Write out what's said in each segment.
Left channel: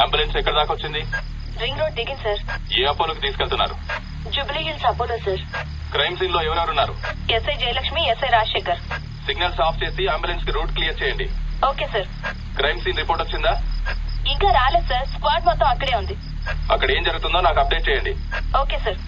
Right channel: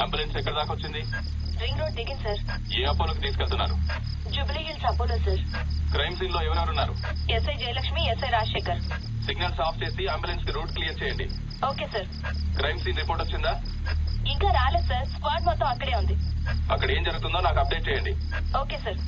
Ambulance ఎక్కడ దాకా వచ్చింది? రింగ్ రోడ్ దిగింది సార్. ఏ అపోలోకి తీసుకెళ్తున్నారు? Jubilee Hills Apollo sir. Crime scene లో ఎవరెవరున్నారు? SI Jayalakshmi, SI Rajasekhar. Signals off చేసి అంబులెన్స్ కి రూట్ క్లియర్ చేయండి. Okay sir. Crime scene report వచ్చిందా? ఇంకా రాలేదు సార్. స్క్వాడ్ మొత్తం అక్కడే ఉంది. అక్కడ ఏం జరుగుతుందో నాకు అప్డేట్ చేయండి. Okay sir.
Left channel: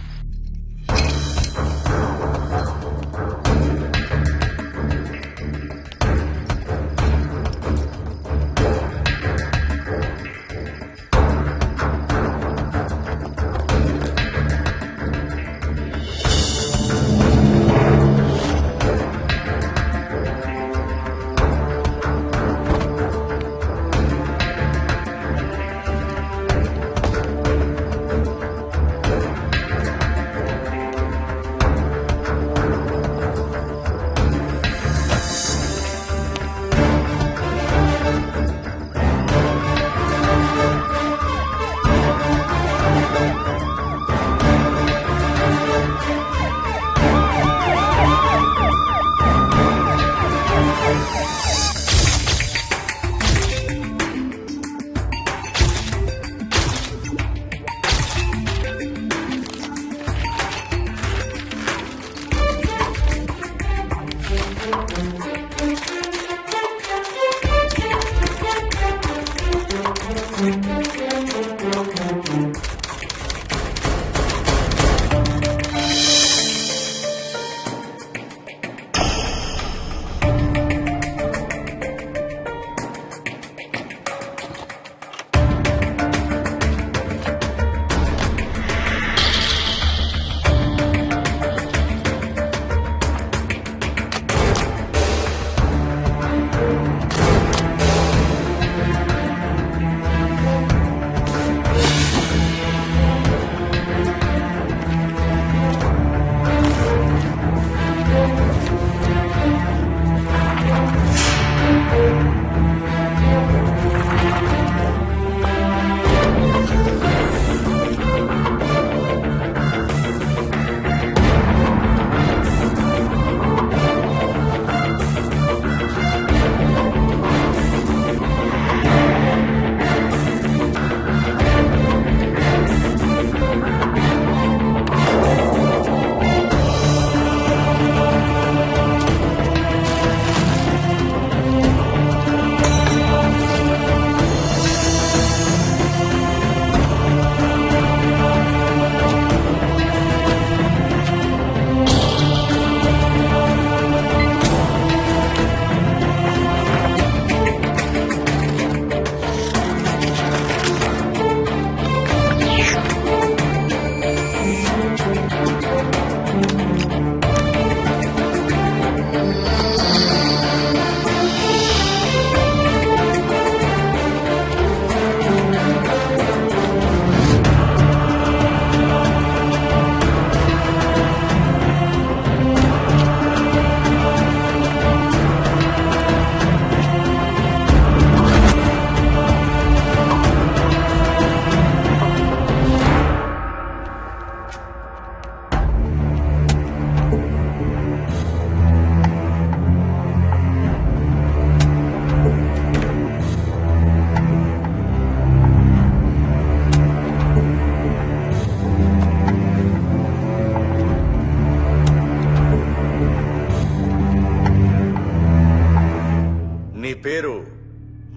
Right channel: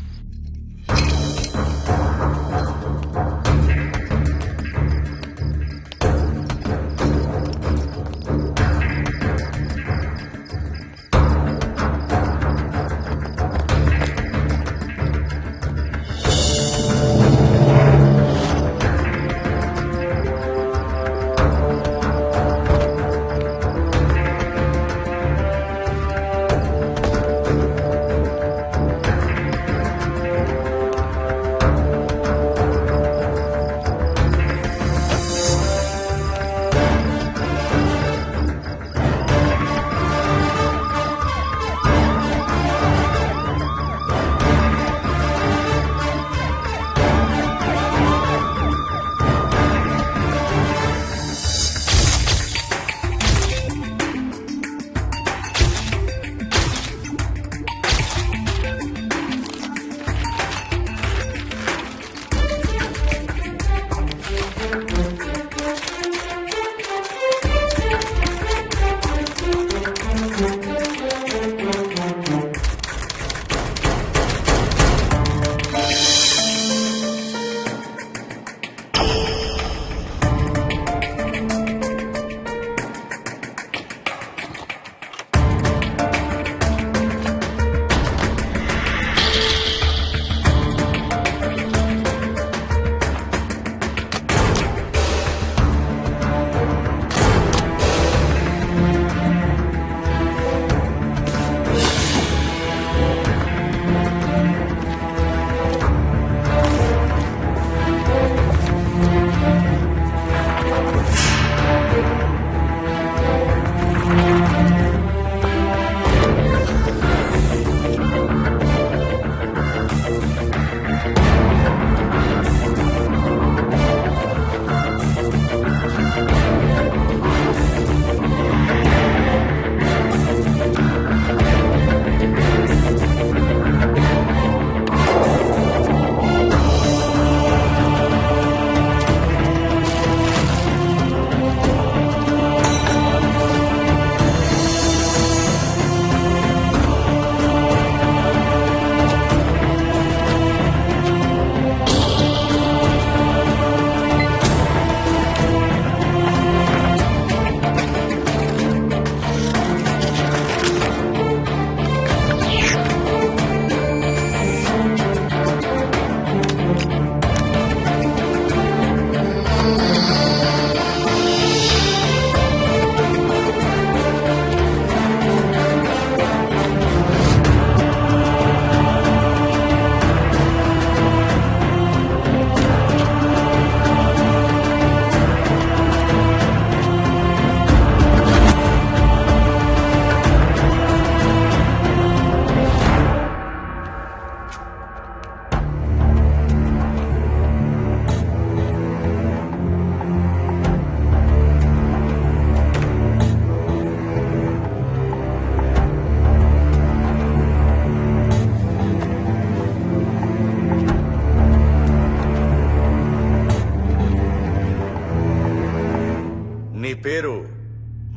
నీ పేరు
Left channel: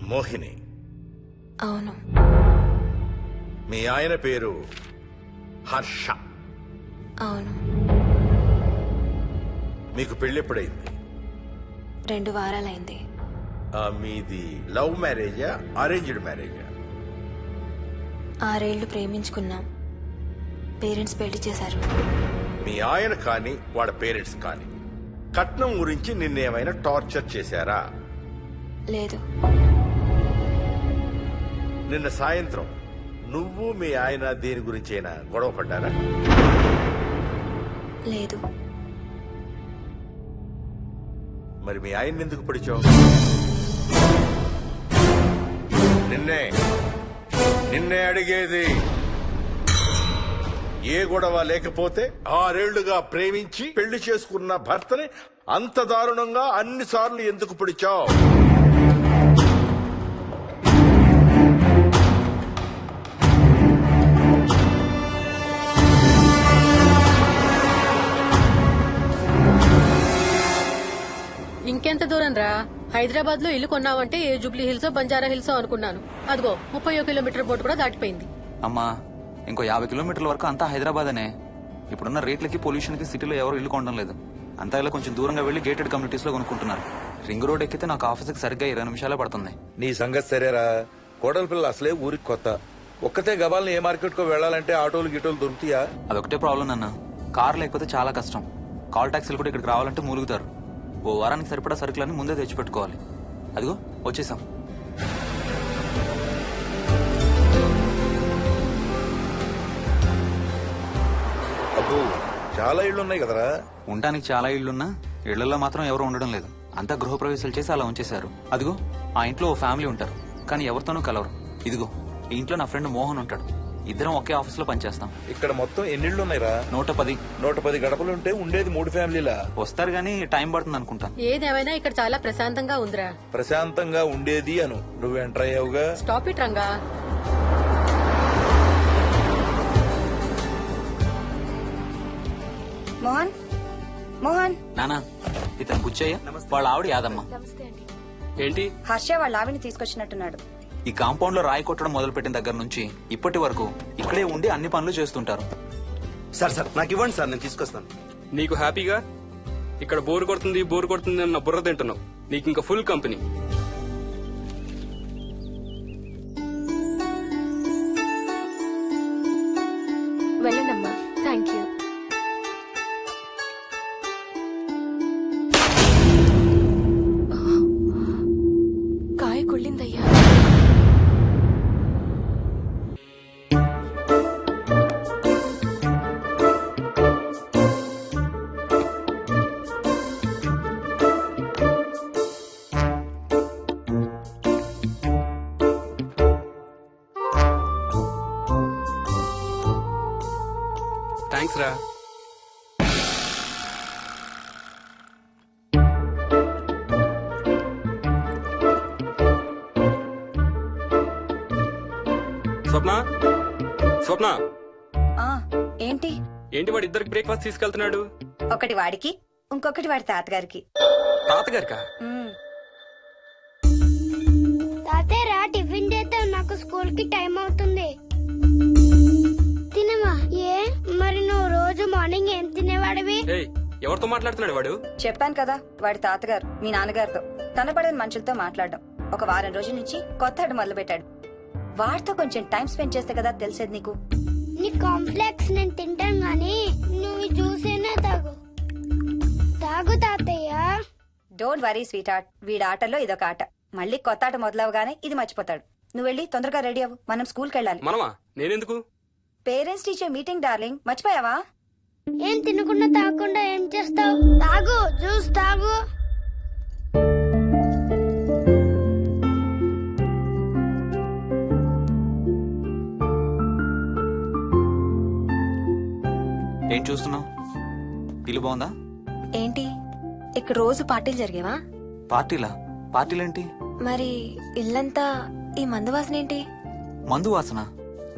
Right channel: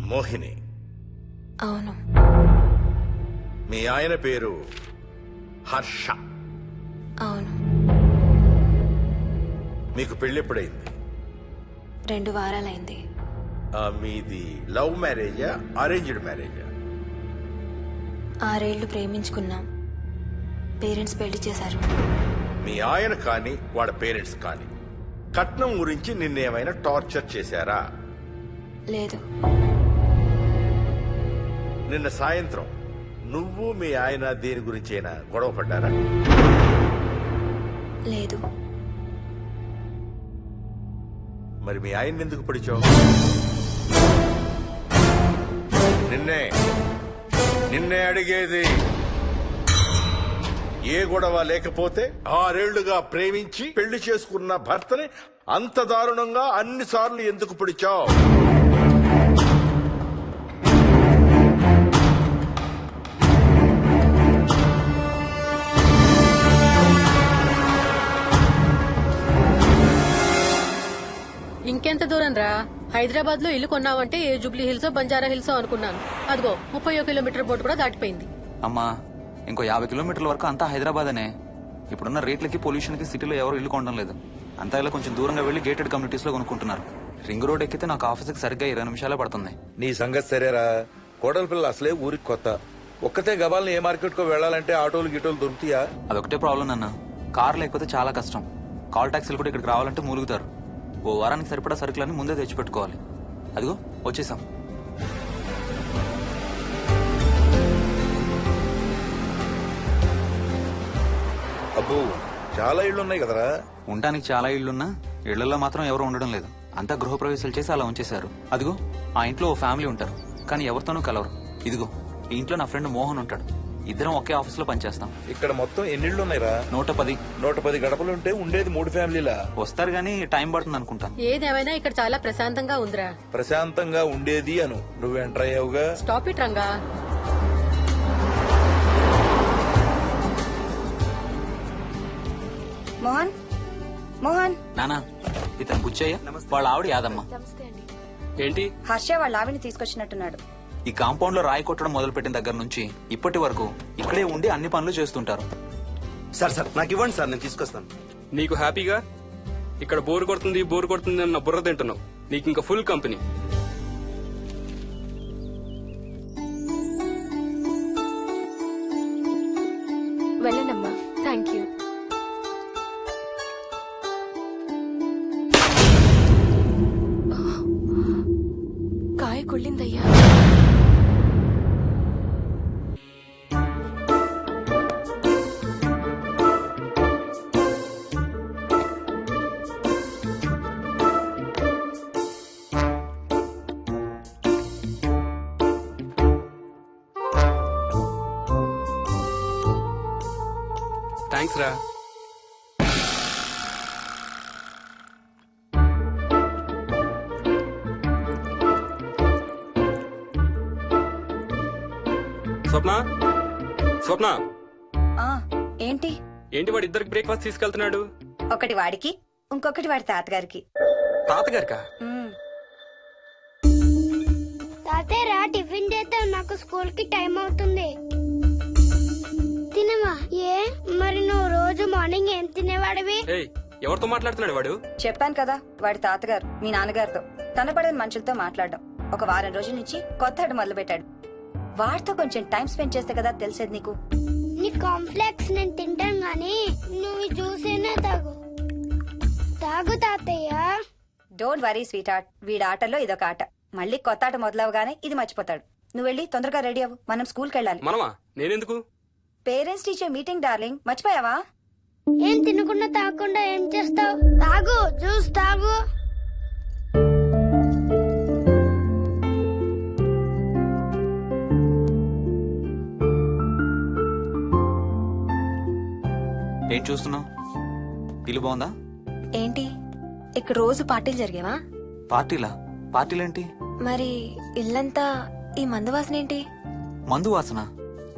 మోహిని? అవును. మీ ఆయన పేరు హర్ష? అవును. మీకు పెళ్ళెప్పుడైంది? 2 వారాలైంది. మీది లవ్ మ్యారేజా అరేంజ్డ్ మ్యారేజా? 6 ఏళ్లు ప్రేమించుకున్నాం. పేరెంట్స్ పెళ్లి చేశారు. మీ ఆయన కానీ వాళ్ళ పేరెంట్స్ కానీ కట్నం గురించి నిన్నేమైనా టార్చర్ చేశారా? లేదు. నిన్న సాయంత్రం నువ్వు మీ ఆయన దేని గురించైనా గొడవ పడ్డారా? లేదు. మరి మీ ఆయన ఎందుకు పడిచావు? నిన్నే అడిగేది. ఏ గొడవ లేకపోతే 6 ఏళ్లుగా ప్రేమించి పెళ్లి చేసుకున్న భర్తని అంత దారుణంగా అన్నిసార్లు ఎందుకు పిడిచావు? దూరం రా. హైదరాబాద్ లో ఇల్లు కొన్నావంటే ఏ జూబ్లీ హిల్స్ బంజారా హిల్స్ అనుకున్నాను. అదిగో 30 కిలోమీటర్ బోర్డు కూడా దాటిపోయింది. అమ్మా ఇంకో 50 కిలోమీటర్ల వరకు అంతా హైదరాబాద్ అనే. ఇప్పుడున్న రేట్లకి పొల్యూషన్ కి సిటీలో ఎవరు ఇల్లు కొనడం లేదు. అంతా ఇలా కొంచెం దూరంగా వెళ్లి గేటెడ్ కమ్యూనిటీస్ లో కొనుక్కుంటున్నారు. రింగ్ రోడ్ ఎక్కితే నాకు ఆఫీస్కి సరిగ్గా 20 నిమిషాలే పడుతుంది. నీ సంగతి సరేరా, కోడల పిల్ల అసలే ఊరికి కొత్త. ఒక్కతే గబాల్ని ఏ మార్కెట్ కో వెళ్ళాలంటే ఆటోలు గిటోలు దొరుకుతాయా? అదొకటే ప్రాబ్లం అన్న. కార్ లేకపోతే చాలా కష్టం. కాల్ టాక్సీలు కూడా ఇక్కడికి రావాలంటే మూలుగుతారు. ఓ వారానికి సరిపడా సరుకులన్నీ ముందే తెచ్చిపెట్టుకోవాలి. అదిగో వచ్చేసాం. అబ్బో చాలా ఇళ్లున్నాయి కదరా. ఉండటానికి చాలా ఇళ్లున్నా ఇళ్లలో మాత్రం ఎవరు ఉండడం లేదు. అంతా గృహప్రవేశాలు చేసి అలా ఉంచేశారు. అదిగో ఆ ఇంట్లో ఓ ఫ్యామిలీ ఉంటారు, కానీ ఎవరితోనూ కలవరు. ఇదిగో ఈ ఇంట్లో నా ఫ్రెండ్ మోహన్ ఉంటాడు. ఇద్దరం ఒకే ఆఫీస్ లో పనిచేస్తాం. ఇక్కడ మొత్తం ఎన్నిళ్లున్నాయిరా? 110. 110 గడపలుంటే ఉండేది 3 ఫ్యామిలీలా? వస్తారు గానీ టైం పడుతుంది అనుకుంటాను. ఏదేమైనా ఇక్కడ చాలా ప్రశాంతంగా ఉందిరా. ప్రశాంతంగా ఉండేది అను, నువ్వు ఎంటర్ అయ్యావుగా. Stop it Ranga. మోహన్ మోహన్ నానా ఇతను బుచ్చయ్య, వాళ్ళ ఆవిడ యాదమ్మ. ఏంటి? హర్ష వాళ్ళ ఆవిని తీసుకొచ్చినట్టున్నాడు. ఈ కాంపౌండ్ లో రాయి కొట్టడం మొదలు పెట్టిన దగ్గర నుంచి ఇప్పటి వరకు ఇక్కడే ఉండి అన్ని పనులు చేస్తుంటారు. సార్ నాకు ఇవ్వండి సార్, నేను తీసుకొస్తాను. నీకు హ్యాపీగా ఇక్కడ బోర్ కొడుతుంది అన్న బుర్ర తింటున్నావు. నీకు ఇంకా ఫుల్ కంపెనీ. వెళ్ళండమ్మా. Thank you. కాయ కుళ్ళిందయ్యా. థ్యాంక్స్ రా. స్వప్న ఆ ఏంటి ఏంటి వాడి ఇద్దరికి బ్రేక్ఫాస్ట్ తీసుకెళ్తున్నాడు? ఒకటి వాడికి, ఇంకొకటి వాడి తాతగారికి. తాతగారికా? ఉమ్, తాతయ్యరా టిఫిన్ చేద్దాం, నాకు స్కూల్ కి టైం అవుతుంది. తినవా? ఏ మరి నువ్వు రోజు మార్నింగ్ ఏం తినేవాడివి? ఏయ్, ఎవరితో మాట్లాడుతున్నాడు వాడు? చెప్పాను కదా వాడి తాతగారు మీ నాన్నగారితో కనపడని మనుషులతో మాట్లాడడం. ఒక వారం రోజుల నుంచి కొత్త ఆట మొదలు పెట్టాడు. వాడితో కొంచెం టైం స్పెండ్ చేస్తే కదా తెలిసేది నీకు. నీ కాంప్లెక్స్ నేను తింటాను గాని నువ్వు జ్యూసేనా తాగు. తాగు తాతయ్య. డోంట్ వరీ స్వీట్ హార్ట్, వీడి ఆటల్లో ఇదొక ఆట. మళ్ళీ కొత్త ఆట మొదలవగానే ఇది మర్చిపోతాడు. నువ్వు వెళ్ళి తొందరగా రెడీ అవ్వు, మనం స్కూల్కి వెళ్ళాలి. మనమా? నేనెందుకు? పేరెంట్స్ టీచర్ మీటింగ్ డార్లింగ్, మర్చిపోయావా? ఏం తినకుండా తాగకుండా ఏం చేస్తావు? తాగు, జ్యూస్ తాగు. ఏం చూస్తున్నావు? ఇల్లు బాగుందా? ఏంటి ఇక్కడ రోజు పార్టీలు జరిగేవా? పార్టీలా? పార్టీలేంటి? మరి ఇల్లంతా ఈ మందు వాసన ఏంటి? మందు వాసన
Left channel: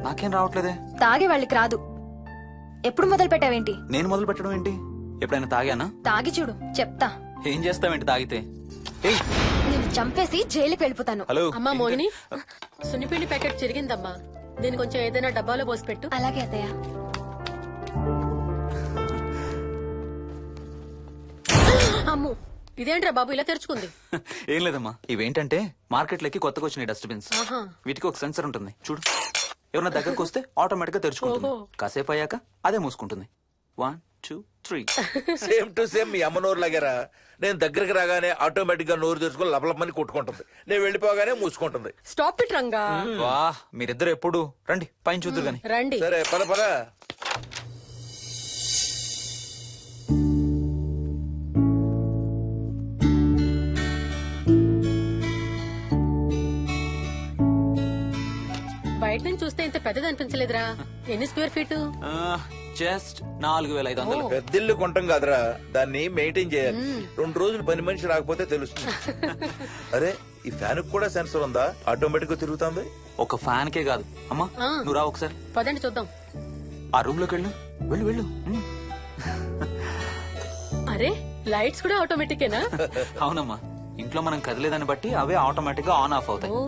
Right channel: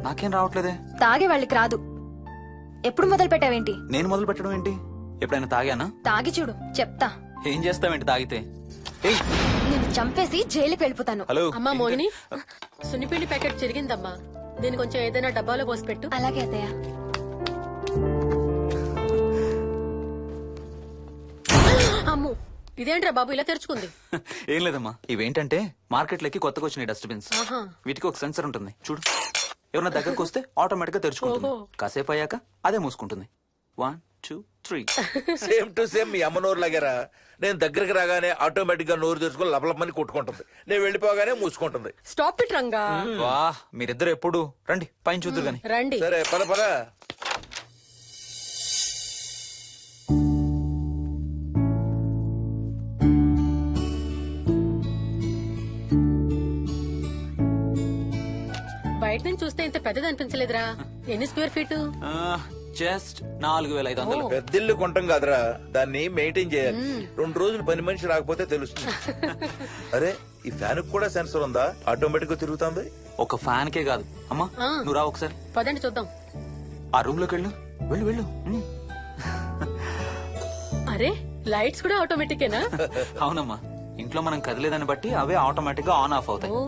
నాకేం రావట్లేదే. తాగే వాళ్ళకి రాదు. ఎప్పుడు మొదలు పెట్టావేంటి? నేను మొదలు పెట్టడం ఏంటి? ఎప్పుడైనా తాగానా? తాగి చూడు, చెప్తా. ఏం చేస్తావేంటి తాగితే? ఏయ్, నేను చంపేసి జైలుకి వెళ్ళిపోతాను. హలో. అమ్మా మోహిని, సున్నిపిండి ప్యాకెట్ చిరిగిందమ్మా. దీని కొంచెం ఏదైనా డబ్బాలో పోసి పెట్టు. అలాగే అత్తయ్య. అమ్ము, ఇదేంట్రా బాబు ఇలా తెరుచుకుంది? ఏం లేదమ్మా, ఇవేంటంటే మార్కెట్లోకి కొత్తగా వచ్చినాయి డస్ట్బిన్స్. ఆహా. వీటికి ఒక సెన్సర్ ఉంటుంది చూడు. ఎవరన్నా దగ్గరకు వస్తే ఆటోమేటిక్ గా తెరుచుకుంటుంది. ఓహో. కాసేపు అయ్యాక అదే మూసుకుంటుంది. 1 2 3. సేమ్ టు సేమ్ మీ అమ్మ నోరు లాగారా. నేను దగ్గరికి రాగానే ఆటోమేటిక్ గా నోరు తెరుచుకొని లపలపని కొట్టుకుంటుంది. నేను వెళ్ళిపోగానే మూసుకుంటుంది. Stop it Ranga. వా, మీరిద్దరు ఎప్పుడు రండి పైన చూద్దరు గాని. రండి. సరే పద పద. బయట నుంచి చూస్తే ఇంత పెద్దది అనిపించలేదురా. ఎన్ని స్క్వేర్ ఫీట్? జస్ట్ 4500. పెద్దిల్లు కొంటాం కాదురా, దాన్ని మెయింటైన్ చేయాలి. 2 రోజులు పని మనిషి రాకపోతే తెలుస్తుంది. అరే ఈ ఫ్యాన్ కూడా సెన్సర్ ఉందా? ఆటోమేటిక్ గా తిరుగుతుంది. ఒక ఫ్యాన్ కే కాదు. అమ్మా ఆ. నువ్వు రా ఒకసారి. పదండి చూద్దాం. ఆ రూమ్ లోకి వెళ్ళు. వెళ్ళు వెళ్ళు. అరే లైట్స్ కూడా ఆటోమేటికేనా? అవునమ్మా, ఇంట్లో మనం కదిలేదాన్ని బట్టి అవే ఆటోమేటిక్ గా ఆన్ ఆఫ్ అవుతాయి. ఓ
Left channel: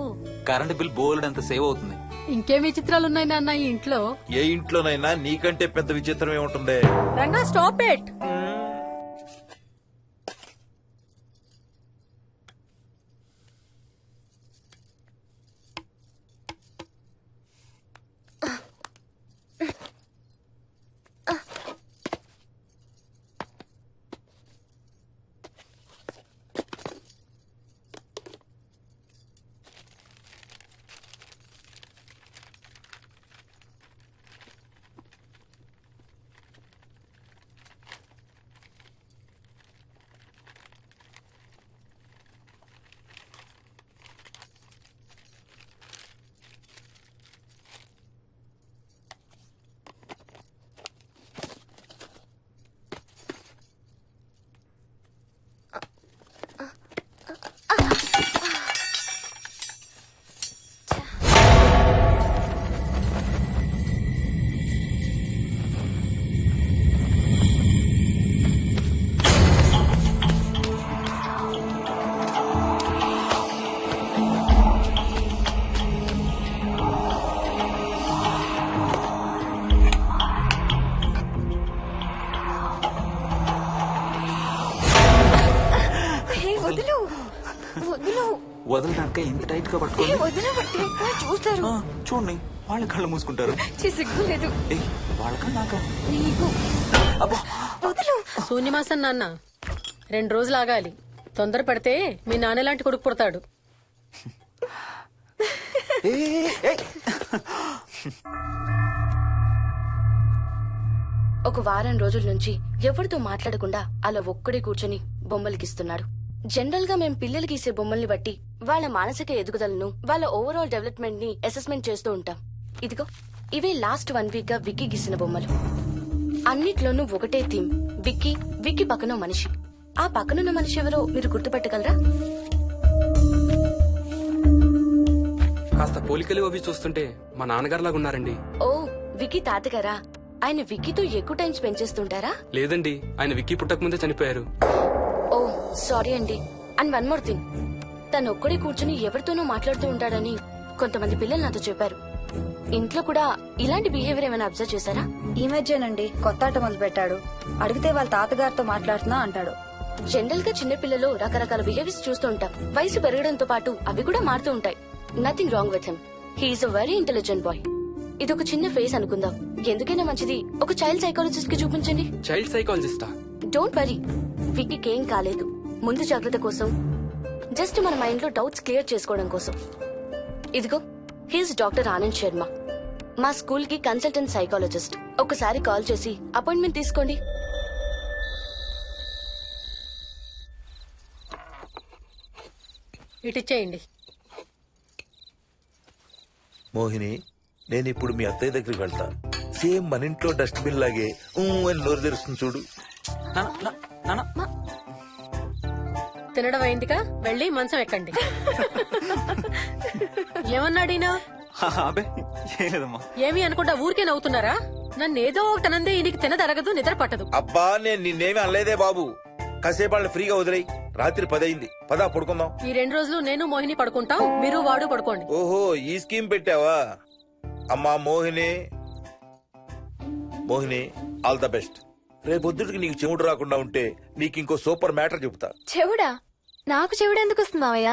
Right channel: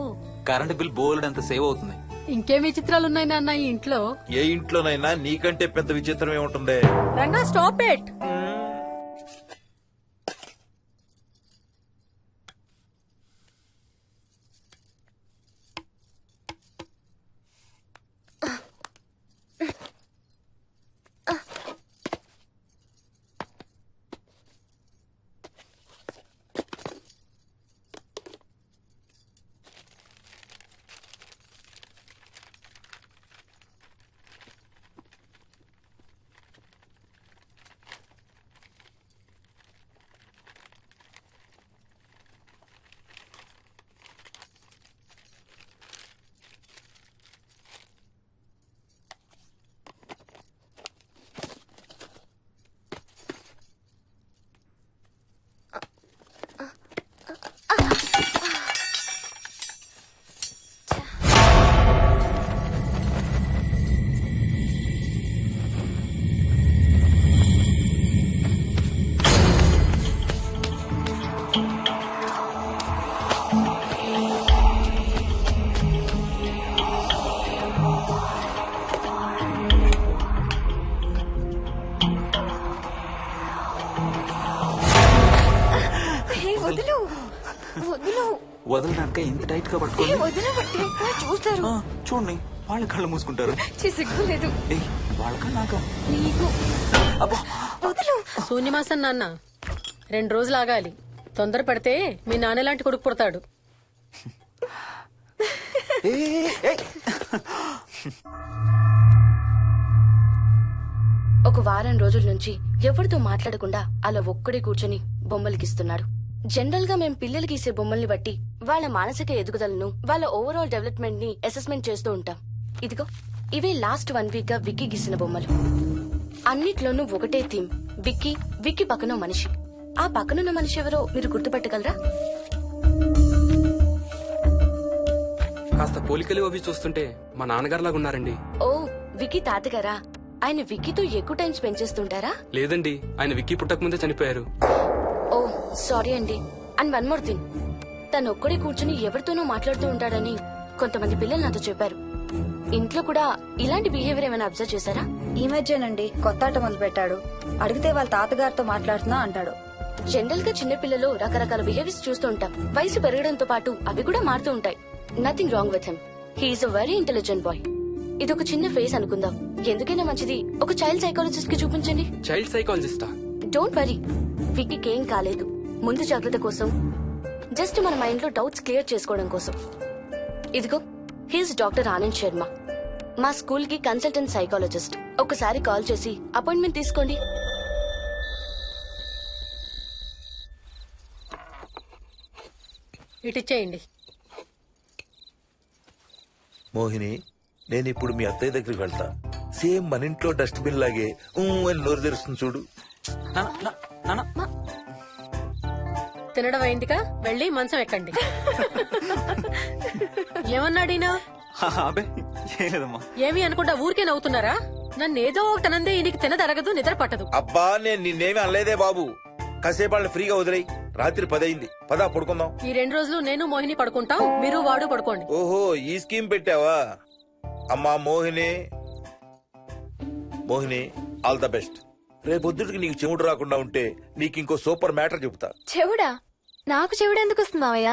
కరెంట్ బిల్ బోల్డ్ అంత సేవ్ అవుతుంది. ఇంకేం విచిత్రాలు ఉన్నాయి నాన్న ఈ ఇంట్లో. ఏ ఇంట్లోనైనా నీకంటే పెద్ద విచిత్రం ఏముంటుంది? Ranga stop it. వదులు వదులు వదలడానికి ఇంత టైట్ గా పట్టుకోండి. వదలబట్టి చూస్తారు. చూడండి వాళ్ళ కళ్ళు మూసుకుంటారు. సిగ్గులేదు ఏయ్ వాళ్ళకా నాకా? నీకు. అబ్బా వదులు. శూన్యమాసం నాన్న 2 రోజులు ఆగాలి. తొందర పడితే మీ నాన్న లాంటి కొడుకు పుడతాడు. ఒక వారం రోజుల నుంచి ఎవరితో మాట్లాడకుండా అలా ఒక్కడే కూర్చొని బొమ్మలు గీస్తున్నాడు. జనరల్ గా మేం పిల్లలు గీసే బొమ్మల్ని బట్టి వాళ్ళ మానసిక ఎదుగుదలను, వాళ్ళ ఓవరాల్ డెవలప్మెంట్ ని అసెస్మెంట్ చేస్తూ ఉంటాం. ఇదిగో ఇవే లాస్ట్ 1 వీక్ గా విక్కీ గీసిన బొమ్మలు. అన్నిట్లోనూ ఒకటే థీమ్, విక్కీ, విక్కీ పక్కన మనిషి. ఆ పక్కనున్న మనిషి ఎవరో మీరు గుర్తుపట్టగలరా? కాస్త పోలికలు అవి చూస్తుంటే మా నాన్నగారులాగా ఉన్నారండి. ఓ విక్కీ తాతగారా? ఆయన విక్కీతో ఎక్కువ టైం స్పెండ్ చేస్తుంటారా? లేదండి, ఆయన విక్కీ పుట్టక ముందే చనిపోయారు. ఓ సారీ అండి. అండ్ 1 మోర్ థింగ్, తను ఒక్కడే కూర్చుని ఎవరితోనూ మాట్లాడుతూ ఉంటాడని కొంతమంది పిల్లలు నాతో చెప్పారు. ఇంట్లో కూడా ఇలాంటి బిహేవియర్ ఏమైనా అబ్జర్వ్ చేశారా? ఈ మధ్యనండి కొత్త ఆట మొదలు పెట్టాడు. అడిగితే వాళ్ళ తాతగారితో మాట్లాడుతున్నా అంటాడు. జనరల్ గా చిన్న పిల్లలు రకరకాల బిహేవియర్స్ చూస్తూ ఉంటాం. వయసు పెరగడంతో పాటు అవి కూడా మారుతూ ఉంటాయి. Nothing wrong with him. He's a very intelligent boy. ఇది ఒక చిన్న ఫేస్ అనుకుందాం. ఎందుకైనా మంచిది ఒక చైల్డ్ సైకాలజిస్ట్ కి చూపించండి. చైల్డ్ సైకాలజిస్టా? డోంట్ వరీ, విక్కీకి ఏం కాలేదు. ముందు జాగ్రత్త కోసం, జస్ట్ మన మైండ్ లో డౌట్స్ క్లియర్ చేసుకోవడం కోసం. ఇదిగో హీస్ డాక్టర్ ఆనంద్ శర్మ, మా స్కూల్ కి కన్సల్టెంట్ సైకాలజిస్ట్. ఒకసారి కాల్ చేసి అపాయింట్మెంట్ తీసుకోండి. ఇటిచ్చేయండి. మోహిని, నేను ఇప్పుడు మీ అత్తయ్య దగ్గరికి వెళ్తా. సేమ్ మన ఇంట్లో డస్ట్బిన్ లాగే అని నోరు తెరుస్తుంది చూడు. తినడం అయిందిగా, వెళ్ళి మంచం ఎక్కండి. ఏమన్నాడీనా? అబే ఏం లేదమ్మా. ఏమి అనుకుంటా ఊరికే నవ్వుతున్నారా? నన్ను ఏదో ఒకటనందే ఈయనకి తినదరగదు, నిద్ర పట్టదు. అబ్బా, నేను నిన్నేమి అనలేదే బాబు. కాసేపు వాళ్ళని ఫ్రీగా వదిలేయి. రాత్రి 10 అయింది, పదా పడుకుందాం. ఈ 2 రోజులు నేను మోహిని పడుకుంటాం, మీరు వాడు పడుకోండి. ఓహో, ఈ స్కీమ్ పెట్టావా? అమ్మా Mohini, Mohini all the best. రేపొద్దుటికి నీకు చెవుడు రాకుండా ఉంటే నీకు ఇంకో సూపర్ మ్యాటర్ చెబుతా. చెవుడా? నాకు చెవుడు ఎందుకు వస్తుంది మావయ్య?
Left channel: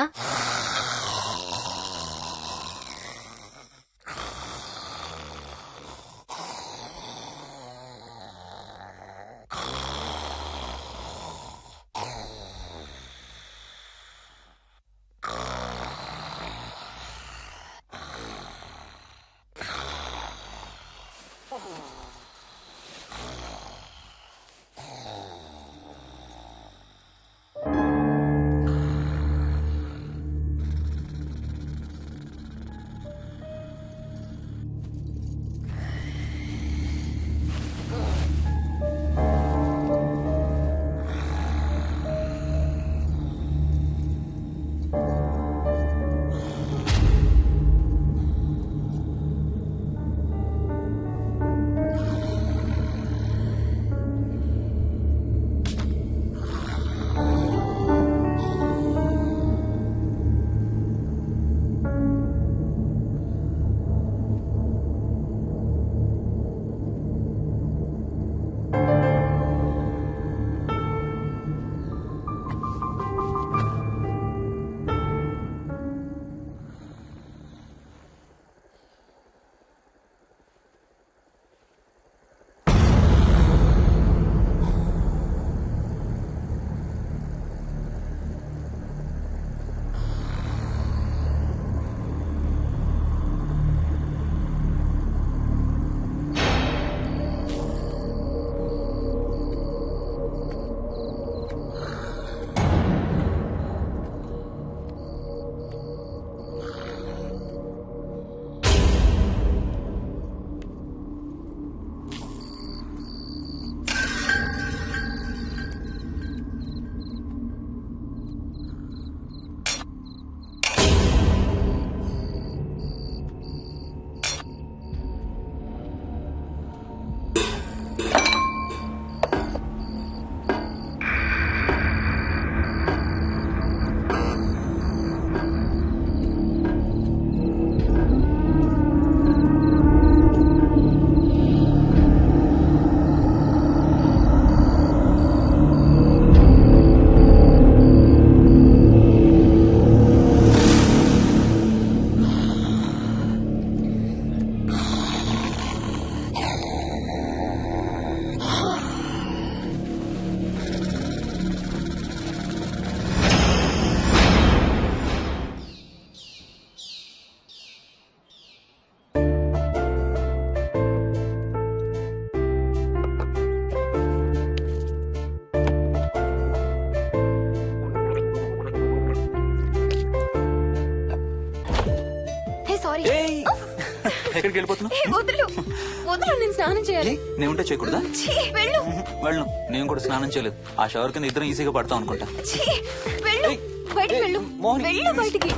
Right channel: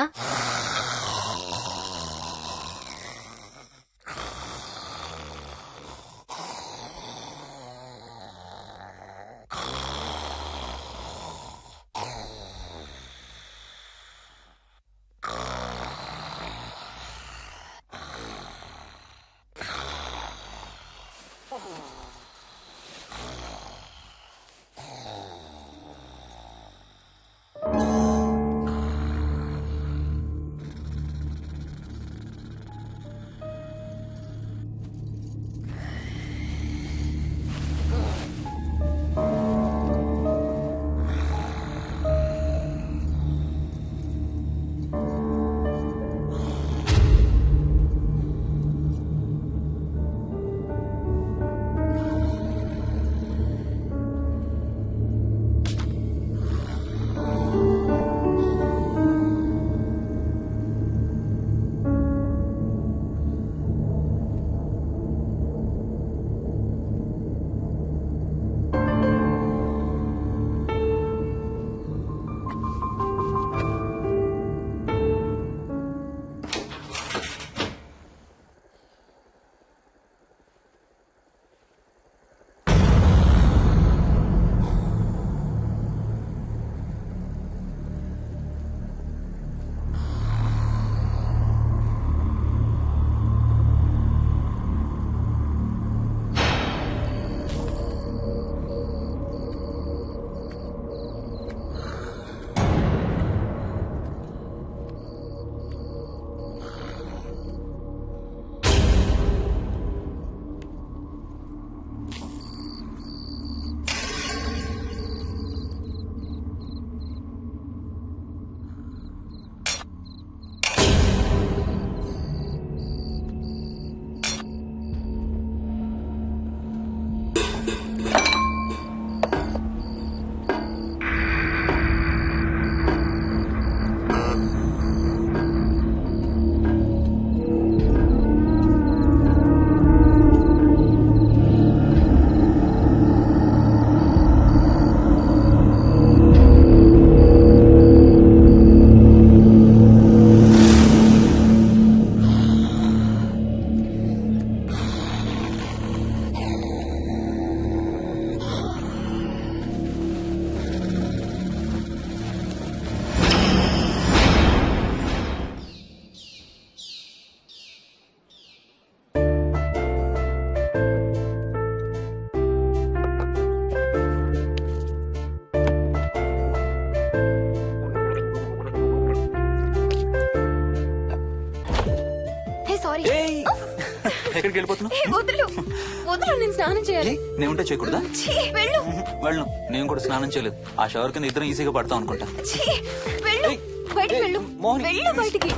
ఎక్కడికి వెళ్ళిపోతున్నావు? ఏ, వదులు వదులు, నేను స్నానం చేయాలి. నేను ఉంటే చేయకూడదా? ఛీ, వెళ్ళు. వెళ్ళు. నేను కూడా స్నానం చేయలేదు. ఆ షవర్ కింద ఇద్దరం ఈజీగా పడతాం అనుకుంటా. ఛీ, వెళ్ళు. ఏయ్, బయటికి ఏయ్, వెళ్ళు. మోహిని, వెళ్ళు బయటికి.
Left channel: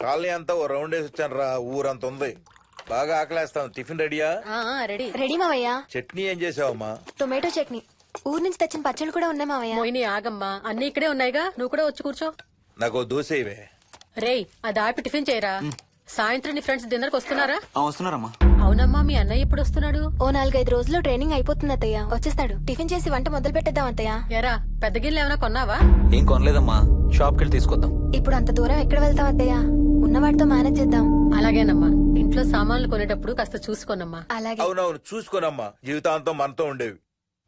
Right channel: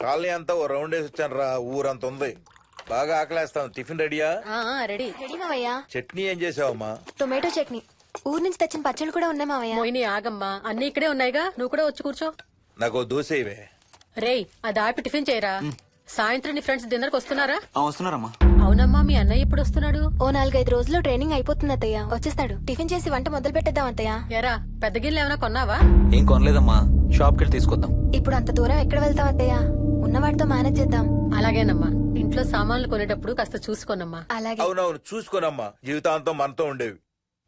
కాలనీ అంతా ఓ రౌండ్ వేసి వచ్చాను రా. ఊరంత ఉంది. బాగా ఆకలేస్తాం. టిఫిన్ రెడీయా? రెడీ. రెడీ మావయ్య. చట్నీ ఏం చేసావమ్మా? టొమాటో చట్నీ. ఊరు నుంచి తెచ్చిన పచ్చళ్ళు కూడా ఉన్నాయి మావయ్య. మోహిని ఆగమ్మా, అన్ని ఇక్కడే ఉన్నాయిగా, నువ్వు కూడా వచ్చి కూర్చో. నాకు దోశ ఇవే. రేయ్, అది ఆపి టిఫిన్ చేయరా. సాయంత్రం నీ ఫ్రెండ్స్ డిన్నర్ కి వస్తున్నారా? వస్తున్నారమ్మా. అవునమ్మా, మీ అన్నయ్య ఎప్పుడు వస్తున్నాడు? ఓ 4-5 రోజుల్లో ట్రైనింగ్ అయిపోతుంది అత్తయ్య, వచ్చేస్తాడు. టిఫిన్ చేసి వంట మొదలు పెట్టేద్దాం అత్తయ్య. ఎరా, పెద్ద గిన్నెలు ఏమైనా కొన్నావా? ఏం కొనలేదమ్మా, షాప్కి వెళ్ళి తీసుకొద్దాం. ఇప్పుడు అంత దూరం ఎక్కడ వెళ్తాం అత్తయ్య, ఉన్న వాటితో మేనేజ్ చేద్దాం. అలాగేనమ్మా, ఇంట్లో సామాన్లు కొనేటప్పుడు కాస్త చూసుకోనమ్మా. అలాగే. అవునవును, చూసుకోనమ్మా. జీవితాంతం మనతో ఉండేవి.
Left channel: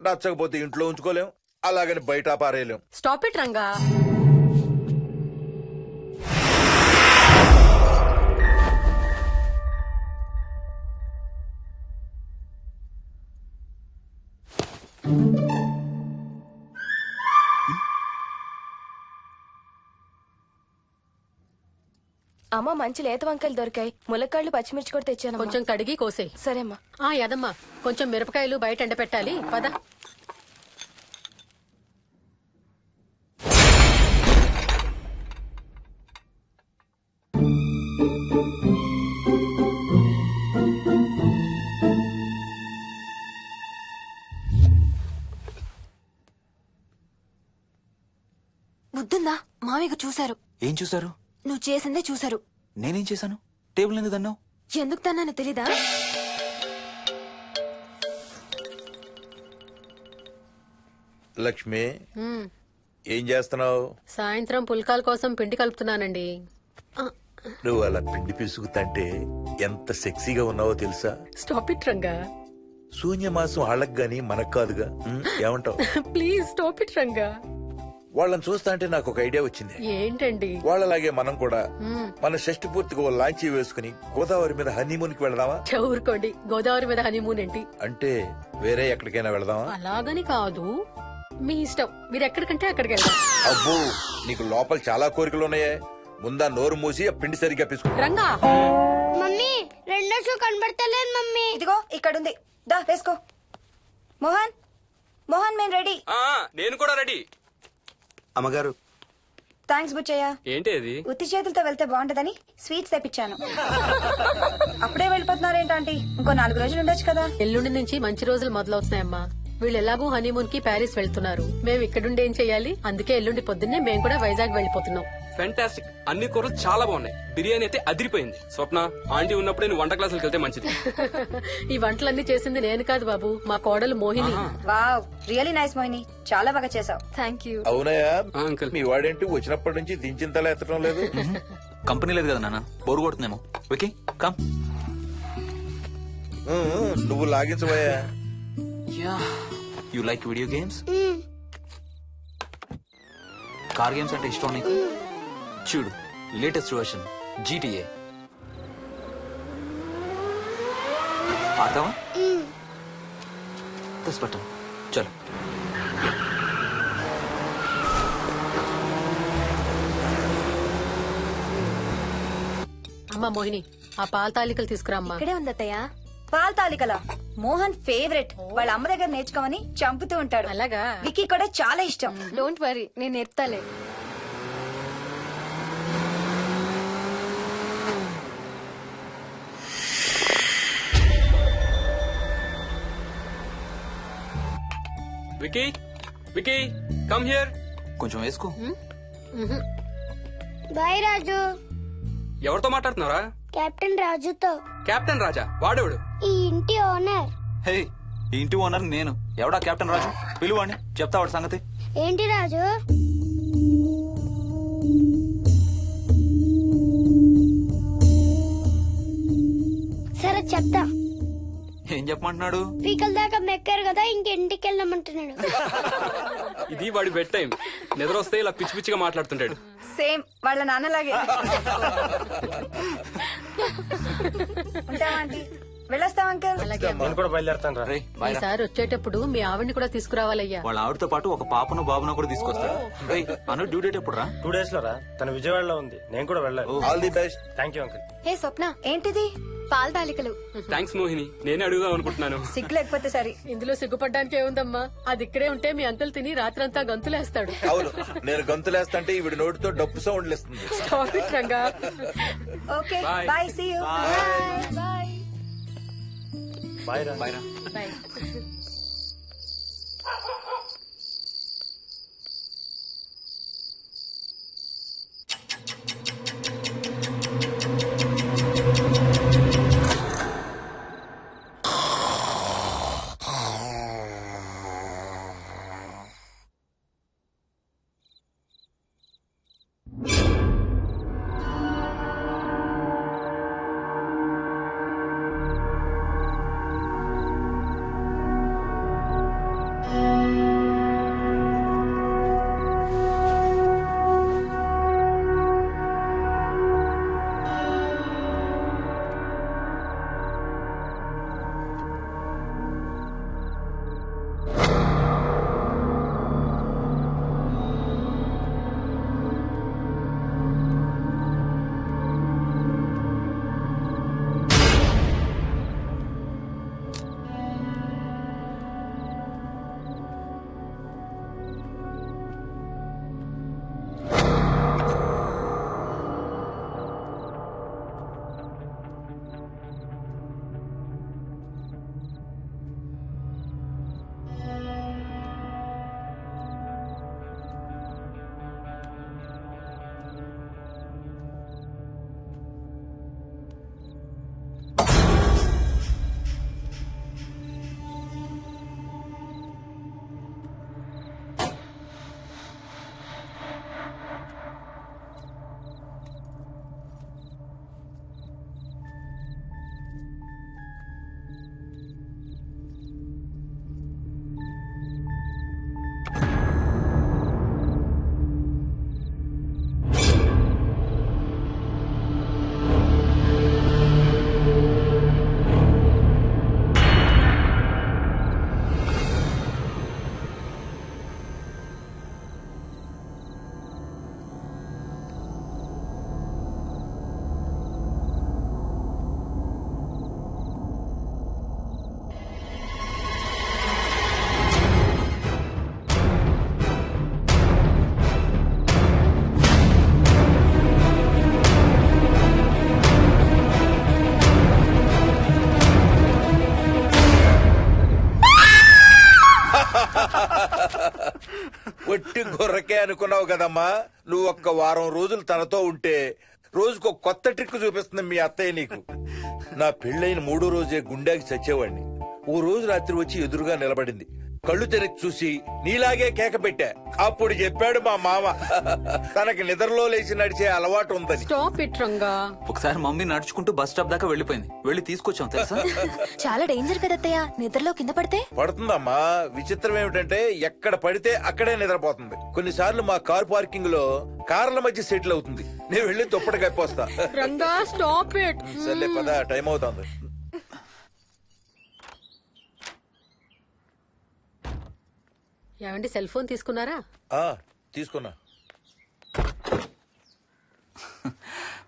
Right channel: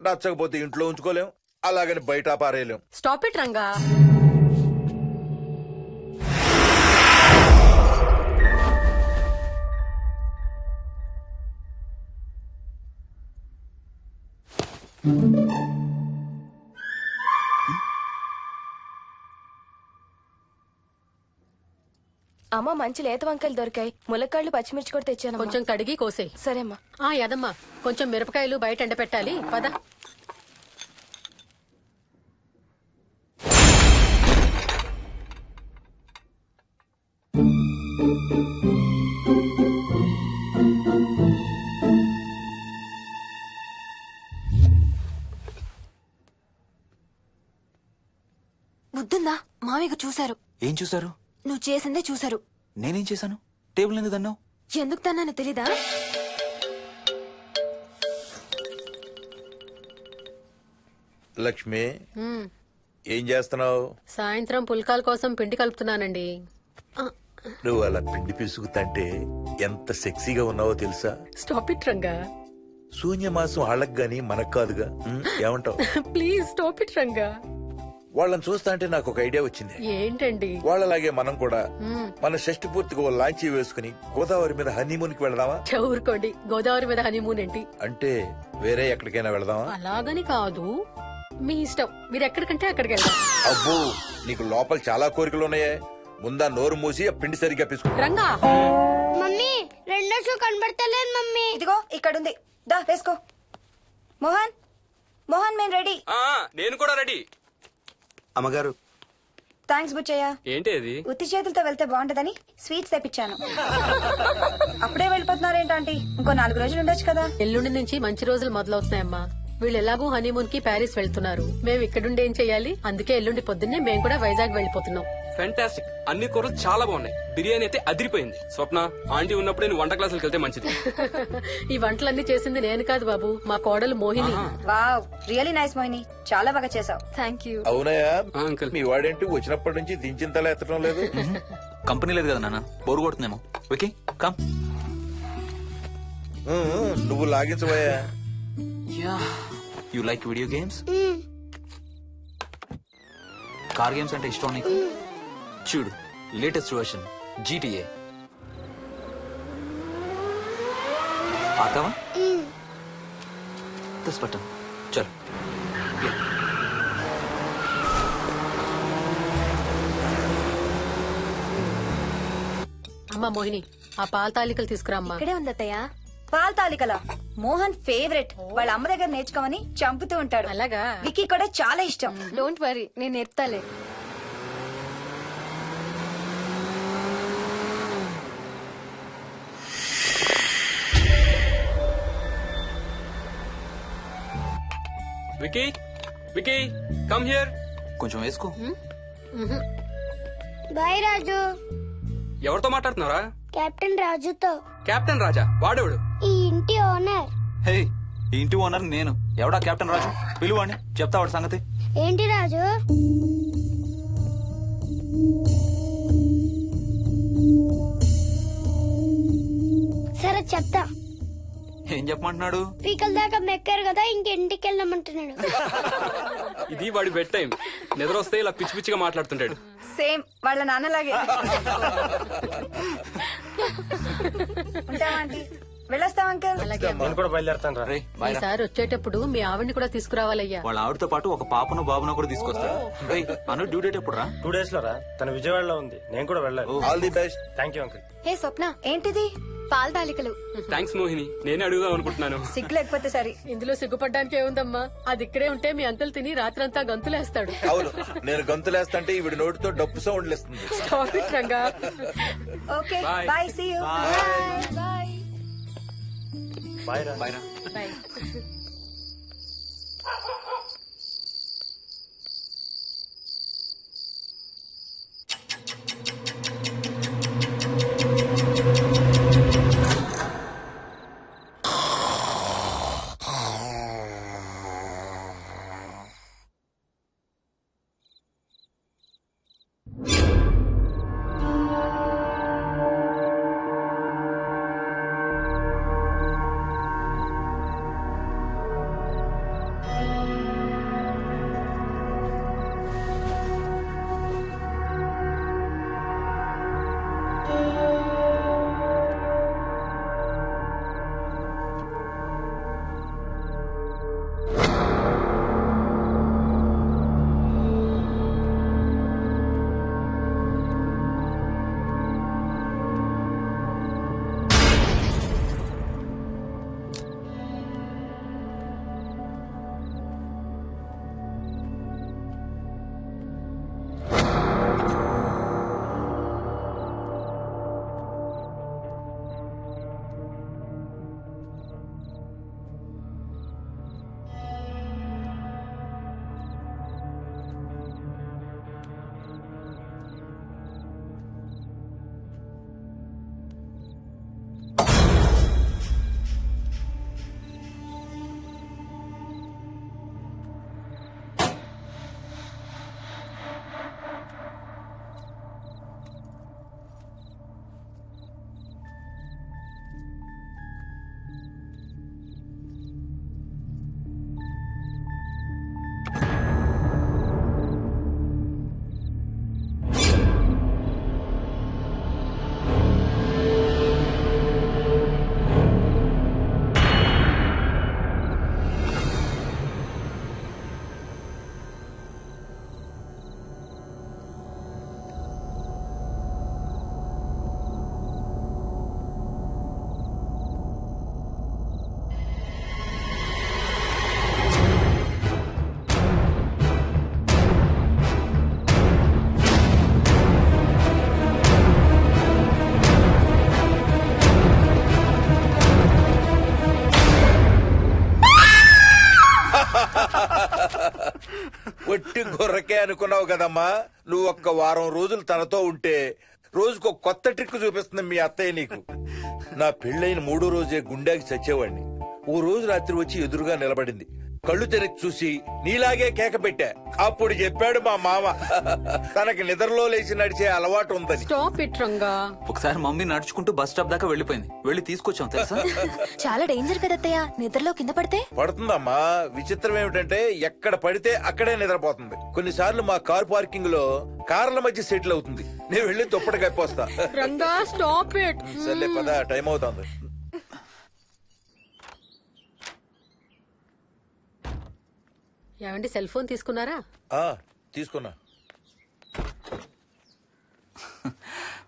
నచ్చకపోతే ఇంట్లో ఉంచుకోలేం, అలాగని బయట పారేయలేం. Stop it Ranga. అమ్మ, మంచి లేత వంకాయలు దొరికాయి. ములక్కాళ్ళు, పచ్చిమిర్చి కూడా తెచ్చాను. కొంచెం కడిగి కోసేయ్. సరే అమ్మా. యదమ్మా, కొంచెం మిరపకాయలు బయట ఎండపెట్టాలి. పద. బుద్ధుందా? మామయ్య చూశారు. ఏం చూసారు? నువ్వు చేసిందే చూశారు. నేనేం చేశాను? టేబుల్ ఎందుకు దన్నావు? ఎందుకు తన్నాను తెలీదా? లక్ష్మి, ఏం చేస్తున్నావు? సాయంత్రం పుల్కాల కోసం పిండి కలుపుతున్నానండి. నువ్వు అలా పిండి పిసుకుతంటే ఎంత సెక్సీగా ఉన్నావో తెలుసా? Stop it Ranga. శూన్యమాసం వాళ్ళకి గాని మనకు కాదుగా. ఏమంటావు? Please stop it Ranga. వాళ్ళని చూస్తా అంటే నాకు ఒక ఐడియా వచ్చింది. ఏంటండి? వాళ్ళలాగే మనం కూడా మన షష్టి పూర్తిగా ఓ లాంచీ వేసుకుని గోదావరి మీద హనీమూన్ కి వెళదామా? ఊరుకోండి, గోదావరి మీద హనీమూన్ ఏంటి? అంటే వేరే ఎక్కడికైనా వెళదామా? అలాగని కాదు, మీ ఇష్టం. మీరు ఎక్కడికంటే అక్కడికి వెళ్దాం. అబ్బో, నీకు లోపల చాలా కోరికలు ఉన్నాయే. ముందా నోరు మూసి ఆ పిండి సరిగ్గా పిసుకు. రంగా. మమ్మీ, రెండో షూ కనబడతలేదు మమ్మీ. ఇదిగో ఇక్కడుంది, దా వేసుకో. మోహన్, మోహన్, మేము రెడీ. నేను కూడా రెడీ. అమ్మగారు, థ్యాంక్స్ బుచ్చయ్య. ఏంటి అది? ఉత్తి చేతులతో వెళ్తే బాగుంటదని స్వీట్స్ తెప్పించాను. అప్పుడే వెళ్ళిపోతున్నారేంటంటే ఇంకో 4 రోజులు ఉండొచ్చు కదా. ఎల్లుండి నుంచి మంచి రోజులు మొదలవుతున్నాయమ్మా. వీళ్ళు ఎలాగూ హనీమూన్ కి ప్యారిస్ వెళ్తున్నారు. మేము ఇక్కడుండి ఏం చెయ్యాలి? అందుకే ఎల్లుండి పొద్దున్నే మేము కూడా వైజాగ్ వెళ్ళిపోతున్నాం. ఫెంటాస్టిక్. అన్ని కూరలు చాలా బాగున్నాయి. బిర్యానీ అయితే అదిరిపోయింది. స్వప్న, ఆంటీ ఉన్నప్పుడే నువ్వు వంట క్లాసులకు వెళ్తే మంచిది. ఈ వంటలన్నీ చేసింది నేను కాదు బాబు, మా కోడలు Mohini. Wow, really nice Mohini, చాలా బాగా చేసావు. Thank you. అవునయ్యా, అంకుల్. మీ వాడేంటి వచ్చినప్పటి నుంచి దించిన తల ఎత్తడం లేదు? కంపెనీ లేదు కదా నాన్న, బోరు కొడుతుందేమో. Okay come. నువ్వు లాగించబోయా? You like video games? Car games అంటే ఇష్టం నీకు? చూడు, లేటెస్ట్ వర్షన్ GTA. ఆడతావా? ఉమ్. దస్ బటన్ చలో. అమ్మా మోహిని, ఆ పాల తాలికలు తీసుకురా అమ్మా. ఇక్కడే ఉంది అత్తయ్య. పాల తాలికల మోహన్ ఫేవరెట్. వాళ్ళ అమ్మ దగ్గర నేర్చుకోమని చంపుతూ ఉంటాడు. అలాగా? విక్కీ కూడా చాలా ఇష్టం. డోంట్ వరీ, నేను నేర్పుతాలే. Vicky, Vicky, come here. కొంచెం వేసుకో. బాయ్ రాజు. ఎవరితో మాట్లాడుతున్నారా? కెప్టెన్ రాజుతో. కెప్టెన్ రాజా? వాడేవాడు? ఈ ఇంటి ఓనర్. హే, ఈ ఇంటి ఓనర్ నేను. ఎవడా కెప్టెన్ రాజు? పిలువాడిని, చెప్తా వాడి సంగతి. ఏంటి రాజు? సరే చెప్తా. ఏం చెప్పమంటున్నాడు? పీకల దాకా మెక్కారు కదా, ఇంటికి వెళ్ళమంటున్నాడు. ఇది వాడి బెడ్ టైం. నిద్ర వస్తే ఇలా పిచ్చి పిచ్చిగా మాట్లాడుతుంటాడు. సేమ్ వాళ్ళ నాన్నలాగే. ఉంటావా ఆంటీ? వెళ్ళొస్తాం అంకల్. అలాగే అమ్మా. నేను కూడా బయలుదేరతాను రా. రే బాయ్ రా. ఈసారి వచ్చేటప్పుడు మీ ఆవిడ్ని కూడా తీసుకురావాలయ్యా. వాళ్ళ ఆవిడతో పాటు ఒక పాపను బాబును కూడా తీసుకొస్తాడు. రేయ్, అను డ్యూ డేట్ ఎప్పుడు రా? 2 days లో రా. తన విజయవాడలో ఉంది, నేను కూడా వెళ్ళాలి. All the best. Thank you uncle. Hey Swapna, ఏంటిది? పాల తాలికలు. థ్యాంక్స్ మోహిని, నేనే అడుగుదాం అనుకుంటున్నాను. సిగ్గు లేకపోతే సరే. ఇందులో సిగ్గుపడ్డానికి ఏముందంమ్మా? అది ఇక్కడే ఉంటే మీ అంకుల్ తిని రాత్రంతా గంతులేస్తాడు. అవును, నేను గంతులేస్తంటే ఈవిడ నోటితో డప్పు సౌండ్లు ఇస్తుంది. Stop it, Ranga. Okay Bye. Bye, see you. Bye. Bye రా. బాయ్ రా. Bye. ఒట్టి గొర్రకే అనుకున్నావు కదమ్మా. నువ్వు ఒక్క వారం రోజులు తనతో ఉంటే రోజుకు కొత్త ట్రిక్ చూపిస్తుంది మీ అత్తయ్య నీకు. నా పెళ్ళైన 3వ రోజే గుండెకి చచ్చేవాడిని. ఓ రోజు రాత్రి వచ్చి ఎదురుగా నిలబడింది. కళ్ళు తెరిచి చూసి నీలాగే కేక పెట్టా. అప్పుడు చెప్పాడు మా మామ తనకి నిద్రలో లేచి నడిచే అలవాటు ఉందని. Stop it Ranga. ఒకసారి మమ్మీ నడుచుకుంటూ బస్ స్టాప్ దాకా వెళ్ళిపోయింది. వెళ్ళి తీసుకొచ్చాం తెలుసా. చాలా డేంజర్ కదా అత్తయ్య, నిద్రలో కింద పడితే. పడుతుందమ్మా. విచిత్రం ఏమిటంటే ఎక్కడ పడితే అక్కడే నిద్రపోతుంది. కొన్నిసార్లు మా కార్ పార్కింగ్ లో కార్ల మధ్య సెటిల్ అవుతుంది. నేను వెళ్ళి దుప్పటి కప్పొస్తా. Ranga stop it. సర్లే పద, టైం అవుతుంది. ఏమండి సెల్ ఫోన్ తీసుకున్నారా? ఆ, తీసుకున్నా.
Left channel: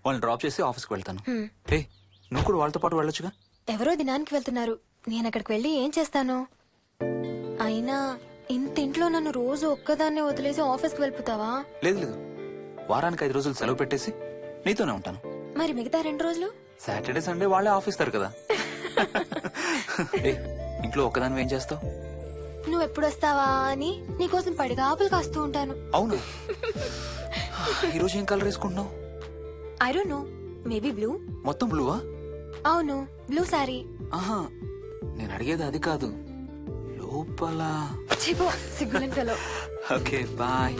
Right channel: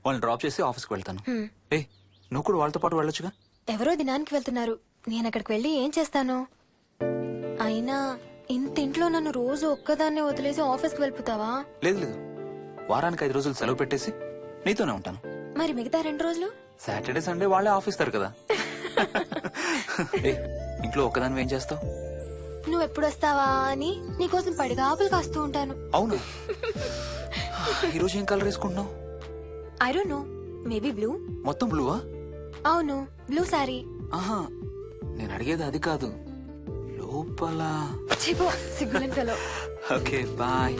వాళ్ళని డ్రాప్ చేసి ఆఫీస్కి వెళ్తాను. ఏ నువ్వు కూడా వాళ్ళతో పాటు వెళ్ళొచ్చుగా. ఎవరో దినానికి వెళ్తున్నారు, నేను అక్కడికి వెళ్ళి ఏం చేస్తాను? అయినా ఇంత ఇంట్లో నన్ను రోజు ఒక్కదాన్నే వదిలేసి ఆఫీస్కి వెళ్ళిపోతావా? లేదు లేదు, వారానికి 5 రోజులు సెలవు పెట్టేసి నీతోనే ఉంటాను. మరి మిగతా 2 రోజులు? సాటర్డే సండే వాళ్ళే ఆఫీస్ తారు కదా. ఏ ఇంట్లో ఒక్కదాని ఏం చేస్తావు? నువ్వు ఎప్పుడు వస్తావా అని నీకోసం పడిగాపులు కాస్తూ ఉంటాను. అవును. ఈరోజు ఏం కలర్ వేసుకుంటున్నావు? I don't know, maybe blue. మొత్తం బ్లూవా? అవును, బ్లూ సారీ. ఆహా, నేను అడిగేది అది కాదు, లోపల. సిగ్గులేని ఫెలో. Okay bye.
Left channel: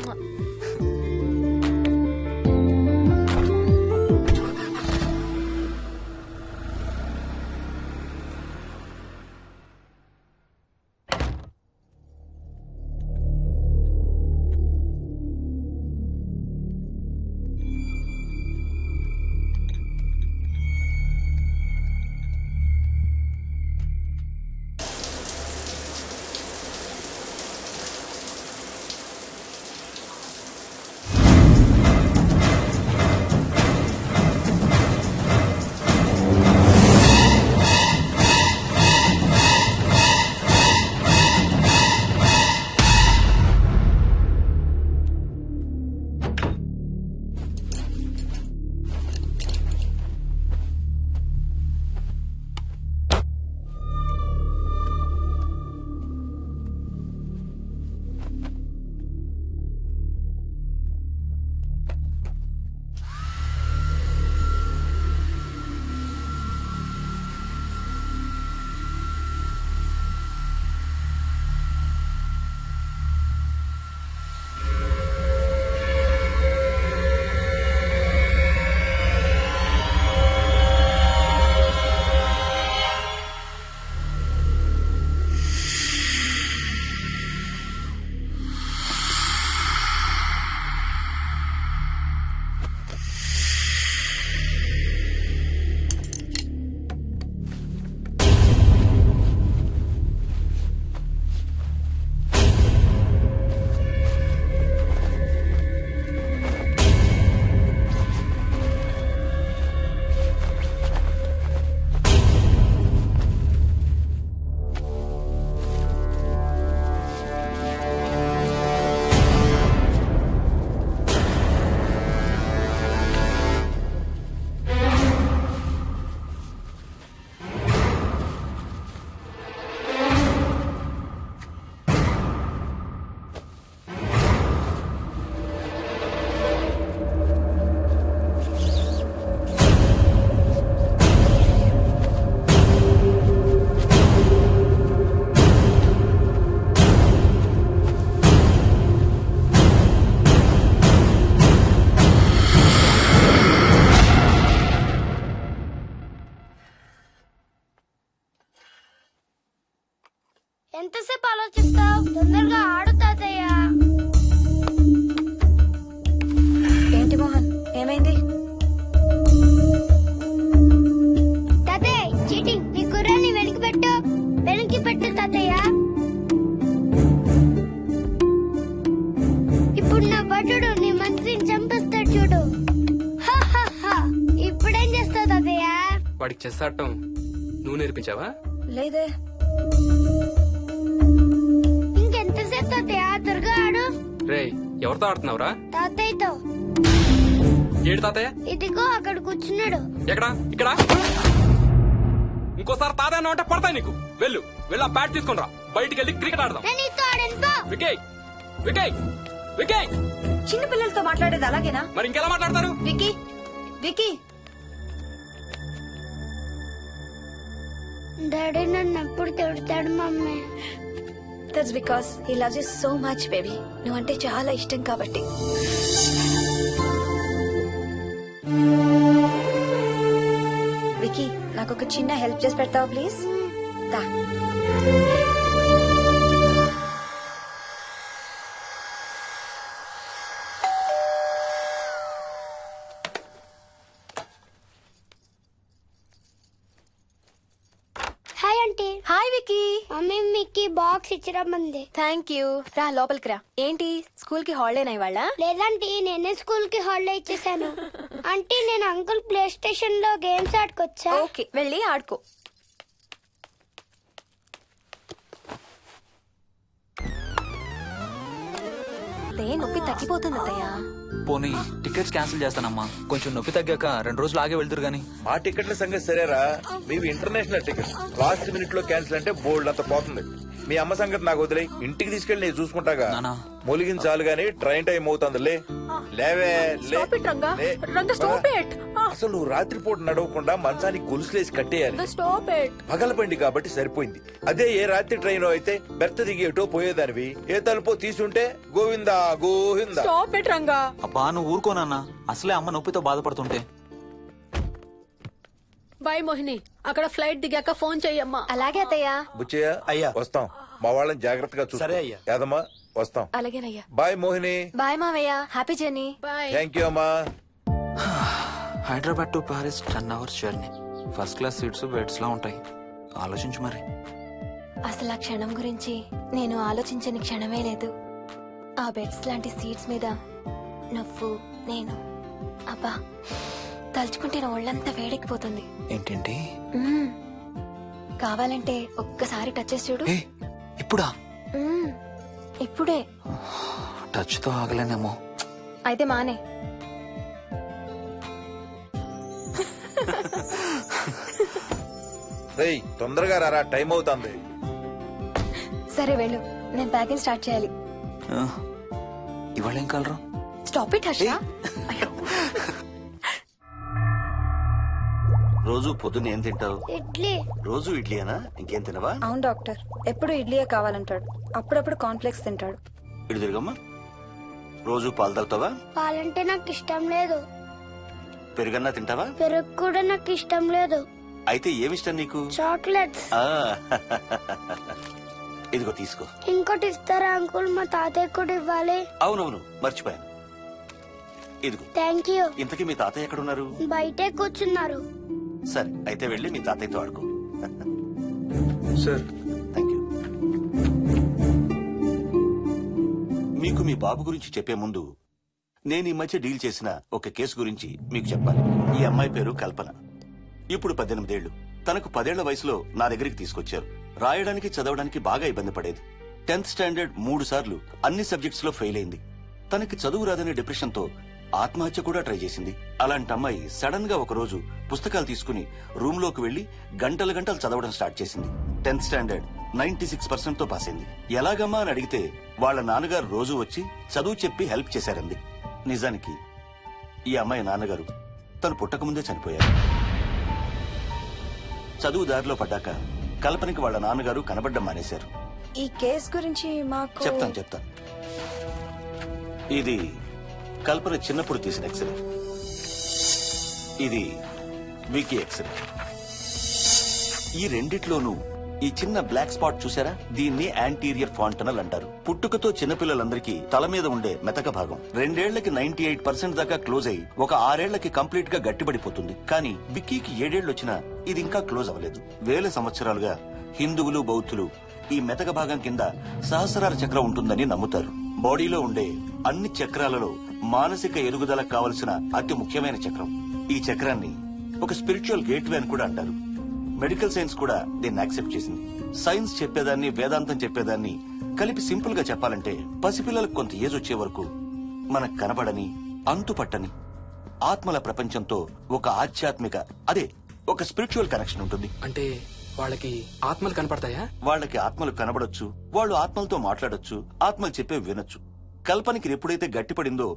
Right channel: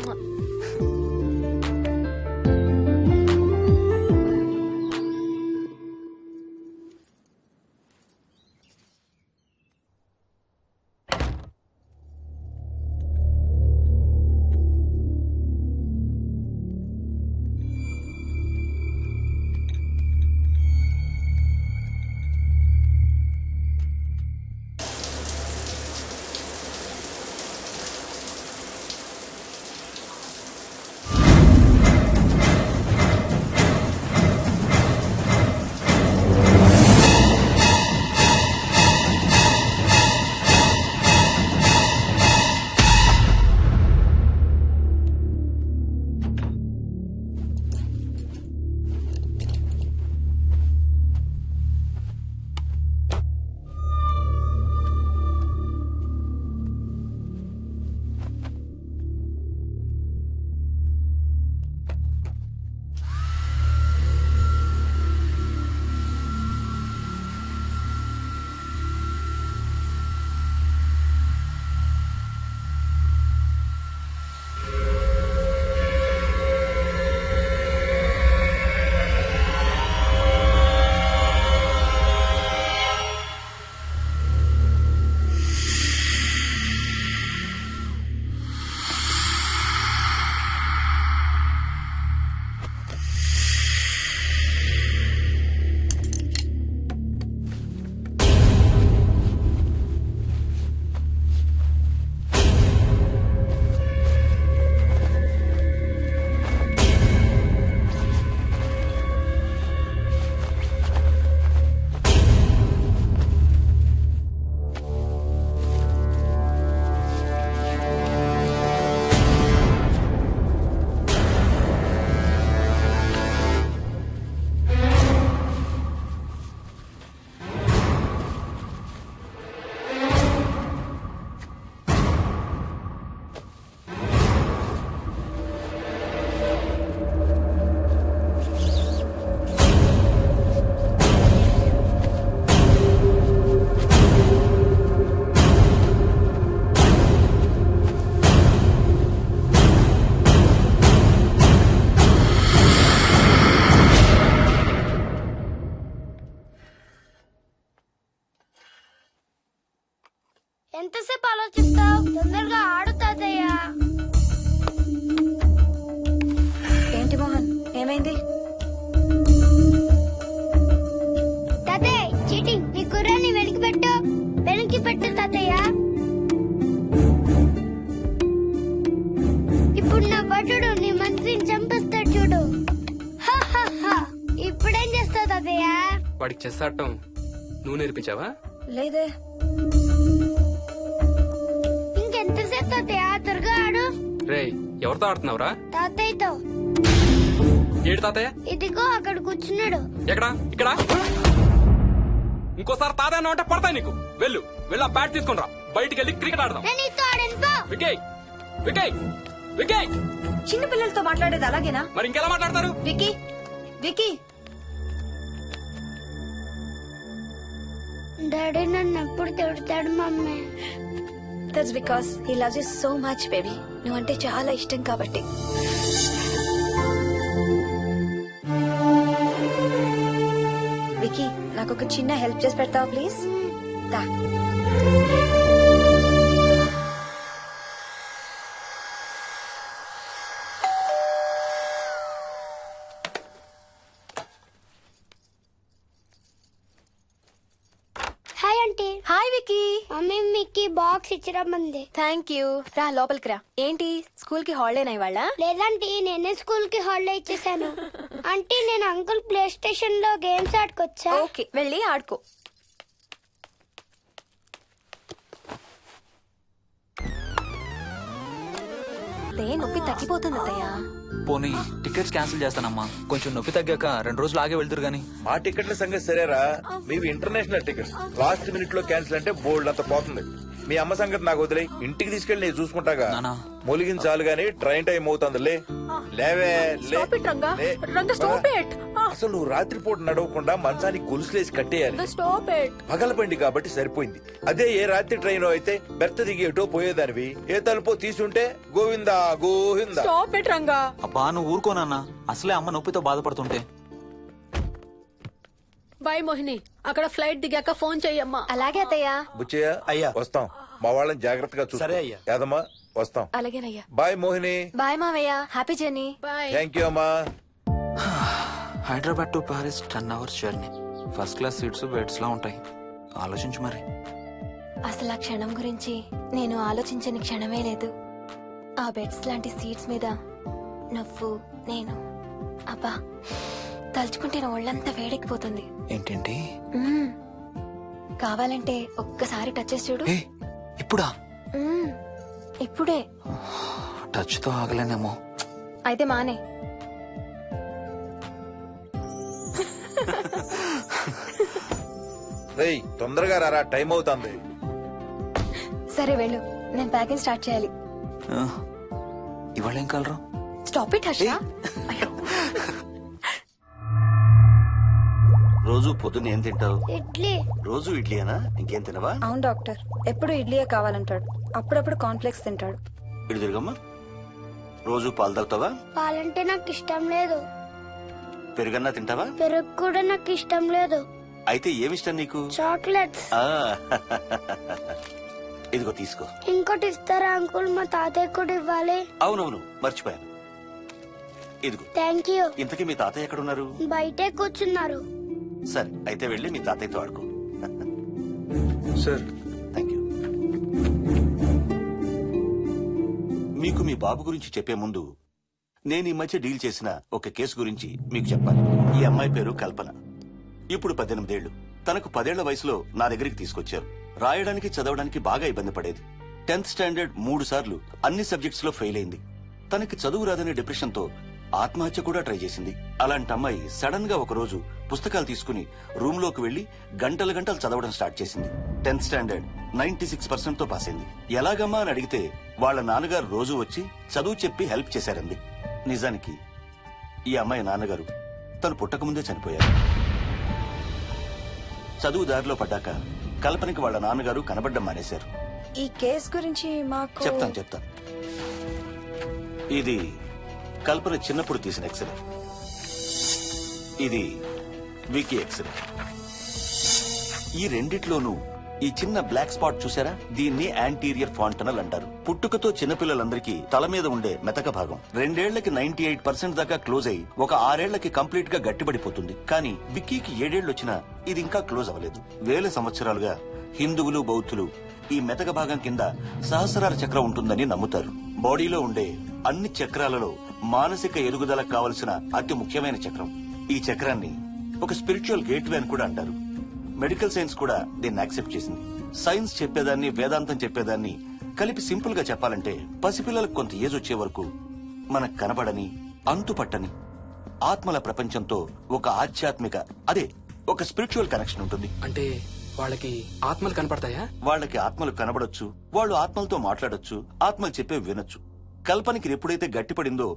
ఏంటి మోహన్, ఏమైంది? తాతయ్య చీటింగ్, నీ కుర్రాన్ని వెనక్కి పెట్టు, వెనక్కి పెట్టు తాతయ్య. ఇప్పుడు నా భటుడు నీ మంత్రిని చంపేస్తాడు చూడు. హా, హా, హా. ఇప్పుడేం చేస్తావు తాతయ్య? వాడికి చెస్ ఆడటం నువ్వు నేర్పించావా? లేదే. ఇంకెంతసేపు తాతయ్య? త్వరగా ఆడు. రేయ్, ఎవరితో ఆడుతున్నావురా? తాతయ్యతో. ఏడు తాతయ్య? ఇదిగో అక్కడ కూర్చున్నాడు. ఎక్కడా? ఇక్కడ. ఇంకోసారి తాతయ్య అంటే పడతాయి నీకు. వెళ్ళు వెళ్ళి ఆ బ్యాట్ తీసుకుని రా, బయటికి వెళ్ళి క్రికెట్ ఆడదాం. నేను నీతో ఆడను పో. వికయ్ వికయ్ వికయ్. చిన్న పిల్లలతో మాట్లాడేది అలాగేనా? మరి ఇంకెలా మాట్లాడతారు? Wiki, wiki. డాడీ నన్ను ఎప్పుడు తిడతాడు mummy. That's because he loves you so much baby. నువ్వంటే చాలా ఇష్టం కాబట్టి. వికీ, నాకు ఒక చిన్న హెల్ప్ చేసి పెడతావా ప్లీజ్? దా. Hi aunty. Aunty. Hi Vicky. Mummy మీకు బాక్స్ ఇచ్చిరమ్మంది. Thank you. రా లోపలికి రా. ఏంటి స్కూల్ కి హాలిడేనా ఇవాళ? లేదంటే నేనే స్కూల్ కి హాలిడే ఇచ్చేసాను. అంటే నేను అంకుల్ ప్లే స్టేషన్ లో గేమ్స్ ఆడుకోవచ్చా? ఓకే, వెళ్ళి ఆడుకో. నొప్పి తగ్గిపోతుంది అత్తయ్య. పోనీ టికెట్స్ క్యాన్సిల్ చేస్తానమ్మా. కొంచెం నొప్పి తగ్గాక 2 రోజులు ఆగే వెళ్తురు గానీ. మా టికెట్ల సంగతి సరేరా, మీవి ఇంటర్నేషనల్ టికెట్స్. లాస్ట్ మినిట్ లో క్యాన్సిల్ అంటే బోల్డ్ అంత పోతుంది. మీ అమ్మ సంగతి నాకు వదిలే, ఇంటికి తీసుకెళ్ళి నేను చూసుకుంటాగా. నానా. మొలిగించాలు గాని ట్రైన్ టైం అవుతుంది. లేవే లే. Stop it, Ranga. లే. Ranga, stop it. అసలు నువ్వు రాత్రిపూట నడవకుండా మంచానికి గొలుసులేసి కట్టేయాలి. Stop it. పగలబండి కాబట్టి సరిపోయింది. అదే ఏ రాత్రి ట్రైన్ అయితే బెర్త దిగి ఎటో పోయేదానివి. ఏ తలుపో తీసుంటే Govinda Govinda. Stop it, Ranga. అబ్బా నువ్వు ఊరుకోనన్నా, అసలే అమ్మ నొప్పితో బాధపడుతుంటే. బాయ్ మోహిని, అక్కడ ఫ్లైట్ దిగాక ఫోన్ చెయ్యమ్మా. అలాగే అత్తయ్య. బుచ్చయ్య అయ్యా. వస్తాం. మా వాళ్ళని జాగ్రత్తగా చూసుకో. సరే అయ్యా. యాదమ్మా వస్తాం. అలాగేనయ్యా. బాయ్ మోహిని. బాయ్ మావయ్య. Happy journey. Bye. Thank you అమ్మా. Hyderabad to Paris 10 hours journey. First class seats beds లా ఉంటాయి. ఆలోచించు మరి. అసలు ఆ క్షణం గురించి నేను ఆలోచించని క్షణమే లేదు. ఆ బెడ్స్ లాంటి సీట్స్ మీద నువ్వు నేను. అబ్బా తలుచుకుంటే నా ఒళ్ళంతా వేడెక్కిపోతుంది. ఏంటేంటి? మ్మ్. కావాలంటే ఒక్కసారి టచ్ చేసి చూడు. ఏ ఇప్పుడా? మ్మ్. ఇప్పుడే. టచ్ తో ఆగలేనేమో. అయితే మానే. రేయ్ తొందరగా రారా, టైం అవుతుంది. సరే వెళ్ళు, నేను ప్యాకింగ్ స్టార్ట్ చేయాలి. ఆ, ఇవాళ ఏం కలరు? Stop it Harsha. రోజు పొద్దున్న ఏం తింటావు? ఇడ్లీ. రోజు ఇడ్లీనా? ఇంకేం తినవా? అవును డాక్టర్, ఎప్పుడు ఇడ్లీయే కావాలంటాడు. అప్పుడప్పుడు కాన్ఫ్లెక్స్ తింటాడు. ఇటు తిరగమ్మా. రోజు పాలు తాగుతావా? పాలంటే నాకు ఇష్టం లేదు. పెరుగన్నా తింటావా? పెరుగు కూడా నాకు ఇష్టం లేదు. అయితే ఏమిష్టం నీకు? చాక్లెట్స్. ఆ, ఇదిగో తీసుకో. ఇంకోటి ఇస్తారా అంకుల్? మా తాతయ్య కూడా ఇవ్వాలి. అవునవును మర్చిపోయాను. ఇదిగో. Thank you. ఇంతకీ మీ తాతయ్య ఎక్కడున్నారు? బయటే కూర్చున్నారు. సరే అయితే వెళ్ళి మీ తాతయ్యతో ఆడుకో. Sir thank you. మీకు మీ బాబు గురించి చెప్పే ముందు నేను ఈ మధ్య డీల్ చేసిన ఒక కేసు గురించి మీకు చెప్పాలి. ఈ అమ్మాయి పేరు కల్పన. ఇప్పుడు 18 ఏళ్లు. తనకు 10 ఏళ్ల వయసులో నా దగ్గరికి తీసుకొచ్చారు. రాయడానికి చదవడానికి బాగా ఇబ్బంది పడేది. 10th స్టాండర్డ్ 3 సార్లు అన్ని సబ్జెక్ట్స్ లో ఫెయిల్ అయింది. తనకి చదువు రాదనే డిప్రెషన్ తో ఆత్మహత్య కూడా ట్రై చేసింది. అలాంటి అమ్మాయి సడన్ గా ఒక రోజు పుస్తకాలు తీసుకుని రూమ్ లోకి వెళ్లి గంటలు గంటలు చదవడం స్టార్ట్ చేసింది. 10th స్టాండర్డ్ 96% తో పాస్ అయింది. ఎలాగమ్మా అని అడిగితే వాళ్ళ నాన్నగారు రోజు వచ్చి చదువు చెప్పి హెల్ప్ చేశారంది. నిజానికి ఈ అమ్మాయి నాన్నగారు తను పుట్టకముందే చనిపోయారు. చదువు దారిలో పడ్డాక కల్పనకి వాళ్ళ నాన్నగారు కనబడ్డం మానేశారు. ఈ కేస్ గురించి మాకు చెప్తాను. ఇది కల్పన చిన్నప్పుడు తీసిన ఎక్స్రే. ఇది వికీ ఎక్స్రే. ఈ రెండిట్లోనూ ఈ చిన్న బ్లాక్ స్పాట్ చూసారా? దీన్ని యాంటీరియర్ ఫాంటనల్ అంటారు. పుట్టుకతో చిన్నపిల్లలందరికీ తల మీద ఉండే మెతక భాగం 2 ఏళ్లకి 98% దాకా క్లోజ్ అయి ఒక 6 ఏళ్లకి కంప్లీట్ గా గట్టిపడిపోతుంది. కానీ విక్కీకి 7 ఏళ్లు వచ్చినా ఇది ఇంకా క్లోజ్ అవ్వలేదు. వేల సంవత్సరాలుగా హిందువులు బౌద్ధులు ఈ మెతక భాగం కింద సహస్రార చక్రం ఉంటుందని నమ్ముతారు. బాడీలో ఉండే అన్ని చక్రాలలో మానసిక ఎదుగుదలకు కావలసిన అతి ముఖ్యమైన చక్రం. ఈ చక్రాన్ని ఒక స్పిరిచువల్ గేట్వే అని కూడా అంటారు. మెడికల్ సైన్స్ కూడా దీన్ని యాక్సెప్ట్ చేసింది. సైన్స్ చెప్పేదాన్ని వేదాంతం చెప్పేదాన్ని కలిపి సింపుల్ గా చెప్పాలంటే పసిపిల్లలకు కొంత ఏజ్ వచ్చే వరకు మనకు కనబడని అంతుపట్టని ఆత్మల ప్రపంచంతో ఒక ఆధ్యాత్మిక అదే ఒక స్పిరిచువల్ కనెక్షన్ ఉంటుంది. అంటే వాళ్ళకి ఆత్మలు కనపడతాయా? వాళ్ళకి ఆత్మలు కనబడొచ్చు, వాళ్ళు ఆత్మలతో మాట్లాడొచ్చు, ఆత్మలు చెప్పే వినొచ్చు. కల్పనకి ఎప్పుడైతే గట్టిపడిందో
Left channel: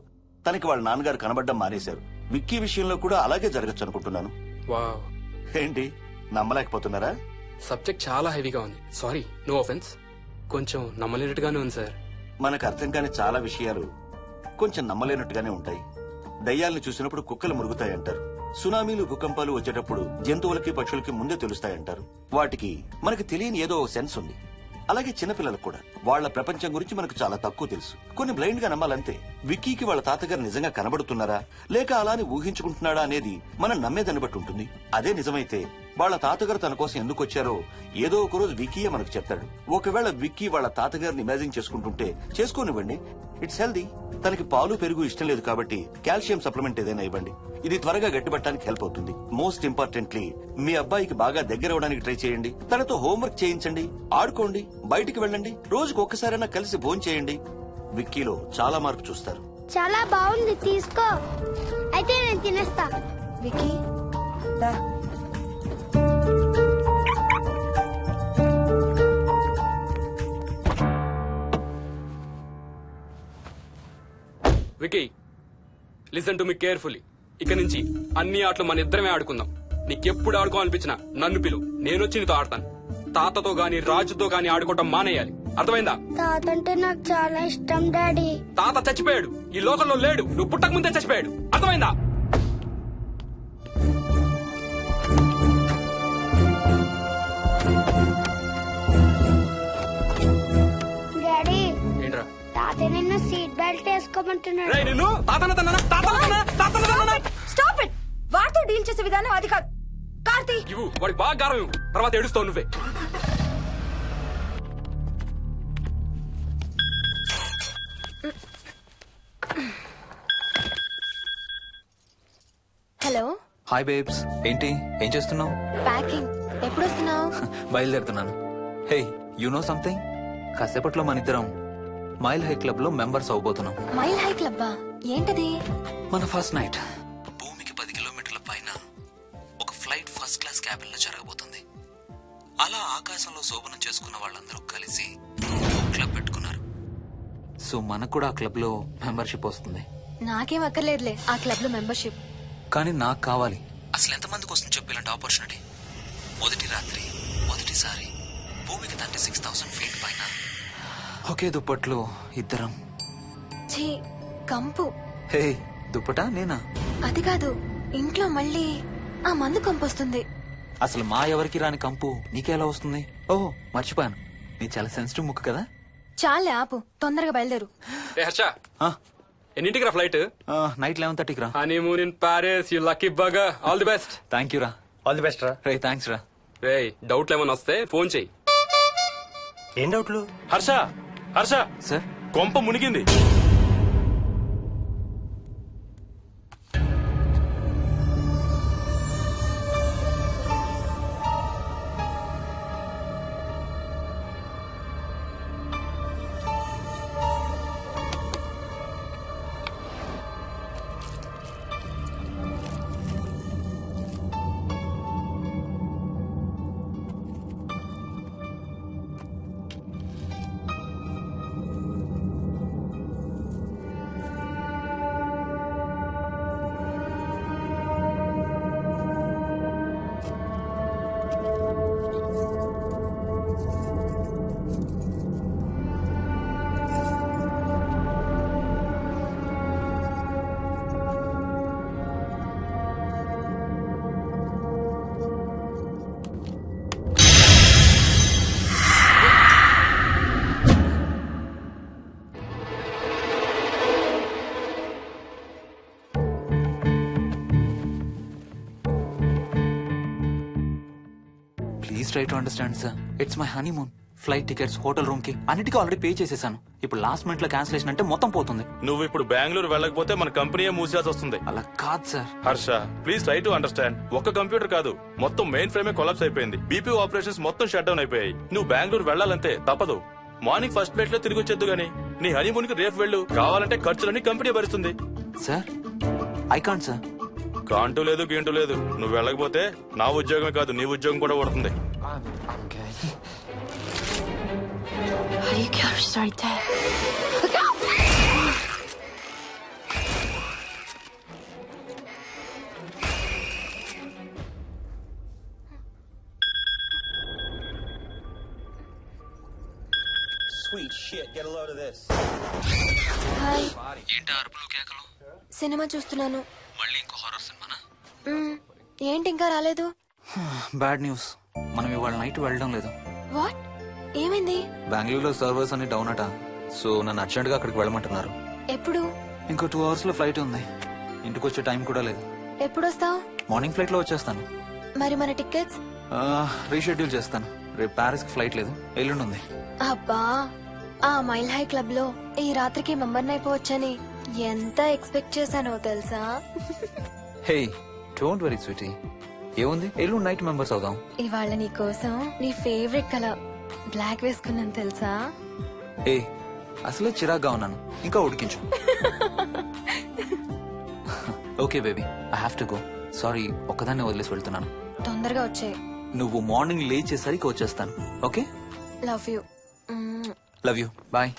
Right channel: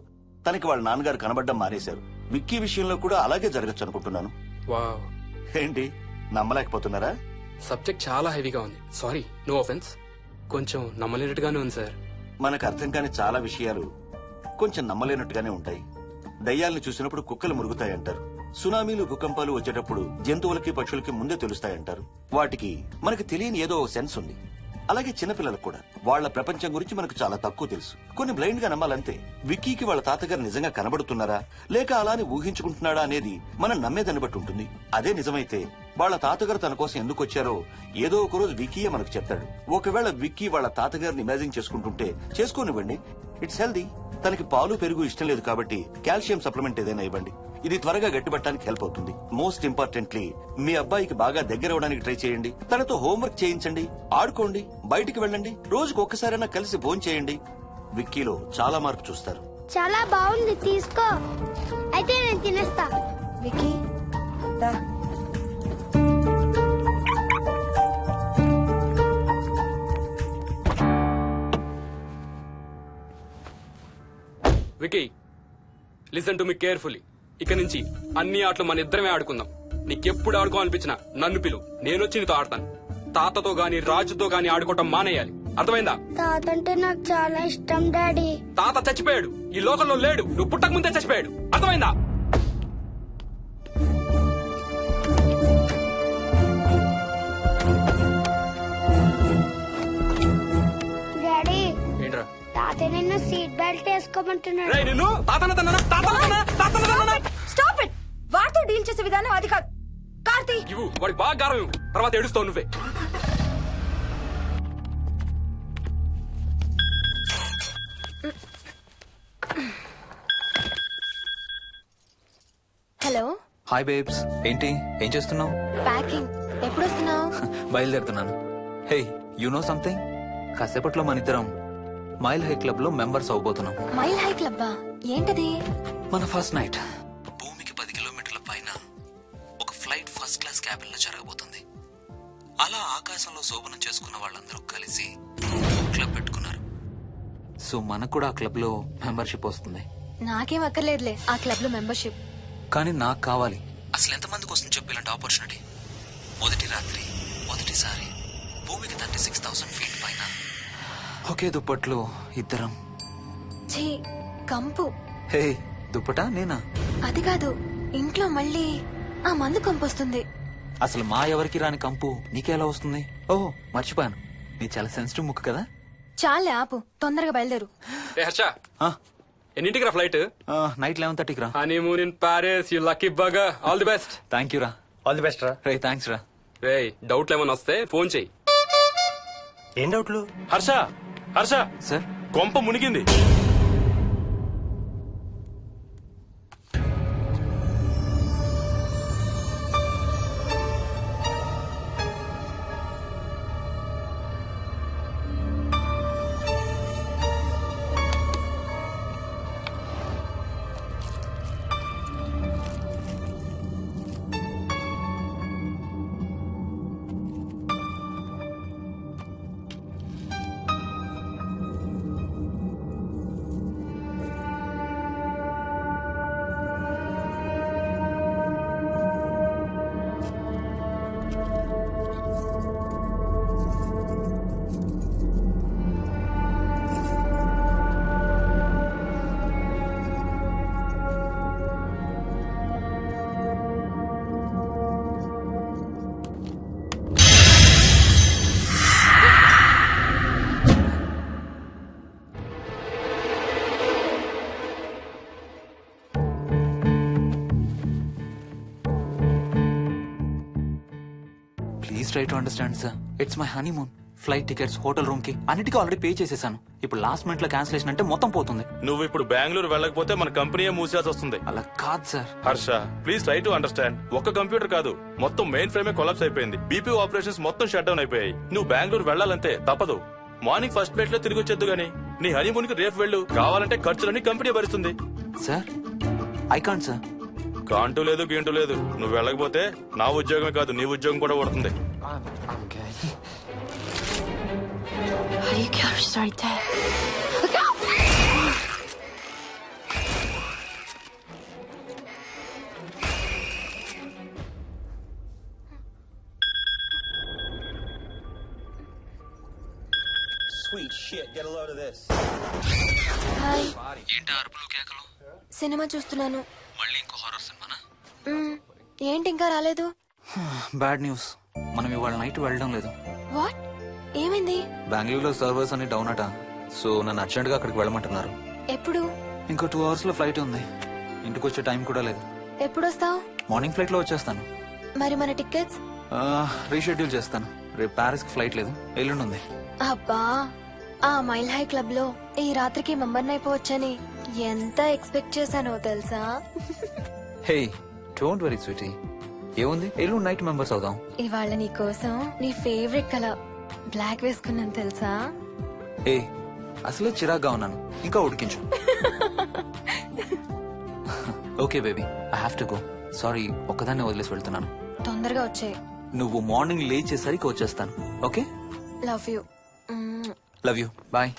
తనకి వాళ్ళ నాన్నగారు కనబడ్డం మానేశారు. విక్కీ విషయంలో కూడా అలాగే జరగచ్చు అనుకుంటున్నాను. వావ్, ఏంటి నమ్మలేకపోతున్నారా? సబ్జెక్ట్ చాలా హెవీగా ఉంది. Sorry, no offence. కొంచెం నమ్మలేనట్టుగానే ఉంది సార్. మనకు అర్థం కాని చాలా విషయాలు కొంచెం నమ్మలేనట్టుగానే ఉంటాయి. దయ్యాల్ని చూసినప్పుడు కుక్కలు మురుగుతాయంటారు. సునామీలు భూకంపాలు వచ్చేటప్పుడు జంతువులకి పక్షులకి ముందే తెలుస్తాయంటారు. వాటికి మనకి తెలియని ఏదో సెన్స్ ఉంది. అలాగే చిన్నపిల్లలకు కూడా వాళ్ల ప్రపంచం గురించి మనకు చాలా తక్కువ తెలుసు. కొన్ని బ్లైండ్ గా నమ్మాలంతే. విక్కీకి వాళ్ళ తాతగారు నిజంగా కనబడుతున్నారా లేక అలానే ఊహించుకుంటున్నాడా అనేది మనం నమ్మేదాన్ని బట్టి ఉంటుంది. అదే నిజమైతే వాళ్ళ తాతగారు తన కోసం ఎందుకు వచ్చారో ఏదో ఒక రోజు విక్కీయే మనకు చెప్తాడు. ఒకవేళ విక్కీ వాళ్ళ తాతగారిని ఇమాజిన్ చేసుకుంటుంటే చేసుకోనివ్వండి, ఇట్స్ హెల్దీ. తనకి పాలు పెరుగు ఇష్టం లేదు కాబట్టి కాల్షియం సప్లిమెంట్ ఏదైనా ఇవ్వండి. ఇది త్వరగా గట్టిపట్టడానికి హెల్ప్ అవుతుంది. మోస్ట్ ఇంపార్టెంట్లీ మీ అబ్బాయికి బాగా దగ్గర అవడానికి ట్రై చేయండి. తనతో హోంవర్క్ చేయించండి, ఆడుకోండి, బయటికి వెళ్ళండి, రోజుకు ఒక్కసారైనా కలిసి భోజనం చేయండి. విక్కీలో చాలా మార్పు చూస్తారు. చాలా బాగుంది, తీసుకో. అయితే నేను తినేస్తా. విక్కీ దా. Vicky, listen to me carefully. ఇక నుంచి అన్ని ఆటలు మన ఇద్దరమే ఆడుకుందాం. నీకెప్పుడు ఆడుకోవాలనిపించినా నన్ను పిలు, నేనొచ్చి నీతో ఆడతాను. తాతతో గాని రాజుతో గాని ఆడుకోవటం మానేయాలి, అర్థమైందా? తాత అంటే నాకు చాలా ఇష్టం డాడీ. తాత చచ్చిపోయాడు, ఈ లోకంలో లేడు. నువ్వు పుట్టక ముందే చచ్చిపోయాడు, అర్థమైందా? డాడీ ఏంట్రా? తాత నిన్ను సీట్ బెల్ట్ వేసుకోమంటున్నాడు. రేయ్, నిన్ను స్టాప్ ఇట్. వాడితో డీల్ చేసే విధానం అది కాదు. కార్తీ, ఇవ్వు, వాడికి బాగా గారం ఇవ్వు, తర్వాత ఏడుస్తావు నువ్వే. Hello, hi babes. ఏంటి, ఏం చేస్తున్నావు? ప్యాకింగ్. ఎప్పుడు వస్తున్నావు? బయలుదేరుతున్నాను. Hey, you know something? కాసేపట్లో మన ఇద్దరం మైల్ హై క్లబ్ లో మెంబర్స్ అవబోతున్నాం. మైల్ హై క్లబ్బా? ఏంటది? మన ఫస్ట్ నైట్ భూమికి 10 కిలోమీటర్ల పైన ఒక ఫ్లైట్ ఫస్ట్ క్లాస్ క్యాబిన్ లో జరగబోతుంది. అలా ఆకాశంలో శోభనం చేసుకున్న వాళ్ళందరూ కలిసి క్లబ్ పెట్టుకున్నారు. సో మనకు కూడా ఆ క్లబ్ లో మెంబర్షిప్ వస్తుంది. నాకేం అక్కర్లేదులే ఆ క్లబ్ లో మెంబర్షిప్. కానీ నాకు కావాలి. అసలు ఎంతమందికి వస్తుంది చెప్పు ఇలాంటి ఆపర్చునిటీ? మొదటి రాత్రి, మొదటిసారి భూమికి 36,000 ఫీట్ పైన ఒకే దుప్పట్లో ఇద్దరం. ఛీ, కంపు. హే, దుప్పటా నేనా? అది కాదు, ఇంట్లో మళ్ళీ ఆ మందు కంపొస్తుంది. అసలు మా ఎవరికి రాని కంపు నీకెలా వస్తుంది? ఓహో, మర్చిపోయాను, నీ చాలా సెన్సిటివ్ ముక్కు కదా. చాలే ఆపు, తొందరగా బయలుదేరు. ఏ హర్ష, ఆ, ఎన్నింటికి రా ఫ్లైట్? నైట్ 11:30కి రా. Honeymoon in Paris, you lucky bugger. All the best. Thank you రా. ఆల్ ది బెస్ట్ రా. రే, థ్యాంక్స్ రా. రే, డౌట్లు ఏమైనా వస్తే ఫోన్ చెయ్యి. ఏం డౌట్లు? హర్ష, హర్ష, సార్, కొంప మునిగింది. Please try to understand sir. It's my honeymoon. Flight tickets, hotel room కి అన్నిటికీ ఆల్రెడీ పే చేసేసాను. ఇప్పుడు లాస్ట్ మినిట్ లో క్యాన్సిలేషన్ అంటే మొత్తం పోతుంది. నువ్వు ఇప్పుడు బెంగళూరు వెళ్ళకపోతే మన కంపెనీయే మూసేయాల్సి వస్తుంది. అలా కాదు sir. Harsha, please try to understand. ఒక్క కంప్యూటర్ కాదు, మొత్తం మెయిన్ ఫ్రేమే కొలాప్స్ అయిపోయింది. బీపీ ఆపరేషన్స్ మొత్తం షట్ డౌన్ అయిపోయాయి. నువ్వు బెంగళూరు వెళ్ళాలంటే తప్పదు. మార్నింగ్ ఫస్ట్ ఫ్లైట్ లో తిరిగి వచ్చేద్దు గానీ నీ హనీమూన్ కి రేపు వెళ్ళు. కావాలంటే ఖర్చులన్నీ కంపెనీ భరిస్తుంది. Sir, I can't sir. కాంటూ లేదు, గీంటూ లేదు. నువ్వు వెళ్ళకపోతే నా ఉద్యోగమే కాదు, నీ ఉద్యోగం కూడా పడుతుంది. హాయ్. ఏంటి అరుపులు కేకలు? సినిమా చూస్తున్నాను. మళ్ళీ ఇంకో హారర్ సినిమానా? ఏంటి ఇంకా రాలేదు? బ్యాడ్ న్యూస్, మనం ఇవాళ నైట్ వెళ్ళడం లేదు. వాట్? ఏమైంది? బెంగళూరులో సర్వర్స్ అన్ని డౌన్ అట. సో నన్ను అర్జెంట్ గా అక్కడికి వెళ్ళమంటున్నారు. ఎప్పుడు? ఇంకో 2 hours లో ఫ్లైట్ ఉంది. ఇంటికి వచ్చే టైం కూడా లేదు. ఎప్పుడు వస్తావు? మార్నింగ్ ఫ్లైట్ లో వచ్చేస్తాను. మరి మన టికెట్స్? రీషెడ్యూల్ చేస్తాను. రేపు ప్యారిస్ కి ఫ్లైట్ లేదు, ఎల్లుండి ఉంది. అబ్బా, ఆ మైల్ హై క్లబ్ లో ఈ రాత్రికి మెంబర్ని అయిపోవచ్చని ఎంత ఎక్స్పెక్ట్ చేశానో తెలుసా? హే డోంట్ వరీ స్వీటీ, ఏముంది ఎల్లుండి నైట్ మెంబర్స్ అవుదాం. ఇవాళ నీ కోసం నీ ఫేవరెట్ కలర్ బ్లాక్ వేసుకున్నాను తెలుసా? ఏ అసలే చిరాగ్గా ఉన్నాను, ఇంకా ఉడికించు. Okay baby, I have to go. Sorry, ఒక్కదాన్ని వదిలేసి వెళ్తున్నాను. తొందరగా వచ్చే. నువ్వు మార్నింగ్ లేచేసరికి వచ్చేస్తాను. Okay, love you. Love you, bye.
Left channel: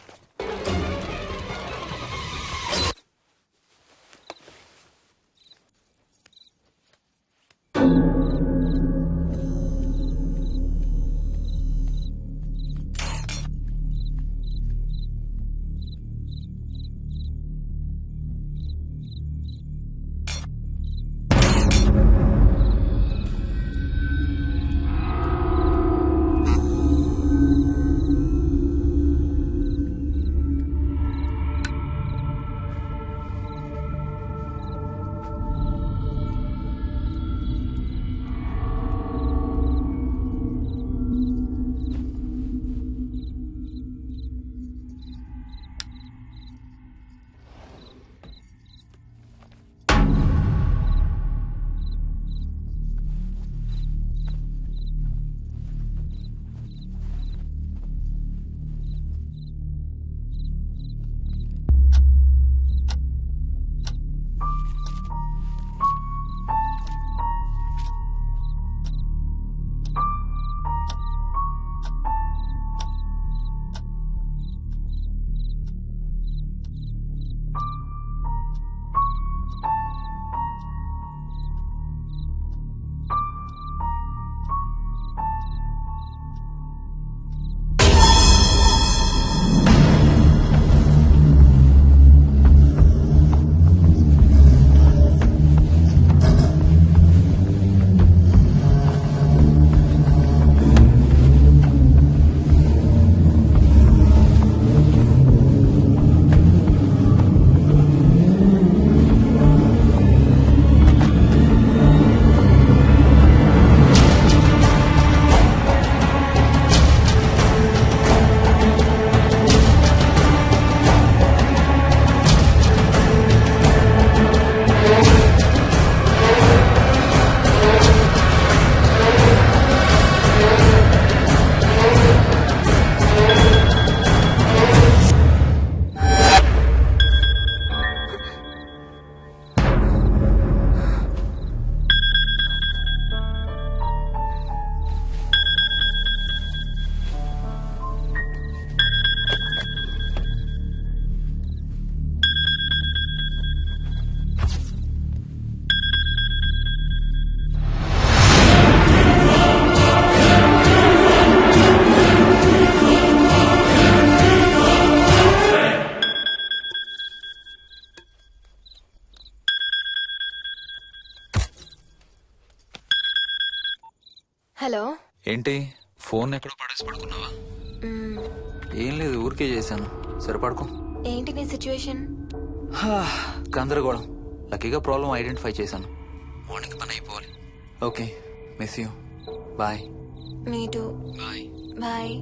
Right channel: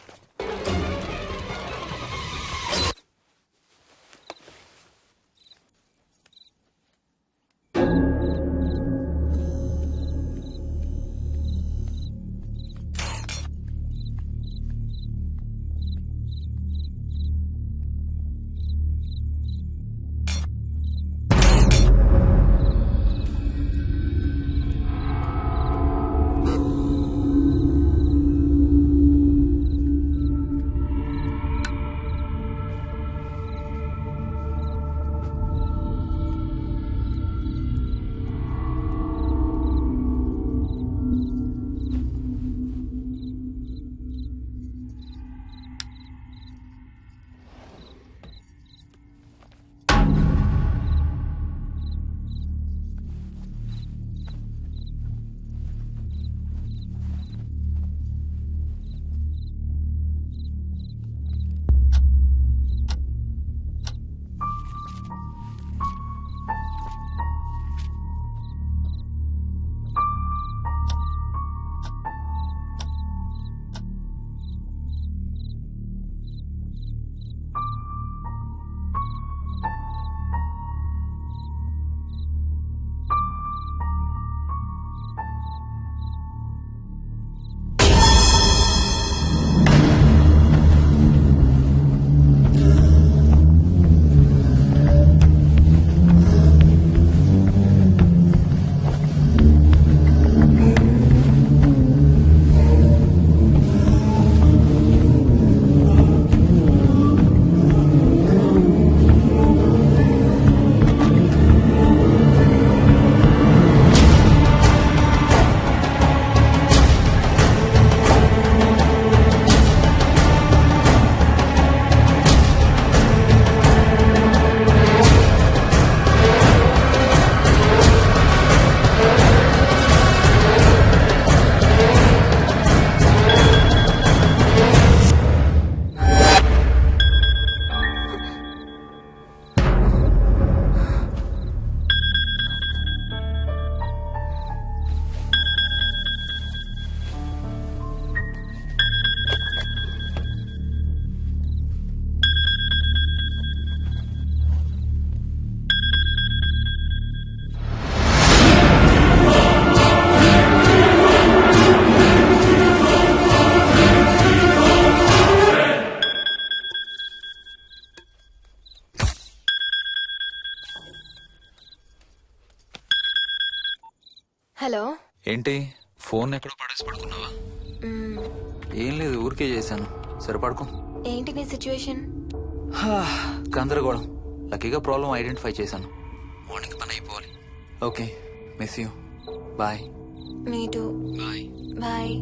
Hello. ఏంటి ఫోన్ ఎక్కడో పడేసి పడుకున్నావా? ఏం లేదు, ఊరికే చేశాను. సరే పడుకో. ఏంటి నీ సిచ్యువేషన్? గందరగోళం. లక్కీగా ప్రాబ్లం ఐడెంటిఫై చేశాను. మార్నింగ్ పని అయిపోవాలి. Okay, miss you. Bye. Me too. Bye. Bye.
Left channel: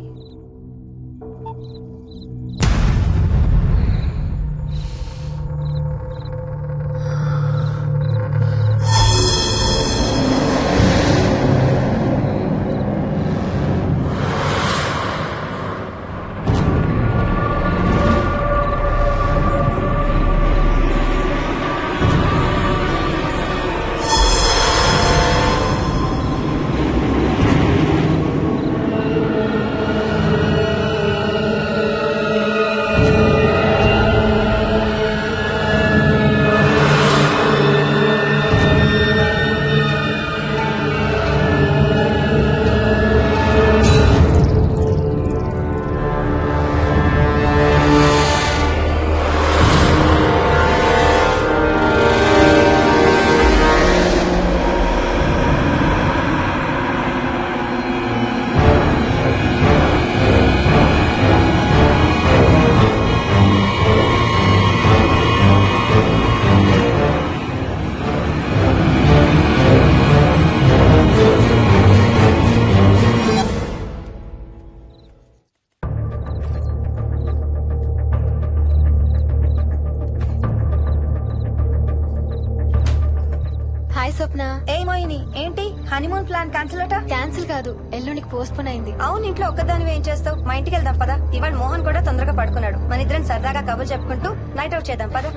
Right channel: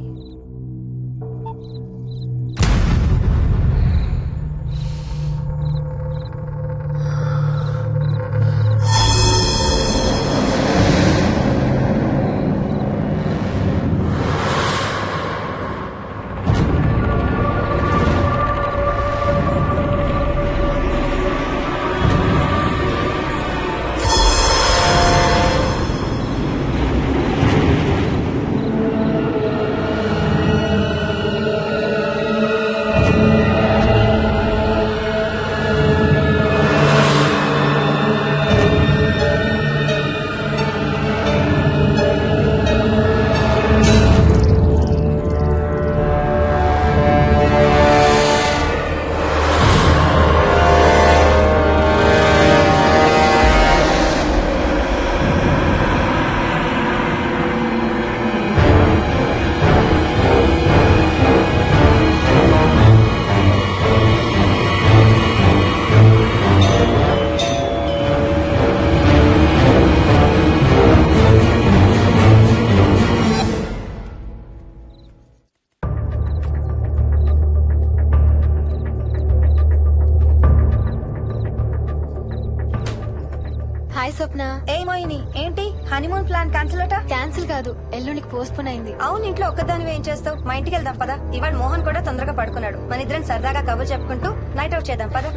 Swapna. ఏ మోహిని, ఏంటి హనీమూన్ ప్లాన్ క్యాన్సిల్ అట? క్యాన్సిల్ కాదు, ఎల్లుండికి పోస్ట్ పోన్ అయింది. అవును, ఇంట్లో ఒక్కదానివే ఏం చేస్తావు? మా ఇంటికి వెళ్దాం పదా. ఇవాళ మోహన్ కూడా తొందరగా పడుకున్నాడు. మన ఇద్దరం సరదాగా కబుర్లు చెప్పుకుంటూ నైట్ అవుట్ చేద్దాం పదా.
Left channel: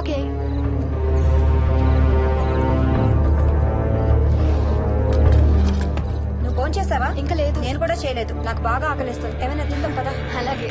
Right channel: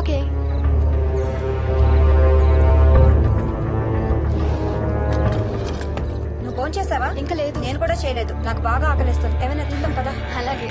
ఓకే. నువ్వు ఫోన్ చేసావా? ఇంకా లేదు. నేను కూడా చేయలేదు. నాకు బాగా ఆకలిస్తుంది. ఏమైనా తిందాం పదా. అలాగే.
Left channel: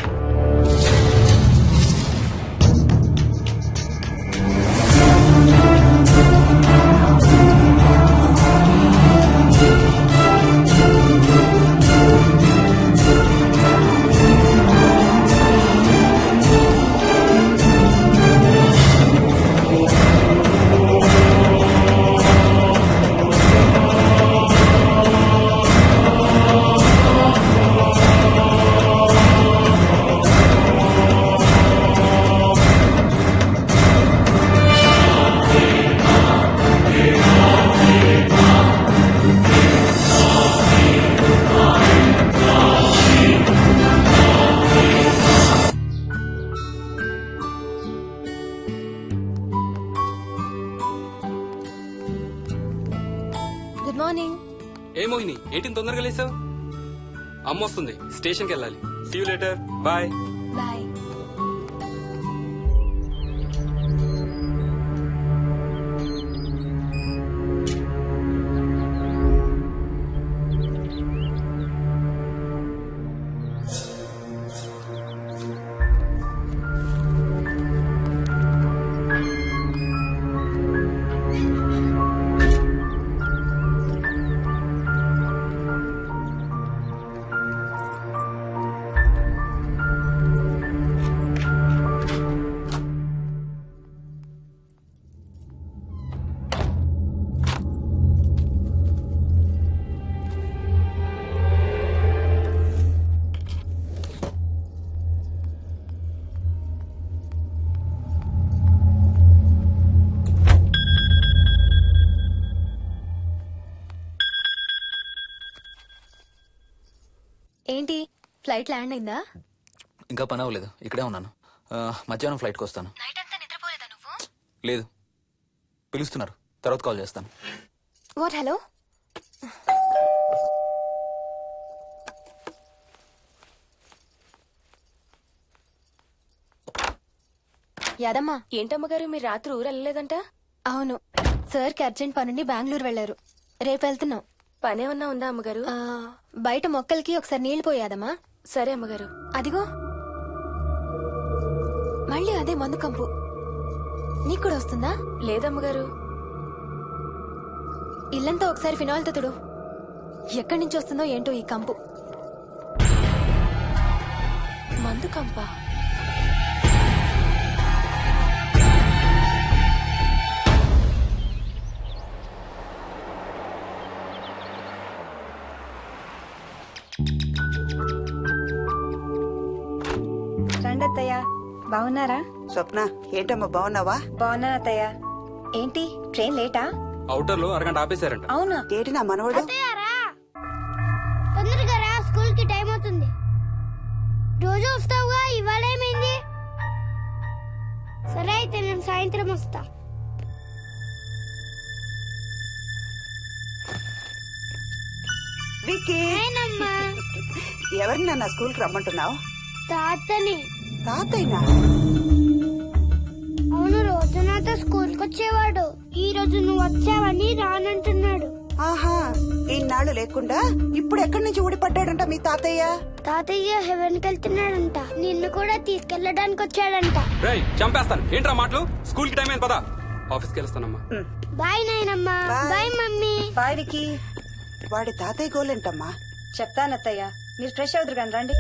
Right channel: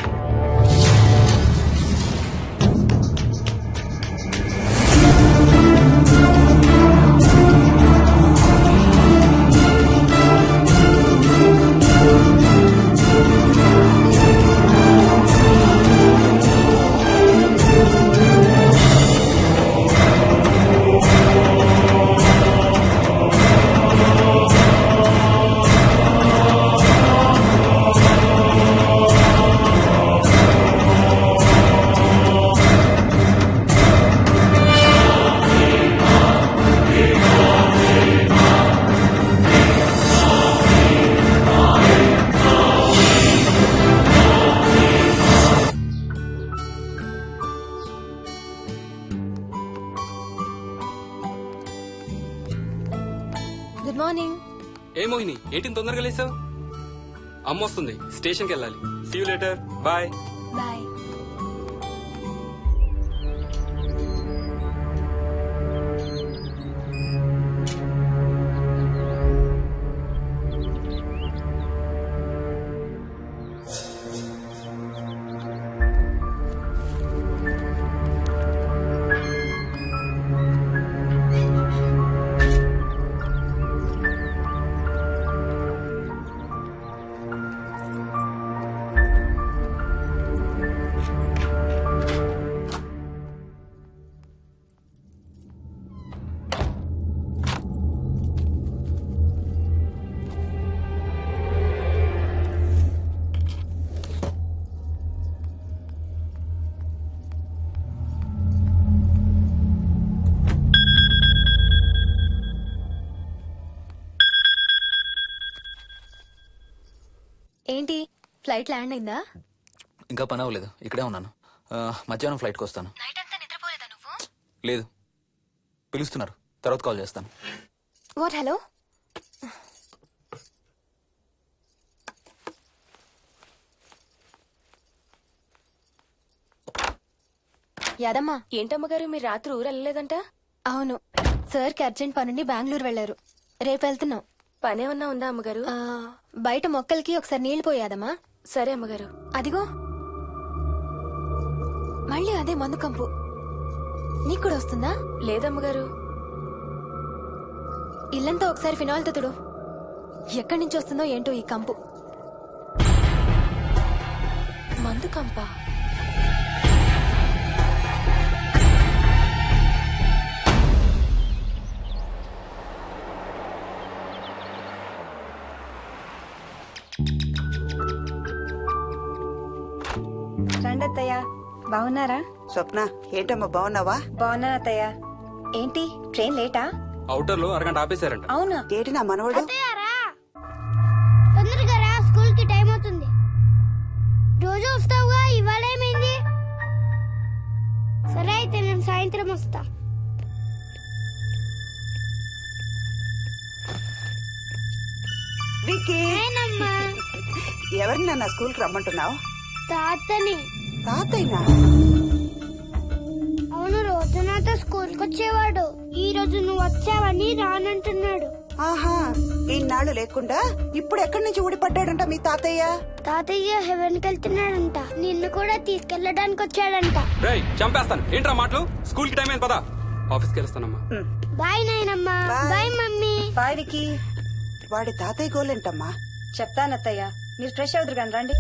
Good morning. ఏ మోహిని, ఏంటి తొందరగా లేసావు? అమ్మ వస్తుంది, స్టేషన్కి వెళ్ళాలి. See you later. Bye. Bye. ఏంటి, ఫ్లైట్ ల్యాండ్ అయిందా? ఇంకా పని అవ్వలేదు, ఇక్కడే ఉన్నాను. మధ్యాహ్నం ఫ్లైట్కి వస్తాను. నైట్ అంతా నిద్రపోలేదా నువ్వు? లేదు, పిలుస్తున్నారు, తర్వాత కాల్ చేస్తాను. వాట్? హలో. యాదమ్మా. ఏంటమ్మగారు, మీరు రాత్రి ఊరు వెళ్ళలేదంట? అవును, సార్కి అర్జెంట్ పనుండి బెంగళూరు వెళ్లారు. రేపు వెళ్తున్నాం. పనేమన్నా ఉందా అమ్మగారు? బయట మొక్కలకి ఒకసారి నీళ్లు పోయాదమ్మా. సరే అమ్మగారు. అదిగో మళ్ళీ అదే మందు కంపు. నీకు కూడా వస్తుందా? లేదమ్మగారు. ఇల్లంతా ఒకసారి ఫినాయిల్ తో తుడు. ఎక్కడి నుంచి వస్తుందో ఏంటో ఈ కంపు. మందు కంపా? రండి అత్తయ్య. బాగున్నారా? స్వప్న, ఏంటమ్మా బాగున్నావా? బాగున్నాను అత్తయ్య. ఏంటి ట్రైన్ లేటా? అవుటర్ లో అరగంట ఆపేశారంట. అవునా? ఏంటి నా మనవడు? తొందరగా రా, స్కూల్ కి టైం అవుతుంది. రోజు వస్తావుగా, ఇవాళ ఏమైంది? సరే అయితే నేను సాయంత్రం వస్తా. విక్కీ, ఎవరిని నా స్కూల్ కి రమ్మంటున్నావు? తాతని. తాతయ్యనా? అవును, రోజు నాతో స్కూల్ కి వచ్చేవాడు. ఈ రోజు నువ్వు వచ్చావని రానంటున్నాడు. ఆహా, ఇన్నాళ్ళు లేకుండా ఇప్పుడు ఎక్కడి నుంచి ఊడిపడ్డాడంట మీ తాతయ్య? తాతయ్య హెవెన్ కి వెళ్తున్నాడంట. నిన్ను కూడా తీసుకెళ్లడానికి వచ్చాడంట. రేయ్, చంపేస్తాను. ఏంట్రా మాటలు? స్కూల్ కి టైం అయింది, పదా. ఆఫీస్కి వెళ్తానమ్మా. బాయ్ నాయనమ్మా. Bye mummy. బాయ్ వికీ. వాడి తాతయ్య గోలేంటమ్మా? చెప్తానత్తయ్య, మీరు ఫ్రెష్ అవుతురు కానీ రండి.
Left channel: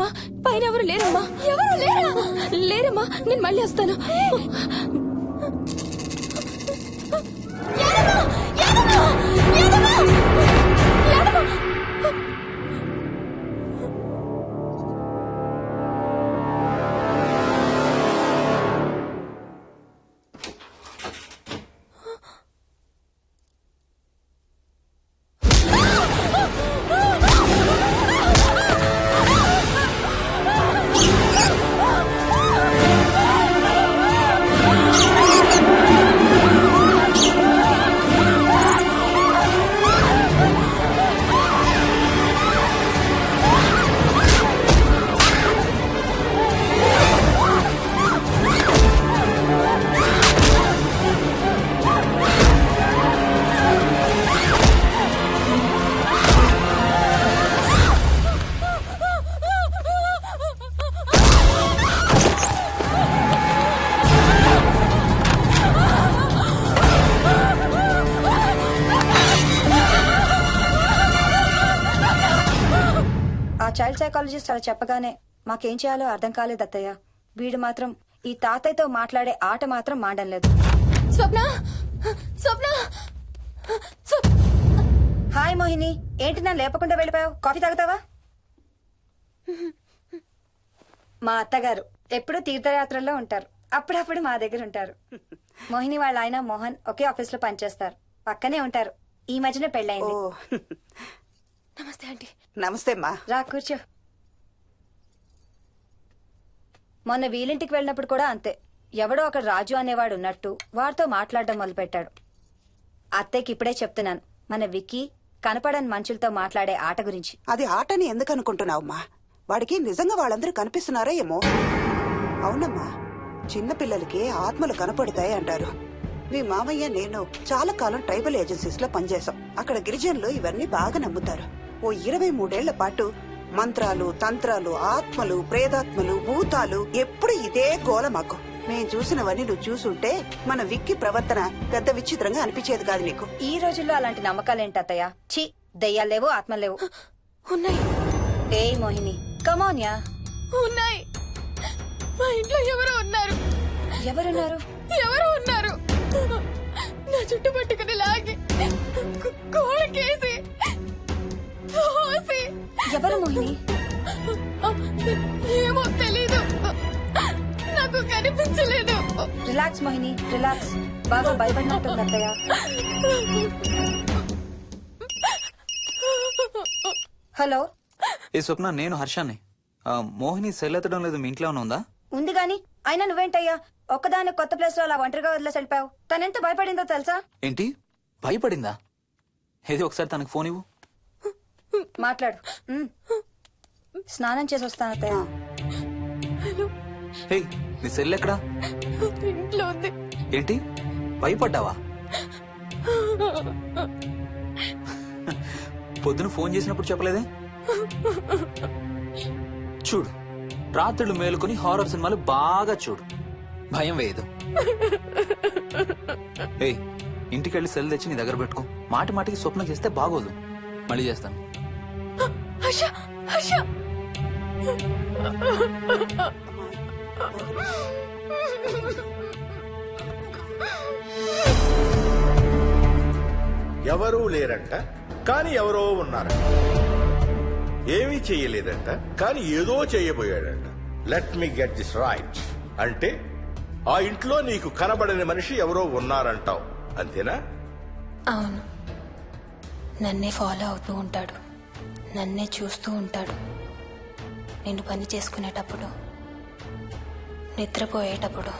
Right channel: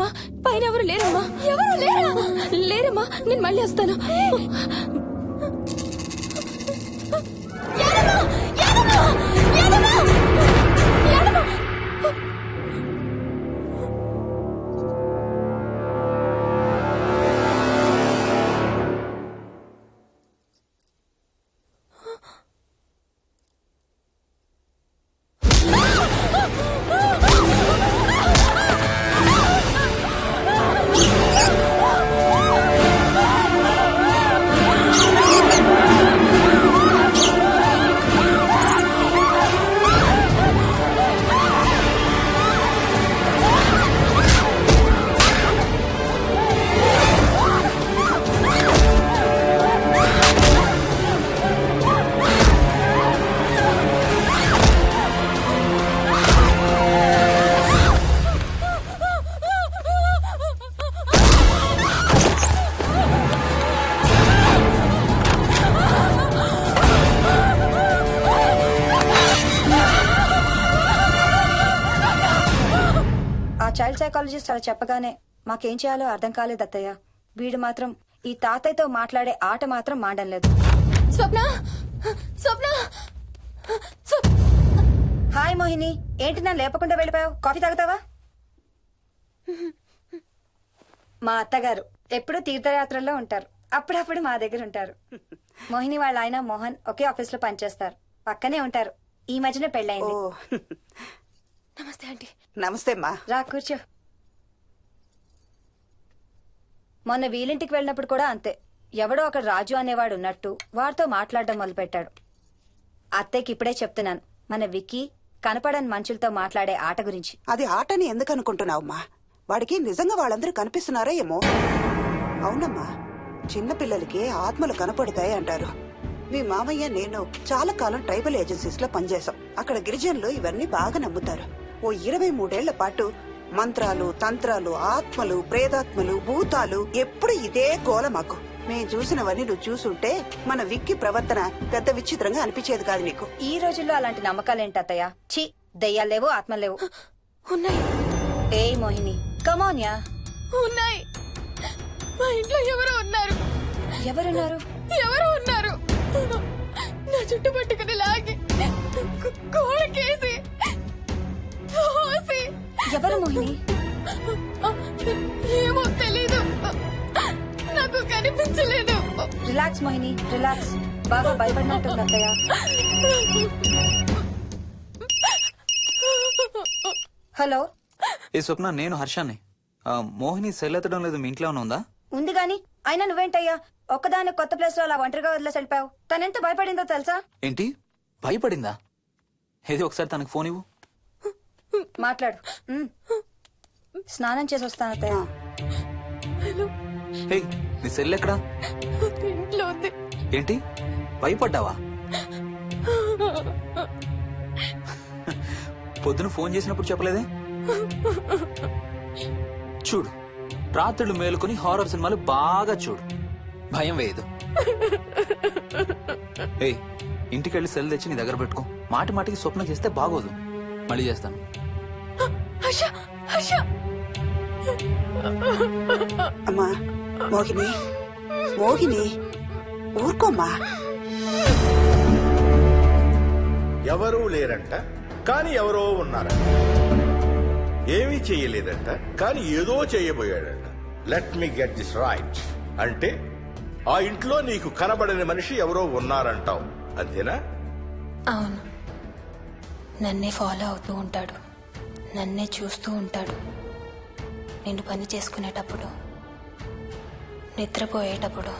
లేరమ్మా, పైన ఎవరు లేరమ్మా, ఎవరు లేరా? లేరమ్మా, నేను మళ్ళీ వస్తాను. యాదమ్మ! యాదమ్మ! యాదమ్మ! యాదమ్మ! ఆ చైల్డ్ సైకాలజిస్ట్ అలా చెప్పగానే మాకేం చేయాలో అర్థం కాలేదు అత్తయ్య. వీడు మాత్రం ఈ తాతయ్యతో మాట్లాడే ఆట మాత్రం మాండం లేదు. స్వప్న, స్వప్న, హాయ్ మోహిని, ఏంటి నన్ను లేపకుండా వెళ్ళిపోయావు? కాఫీ తాగుతావా? మా అత్తగారు ఎప్పుడూ తీర్థయాత్రల్లో ఉంటారు, అప్పుడప్పుడు మా దగ్గర ఉంటారు. మోహిని వాళ్ళ ఆయన మోహన్ ఒకే ఆఫీస్ లో పనిచేస్తారు, పక్కనే ఉంటారు. ఈ మధ్యన పెళ్ళైంది. నమస్తే ఆంటీ. నమస్తే అమ్మా. రా కూర్చో. మొన్న వీలింటికి వెళ్ళినప్పుడు కూడా అంతే. ఎవడో ఒక రాజు అనేవాడు ఉన్నట్టు వాడితో మాట్లాడడం మొదలుపెట్టాడు. అత్తయ్యకి ఇప్పుడే చెప్తున్నాను, మన విక్కీ కనపడని మనుషులతో మాట్లాడే ఆట గురించి. అది ఆటని ఎందుకు అనుకుంటున్నావమ్మా? వాడికి నిజంగా వాళ్ళందరూ కనిపిస్తున్నారా ఏమో. అవునమ్మా, చిన్నపిల్లలకి ఆత్మలు కనపడతాయి అంటారు. మీ మామయ్య నేను చాలా కాలం ట్రైబల్ ఏజెన్సీస్ లో పనిచేశాం. అక్కడ గిరిజనులు ఇవన్నీ బాగా నమ్ముతారు. ఓ 23 ఏళ్ల పాటు మంత్రాలు, తంత్రాలు, ఆత్మలు, ప్రేతాత్మలు, భూతాలు, ఎప్పుడు ఇదే గోల మాకు. మేం చూసినవన్నీ నువ్వు చూసుంటే మన విక్కి ప్రవర్తన పెద్ద విచిత్రంగా అనిపించేది కాదు నీకు. ఈ రోజుల్లో అలాంటి నమ్మకాలేంటి అత్తయ్య? ఛీ, దెయ్యాలు లేవు, ఆత్మలు లేవు. ఉన్నాయి. ఏ మోహిని, కమోన్యా. ఉన్నాయి. మా ఇంట్లో ఎవరో ఉన్నారు. ఎవరున్నారు? ఎవరో ఉన్నారు. నా చుట్టు పట్టుకుని లాగి కోళ్ళకేసి తోసి. ఎవరు మోహిని? ఏమో తెలీదు, నాకు కనిపించలేదు. Relax Mohini, relax. బాగా భయపడినట్టుంది అత్తయ్య. హలో. ఏ స్వప్న, నేను హర్షాన్ని. మోహిని సెల్ ఎత్తడం లేదు, మీ ఇంట్లో ఏమైనా ఉందా? ఉంది గాని, అయినా నువ్వేంటయ్యా ఒక్కదాని కొత్త ప్లేస్ లో అలా ఒంటరిగా వదిలేసి వెళ్ళిపోయావు? తనెంత భయపడిందో తెలుసా? ఏంటి, భయపడిందా? ఏది ఒకసారి తనకు ఫోన్ ఇవ్వు. మాట్లాడు. స్నానం చేసి వస్తాను అత్తయ్య. హే, నీ సెల్ ఎక్కడా? ఇంట్లో ఉంది. ఏంటి, భయపడ్డావా? పొద్దున ఫోన్ చేసినప్పుడు చెప్పలేదే? చూడు, రాత్రులు మేలుకొని హారర్ సినిమాలు బాగా చూడు, భయం వేయదు. ఏయ్, ఇంటికెళ్ళి సెల్ తెచ్చి నీ దగ్గర పెట్టుకో. మాటి మాటికి స్వప్నం చేస్తే బాగోదు. మళ్ళీ చేస్తాను. అమ్మా మోహిని, మోహిని ఊరుకోమ్మా. ఎవరూ లేరంట, కానీ ఎవరో ఉన్నారంట. ఏమీ చెయ్యలేదంట, కానీ ఏదో చేయబోయాడంట. Let me get this right. అంటే ఆ ఇంట్లో నీకు కనబడని మనిషి ఎవరో ఉన్నారంటావు, అంతేనా? అవును, నన్నే ఫాలో అవుతూ ఉంటాడు, నన్నే చూస్తూ ఉంటాడు. నేను పని చేసుకునేటప్పుడు, నిద్రపోయేటప్పుడు,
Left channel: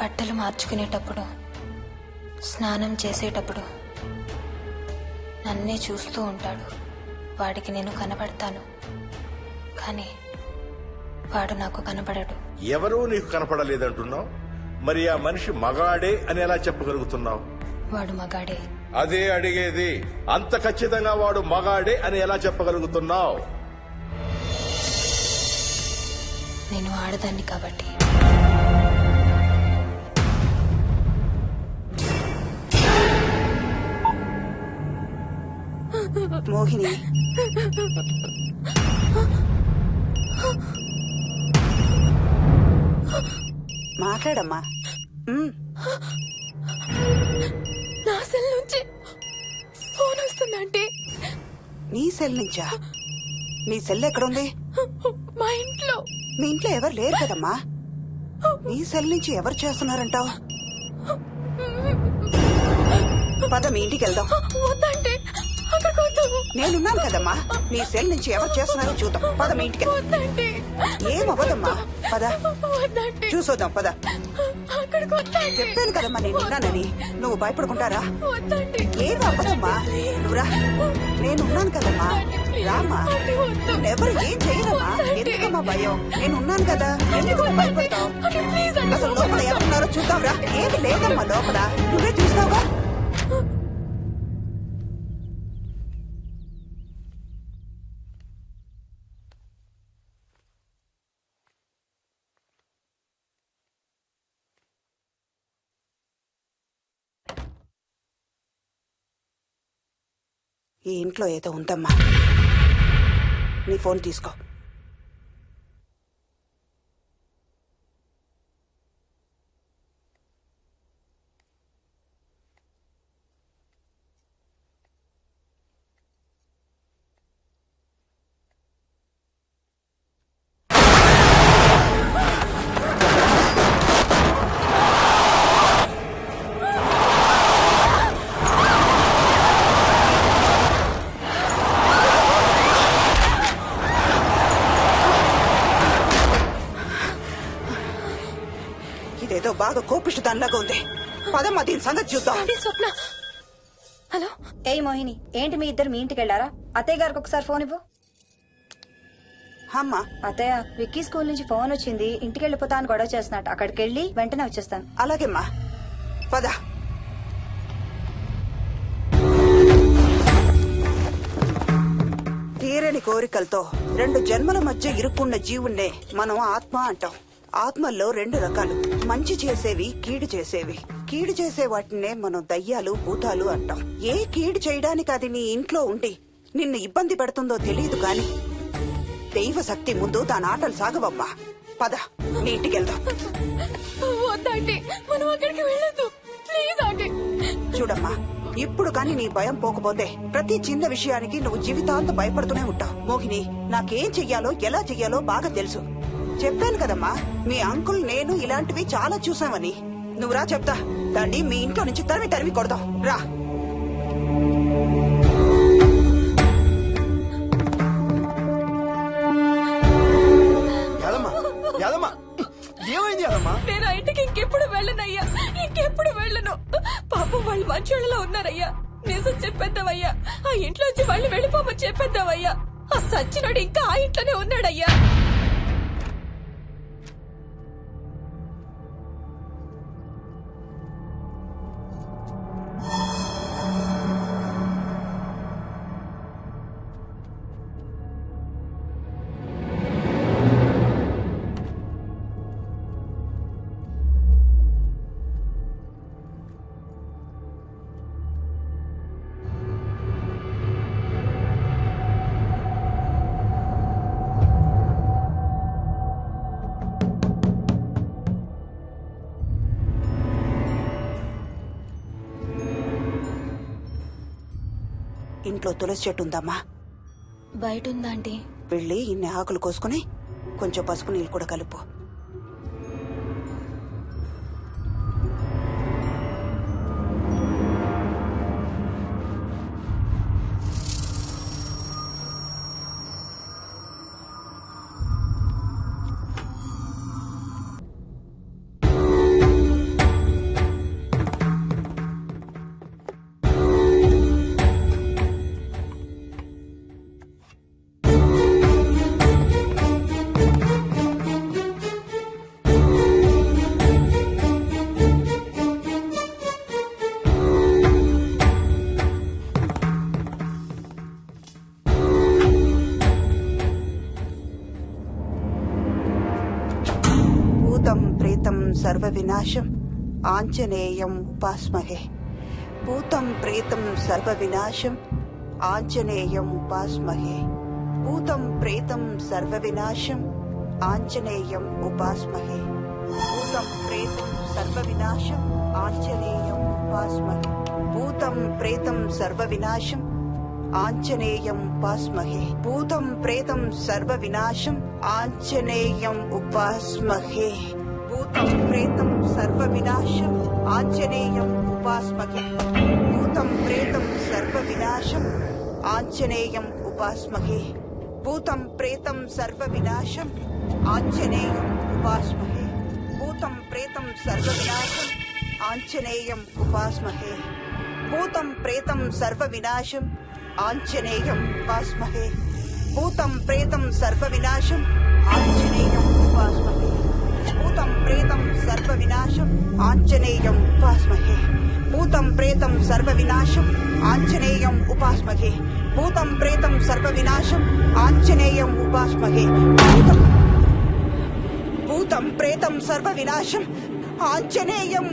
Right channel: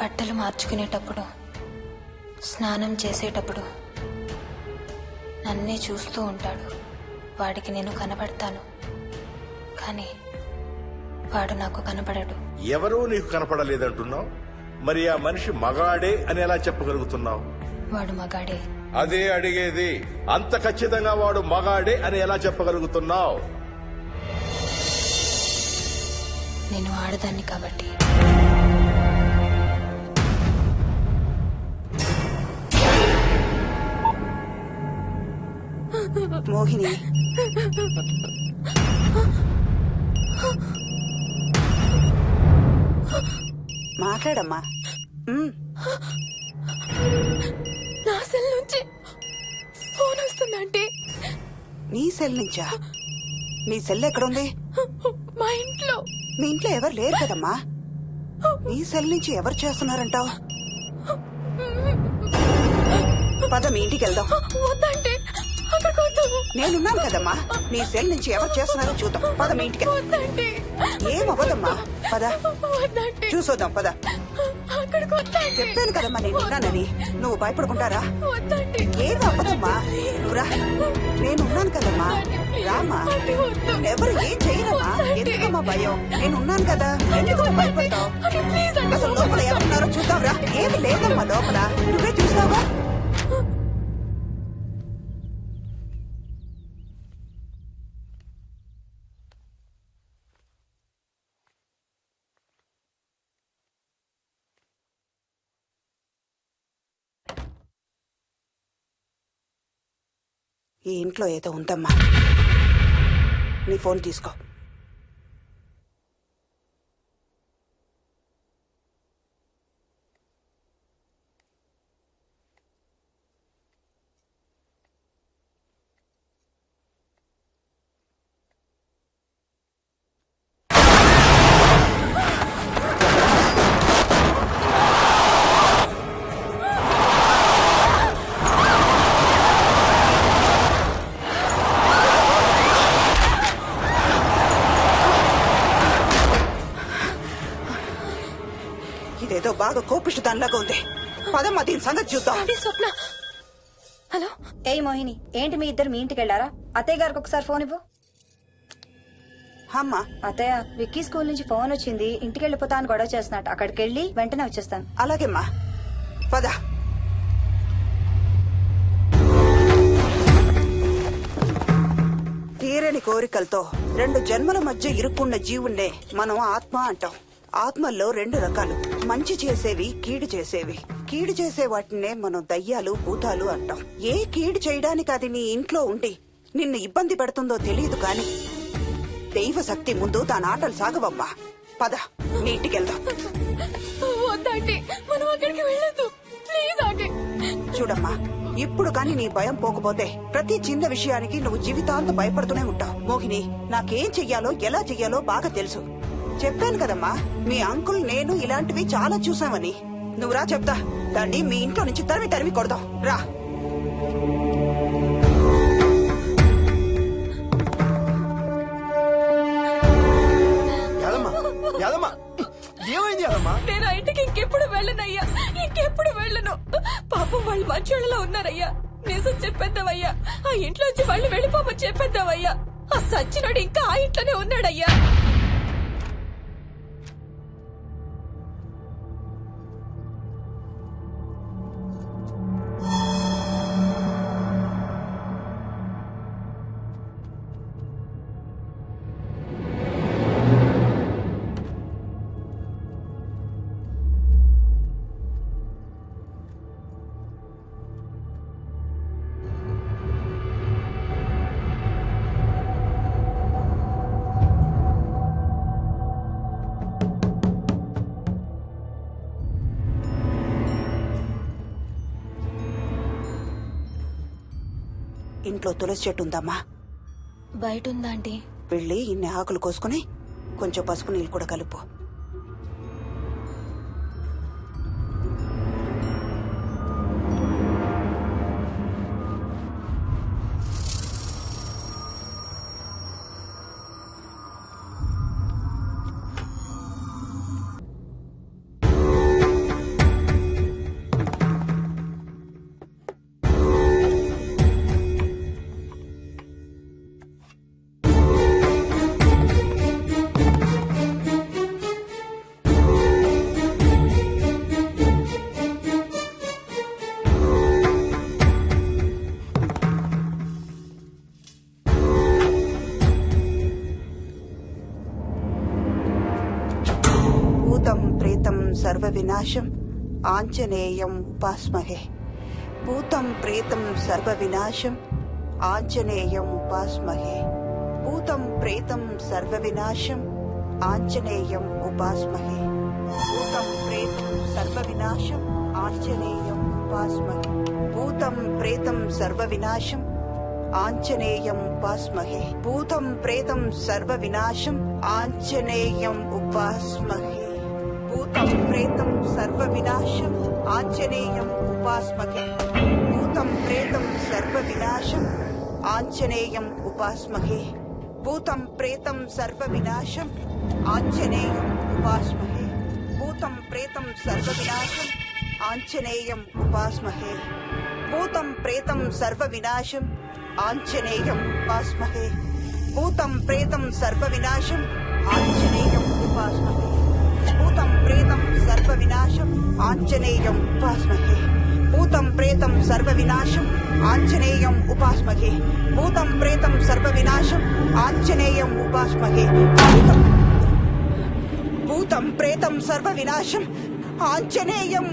బట్టలు మార్చుకునేటప్పుడు, స్నానం చేసేటప్పుడు నన్నే చూస్తూ ఉంటాడు. వాడికి నేను కనబడతాను, కానీ వాడు నాకు కనబడడు. ఎవరూ నీకు కనపడలేదంటున్నావు, మరి ఆ మనిషి మగాడే అని ఎలా చెప్పగలుగుతున్నావు? వాడు మగాడే. అదే అడిగేది, అంత ఖచ్చితంగా వాడు మగాడే అని ఎలా చెప్పగలుగుతున్నావు? నేను ఆడదాన్ని కాబట్టి. మోహిని, మాట్లాడమ్మా. నా సెల్ నుంచి ఫోన్ వస్తుందంటే నీ సెల్ నుంచా? నీ సెల్ ఎక్కడుంది? మా ఇంట్లో. మీ ఇంట్లో ఎవరు లేరు కదమ్మా. నీ సెల్ నుంచి ఎవరు చేస్తున్నారంటావు? పద మీ ఇంటికి వెళ్దాం. వద్దంటే అక్కడికి వద్దాము. నేనున్నాను కదమ్మా. నీ సెల్ నుంచి ఎవరు చేస్తున్నారో చూద్దాం. పద మీ ఇంటికి. వద్దంటే ఏం అవ్వదమ్మా. పద వద్దంటే చూసొద్దాం. పద. అక్కడికి వద్దంటే. చెప్పాను కదమ్మా నేనున్నానని. నువ్వు భయపడుకుంటారా? వద్దంటే. ఏం అవ్వదమ్మా. నువ్వురా. నేనున్నాను కదమ్మా. రామ్మా. ఎవరు ఏం చేయరమ్మా. ఎందుకమ్మా భయం? నేనున్నాను కదా. ఎందుకమ్మా భయపడతావు? అసలు లోపల ఎవరున్నారో చూద్దాంరా. ఏమి లేదమ్మా లోపల. నువ్వే చూస్తావా? ఈ ఇంట్లో ఏదో ఉందమ్మా. నీ ఫోన్ తీసుకో. ఇదేదో బాగా కోపిష్టి దానిలాగా ఉంది. పదమ్మా దీని సంగతి చూద్దాం. స్వప్న. హలో. ఏయ్ మోహిని, ఏంటి మీ ఇద్దరు మీ ఇంటికి వెళ్లారా? అత్తయ్య గారికి ఒకసారి ఫోన్ ఇవ్వు. అమ్మా. అత్తయ్య, విక్కీ స్కూల్ నుంచి ఫోన్ వచ్చింది. ఇంటికి వెళ్ళిపోతా అని గొడవ చేస్తున్నట్టు. అక్కడికి వెళ్ళి వెంటనే వచ్చేస్తాను. అలాగేమ్మా. పద. తీరని కోరికలతో 2 జన్మల మధ్య ఇరుక్కున్న జీవుణ్ణే మనం ఆత్మ అంటాం. ఆత్మల్లో 2 రకాలు. మంచి చేసేవి, కీడు చేసేవి. కీడు చేసే వాటినే మనం దయ్యాలు, భూతాలు అంటాం. ఏ కీడు చేయడానికి అది నీ ఇంట్లో ఉండి నిన్ను ఇబ్బంది పెడుతుందో తెలియదు కాని దైవ శక్తి ముందు దాని ఆటలు సాగవమ్మా. పద నీ ఇంటికి వెళ్దాం. వద్దంటే మనం అక్కడికి వెళ్ళొద్దు. ప్లీజ్ అంటే. చూడమ్మా, ఇప్పుడు కాని నీ భయం పోకపోతే ప్రతి చిన్న విషయానికి నువ్వు జీవితాంతం భయపడుతూనే ఉంటావు. మోహిని, నాకేం చెయ్యాలో ఎలా చెయ్యాలో బాగా తెలుసు. చెప్పాను కదమ్మా, మీ అంకుల్ నేను ఇలాంటివి చాలా చూసామని. నువ్వు రా చెప్తా. దాన్ని మీ ఇంట్లో నుంచి తరిమి కొడదాం. రా. ఏమైంది యాదమ్మా? నేను ఆ ఇంటికి ఇంకెప్పుడు వెళ్ళనయ్యా. ఇంకెప్పుడు వెళ్ళను. పాపం వాళ్ళు మంచోళ్ళలో ఉన్నారయ్యా. నిజం చెప్పేద్దామయ్యా. ఆ ఇంట్లోంచి వాళ్ళు వెళ్ళిపోమని చెప్పేద్దామయ్యా. ఆ సచ్చినాడు ఇంకా ఆ ఇంట్లోనే ఉన్నాడయ్యా. ఇంట్లో తులసి చెట్టు ఉందమ్మా. బయట ఉందా ఆంటీ? వెళ్ళి ఇన్ని ఆకులు కోసుకుని కొంచెం పసుపు నీళ్ళు కూడా కలుపు. భూతం ప్రేతం సర్వ వినాశం ఆంజనేయం ఉపాస్మహే. భూతం ప్రేతం సర్వ వినాశం ఆంజనేయం ఉపాస్మహే. భూతం ప్రేతం సర్వ వినాశం ఆంజనేయం ఉపాస్మహే. భూతం ప్రేతం సర్వ వినాశం ఆంజనేయం ఉపాస్మహే. భూతం ప్రేతం సర్వ వినాశం ఆంజనేయం ఉపాస్మహే. భూతం ప్రేతం సర్వ వినాశం ఆంజనేయం ఉపాస్మహే. భూతం ప్రేతం సర్వ వినాశం ఆంజనేయం ఉపాస్మహే. భూతం ప్రేతం సర్వ వినాశం ఆంజనేయం ఉపాస్మహే. భూతం ప్రేతం సర్వ వినాశం ఆంజనేయం ఉపాస్మహే. భూతం ప్రేతం సర్వ వినాశం ఆంజనేయం ఉపాస్మహే. భూతం ప్రేతం సర్వ వినాశం ఆంజనేయం ఉపాస్మహే. భూతం ప్రేతం సర్వ వినాశం Anjaneyam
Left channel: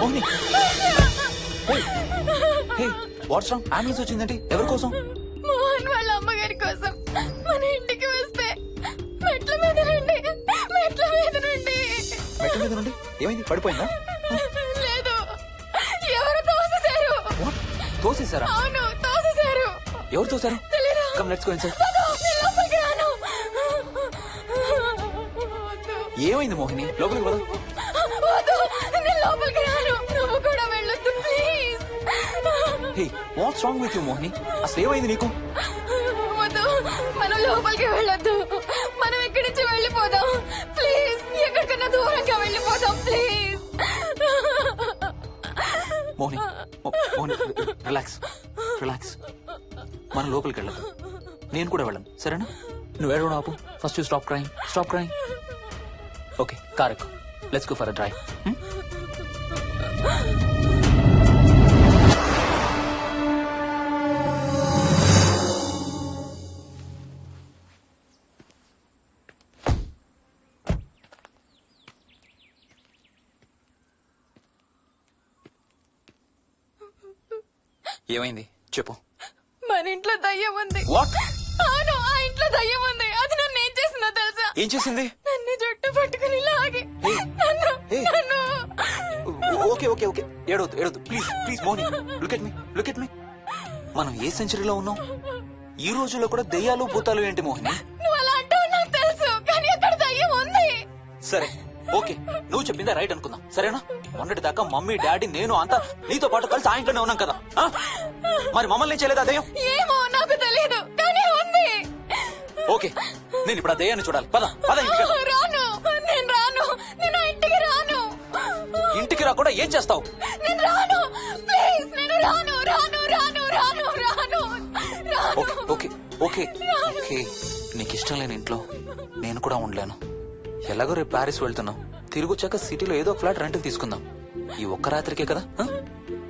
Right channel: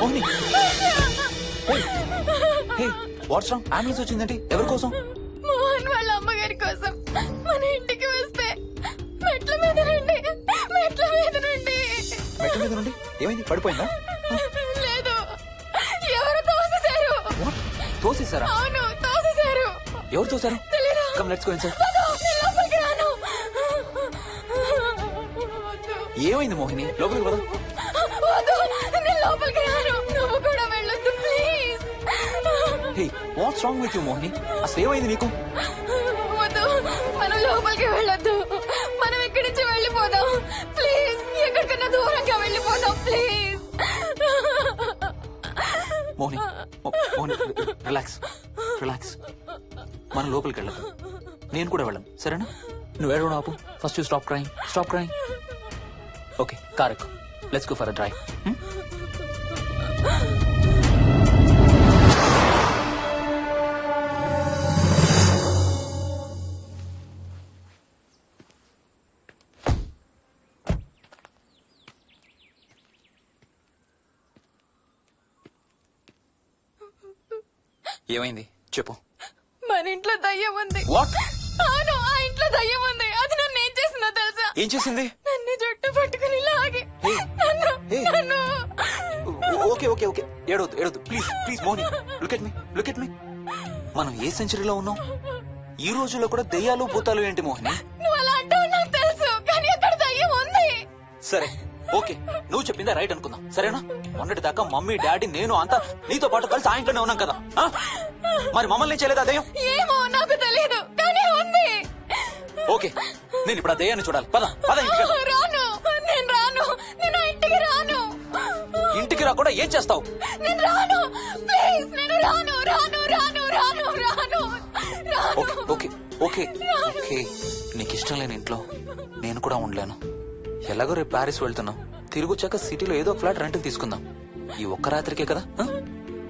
Mohini, what's wrong? Ambulance వచ్చిందంటే ఎవరి కోసం? మోహన్ వాళ్ళ అమ్మగారి కోసం. మన ఇంటికి వస్తే మెట్ల మీద నుండి మెట్ల మీద నుండి ఏమైంది? పడిపోయిందా? లేదు, ఎవరు తోసేశారు. What? తోసేశారా? అవును, తోసేశారు. ఎవరు తోసారు? తెలీదు. Come let's go inside. నేను లోపలికి రాను. వద్దు. ఏమైంది మోహిని? లోపలికి పద. వద్దు, నేను లోపలికి రాను. నువ్వు కూడా వెళ్ళొద్దు please. Hey, watts wrong with you Mohini? అసలు ఏమైంది నీకు? వద్దు, మనం లోపలికి వెళ్ళొద్దు. మనం ఇక్కడి నుంచి వెళ్ళిపోదాం ప్లీజ్. ఎక్కడికన్నా దూరంగా వెళ్ళిపోదాం please. Mohini, Mohini, relax relax. మనం లోపలికి వెళ్ళదు. నేను కూడా వెళ్ళను, సరేనా? నువ్వు ఏడవడం ఆపు. First you stop crying. Stop crying. Okay, car ఎక్కు. Let's go for a drive. ఏమైంది చెప్పు. మన ఇంట్లో దయ్యం ఉంది. వాట్? అవును, ఆ ఇంట్లో దయ్యం ఉంది. అది నన్ను ఏం చేసిందో తెలుసా? ఏం చేసింది? నన్ను జుట్టు పట్టుకుని లాగి నన్ను ఓకే ఓకే ఓకే, ఏడవద్దు ఏడవద్దు please please. Mohini, look at me, look at me. మనం ఏ సెంచరీలో ఉన్నాం? ఈ రోజుల్లో కూడా దెయ్యాలు భూతాలు ఏంటి మోహిని? నువ్వు అలా అంటావు నాకు తెలుసు, కానీ అక్కడ దయ్యం ఉంది. సరే ఓకే, నువ్వు చెప్పిందే రైట్ అనుకుందాం, సరేనా? మొన్నటి దాకా మమ్మీ డాడీ నేను అంతా నీతో పాటు కలిసి ఆ ఇంట్లోనే ఉన్నాం కదా. మరి మమ్మల్ని చేయలేదా దయ్యం? ఏమో నాకు తెలియదు, కానీ ఉంది. ఓకే, నేను ఇప్పుడు ఆ దయ్యాన్ని చూడాలి. పద పద ఇంటికి వెళ్దాం. రాను, నేను రాను. నేను ఆ ఇంటికి రాను. ఇంటికి రాకుండా ఏం చేస్తావు? నేను రాను ప్లీజ్. నేను రాను రాను రాను రాను రాను రాను. ఓకే ఓకే ఓకే ఓకే, నీకు ఇష్టం లేని ఇంట్లో నేను కూడా ఉండలేను. ఎలాగో రేపు ప్యారిస్ వెళ్తున్నాం. తిరిగి వచ్చాక సిటీలో ఏదో ఫ్లాట్ రెంట్కి తీసుకుందాం. ఈ ఒక్క రాత్రికే కదా.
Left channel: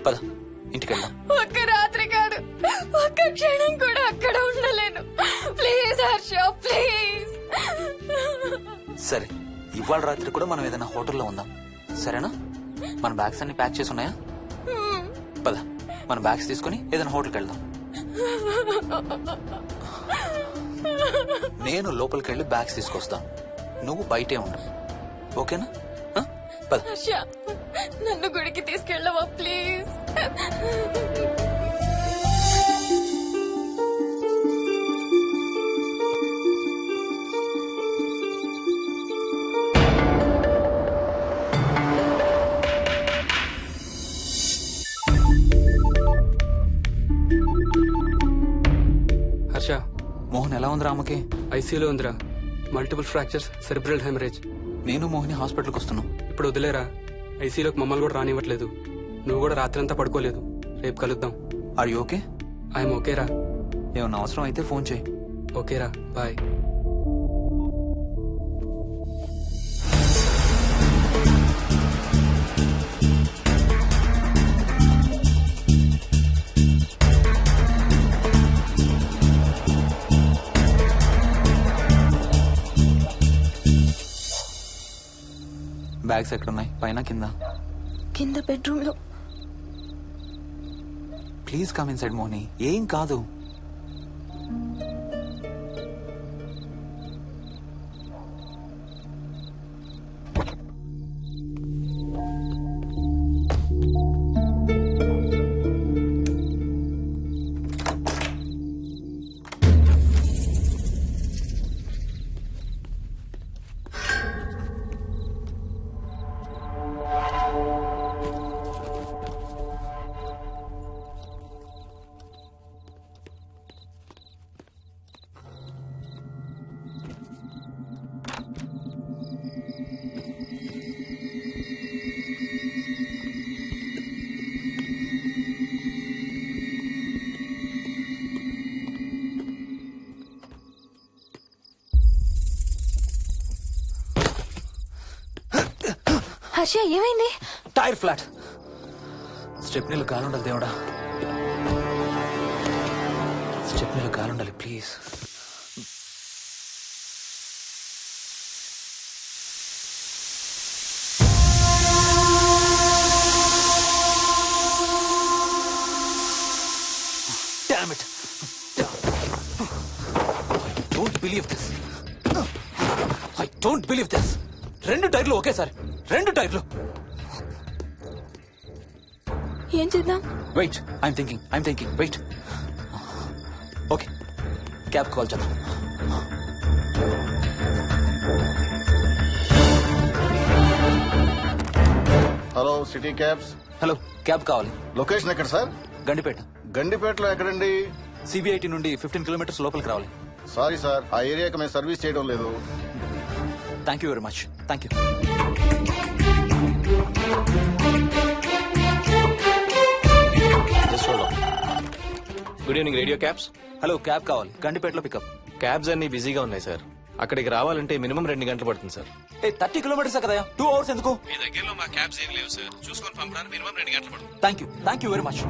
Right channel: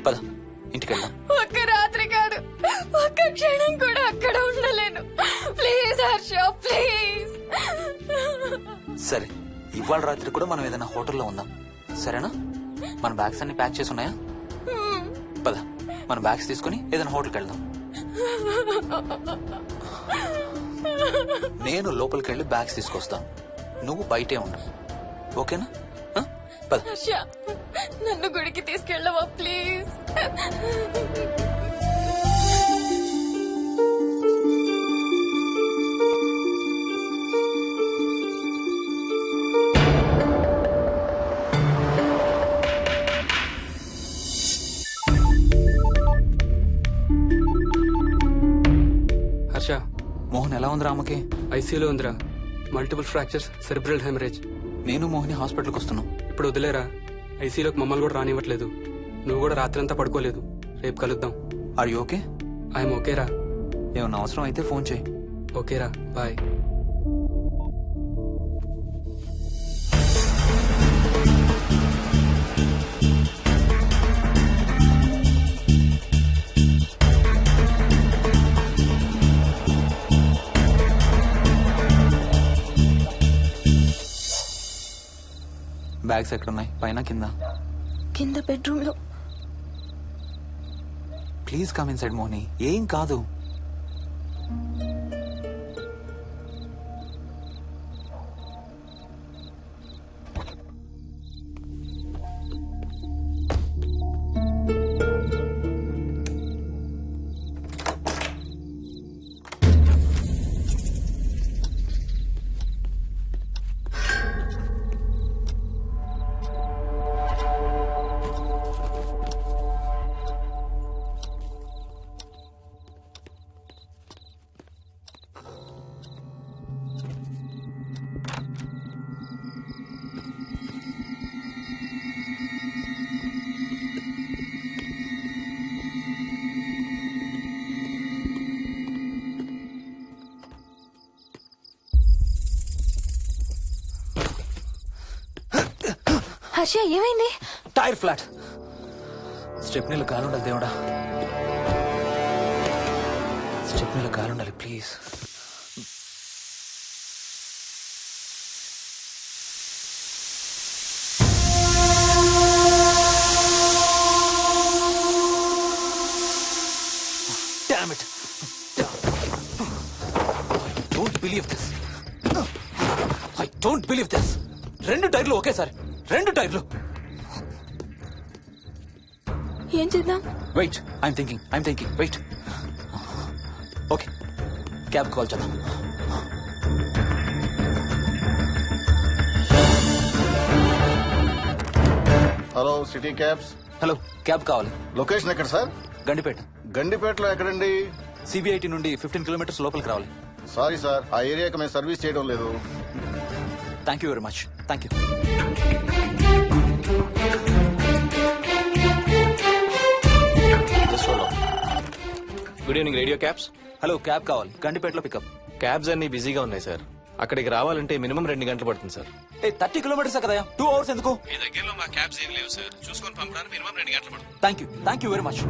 పద ఇంటికి వెళ్దాం. ఒక్క రాత్రి కాదు, ఒక్క క్షణం కూడా అక్కడ ఉండలేను. Please Harsha, please. సరే, ఇవాళ రాత్రి కూడా మనం ఏదైనా హోటల్లో ఉందాం, సరేనా? మన బ్యాగ్స్ అన్ని ప్యాక్ చేసి ఉన్నాయా? పద మన బ్యాగ్స్ తీసుకుని ఏదైనా హోటల్కి వెళ్దాం. నేను లోపలికి వెళ్ళి బ్యాగ్స్ తీసుకొస్తాను, నువ్వు బయటే ఉండు, ఓకేనా? పద. హర్ష, నన్ను గుడికి తీసుకెళ్ళవా ప్లీజ్? హర్ష, మోహన్ ఎలా ఉంది రామకి? ఐసీయూలో ఉందిరా. Multiple fractures, cerebral haemorrhage. నేను మోహిని హాస్పిటల్కి వస్తున్నాం. ఇప్పుడు వదిలేరా, ఐసీలోకి మమ్మల్ని కూడా రానివ్వట్లేదు. నువ్వు కూడా రాత్రంతా పడుకోలేదు. రేపు కలుద్దాం. Are you okay? ఐఎమ్ ఓకేరా. ఏమన్నా అవసరం అయితే ఫోన్ చేయి. ఓకేరా, బాయ్. బ్యాగ్స్ ఎక్కడున్నాయి? పైన కింద? కింద బెడ్రూమ్ లో. Please come inside Mohini. ఏం కాదు. హర్ష ఏమైంది? Tyre flat. స్టెప్నీలో కాలుండాలి దేవుడా. స్టెప్నీలో కాలుండాలి please. Damn it. I don't believe this. I don't believe this. 2 టైర్లు ఒకేసారి. 2 టైర్లు. ఏం చేద్దాం? Wait, I'm thinking. Wait. Okay, cab call చేద్దాం. Hello, city cabs. Hello, cab కావాలి. లొకేషన్ ఎక్కడ సార్? గండిపేట. గండిపేటలో ఎక్కడండి? సిబిఐటి నుండి 15 కిలోమీటర్స్ లోపలికి రావాలి. సారీ సార్, ఆ ఏరియాకి మేము సర్వీస్ చేయడం లేదు. Thank you very much. Thank you. Good evening radio cabs. Hello, cab కావాలి. గండిపేటలో పికప్. క్యాబ్స్ అన్ని బిజీగా ఉన్నాయి సార్. అక్కడికి రావాలంటే మినిమం 2 గంటలు పడుతుంది సార్. 30 కిలోమీటర్స్ కదా, 2 అవర్స్ ఎందుకు? మీ దగ్గరలో మా క్యాబ్స్ ఏం లేవు సార్. చూసుకొని పంపడానికి మినిమం 2 గంటలు పడుతుంది. Thank you very much.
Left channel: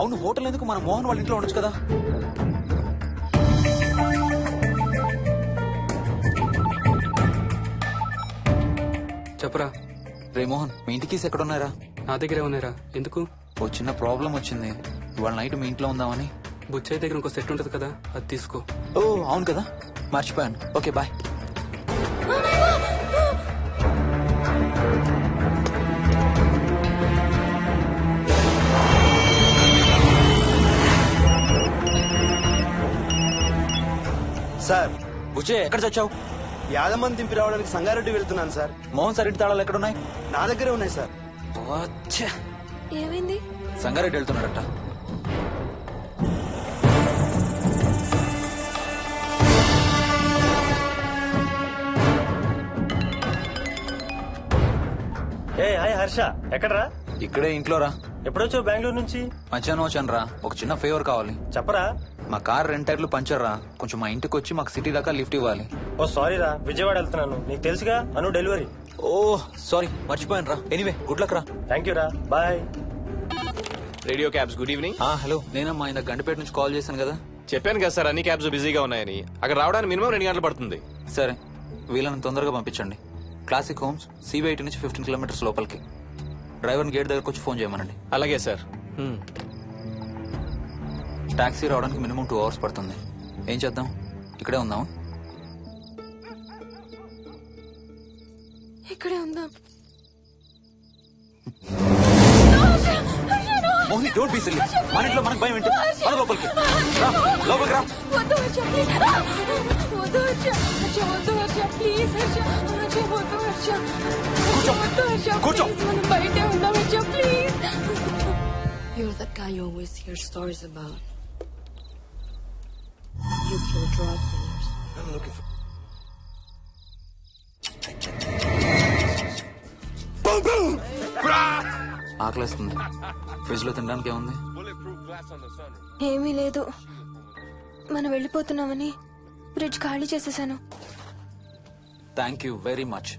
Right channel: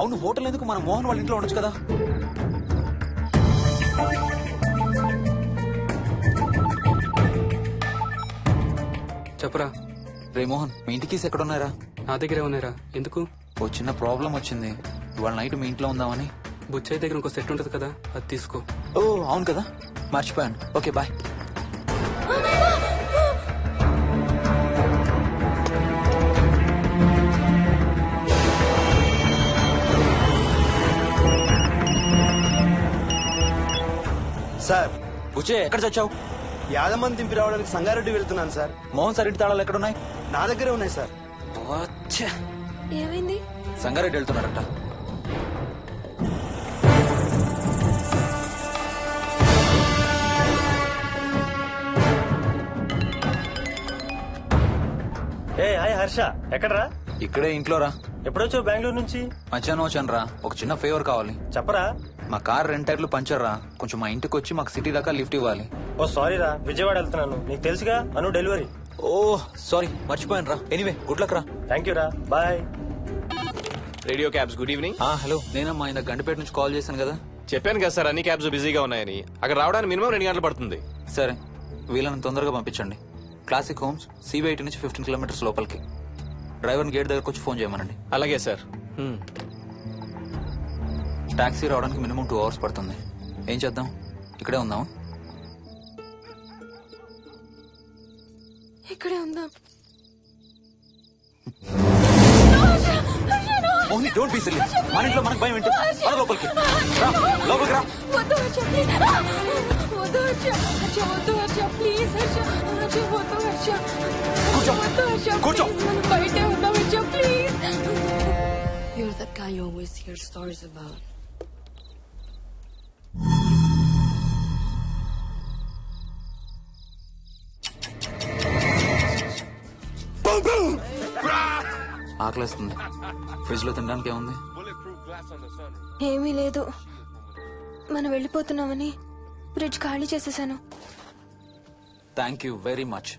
అవును, హోటల్ ఎందుకు? మన మోహన్ వాళ్ళ ఇంట్లో ఉండొచ్చు కదా. చెప్పరా. రే మోహన్, మీ ఇంటి కీస్ ఎక్కడ ఉన్నారా? నా దగ్గరే ఉన్నారా. ఎందుకు? ఓ చిన్న ప్రాబ్లం వచ్చింది. ఇవాళ నైట్ మీ ఇంట్లో ఉందామని. బుచ్చయ్య దగ్గర ఇంకో సెట్ ఉంటది కదా, అది తీసుకో. ఓ అవును కదా, మర్చిపోయాను. Okay bye. సార్, బుచ్చయ్య ఎక్కడ చచ్చావు? యాదమ్మని దింపి రావడానికి సంగారెడ్డి వెళ్తున్నాను సార్. మోహన్ సార్ ఇంటి తాళాలు ఎక్కడ ఉన్నాయి? నా దగ్గరే ఉన్నాయి సార్. ఏమైంది? సంగారెడ్డి వెళ్తున్నాడట. ఏ హాయ్ హర్ష, ఎక్కడరా? ఇక్కడే ఇంట్లో రా. ఎప్పుడొచ్చావు బెంగళూరు నుంచి? మధ్యాహ్నం వచ్చాను రా. ఒక చిన్న ఫేవర్ కావాలి. చెప్పరా. మా కార్ 2 టైర్లు పంచర్ రా. కొంచెం మా ఇంటికి వచ్చి మాకు సిటీ దాకా లిఫ్ట్ ఇవ్వాలి. ఓ సారీ రా, విజయవాడ వెళ్తున్నాను. నీకు తెలుసుగా, అను డెలివరీ. ఓ సారీ, మర్చిపోయాను రా. ఎనీవే, గుడ్ లక్ రా. థ్యాంక్ యూ రా, bye. Radio cabs, good evening. Hello, నేనమ్మా ఇంత గండిపేట నుంచి కాల్ చేశాను కదా. చెప్పాను కదా సార్, అన్ని క్యాబ్స్ బిజీగా ఉన్నాయని. అక్కడ రావడానికి మినిమం 2 గంటలు పడుతుంది. సరే, వీళ్ళని తొందరగా పంపించండి. క్లాసిక్ హోమ్స్ సిబిఐటి నుంచి 15 కిలోమీటర్స్ లోపలికి. డ్రైవర్ని గేట్ దగ్గరకు వచ్చి ఫోన్ చేయమనండి. అలాగే సార్. టాక్సీ రావడానికి మినిమం 2 అవర్స్ పడుతుంది. ఏం చేద్దాం? ఇక్కడే ఉందాం. ఇక్కడే ఉందాం. Mohini, don't be silly. మన ఇంట్లో మనకు భయం ఏంటి? మన లోపలికి రా, లోపలికి రా. వద్దు హర్ష, ప్లీజ్. వద్దు హర్ష. హర్ష వద్దు హర్ష, ప్లీజ్ హర్ష. హర్ష వద్దు హర్ష. కూర్చో. వద్దు హర్ష, కూర్చో. ప్లీజ్. మనం బయటే ఉందాం Harsha, please. You're that guy you always hear stories about. ఆకలేస్తుంది. ఫ్రిడ్జ్ లో తినడానికి ఏముంది? ఏమీ లేదు. మనం వెళ్ళిపోతున్నామని ఫ్రిడ్జ్ ఖాళీ చేసేసాను. Thank you very much.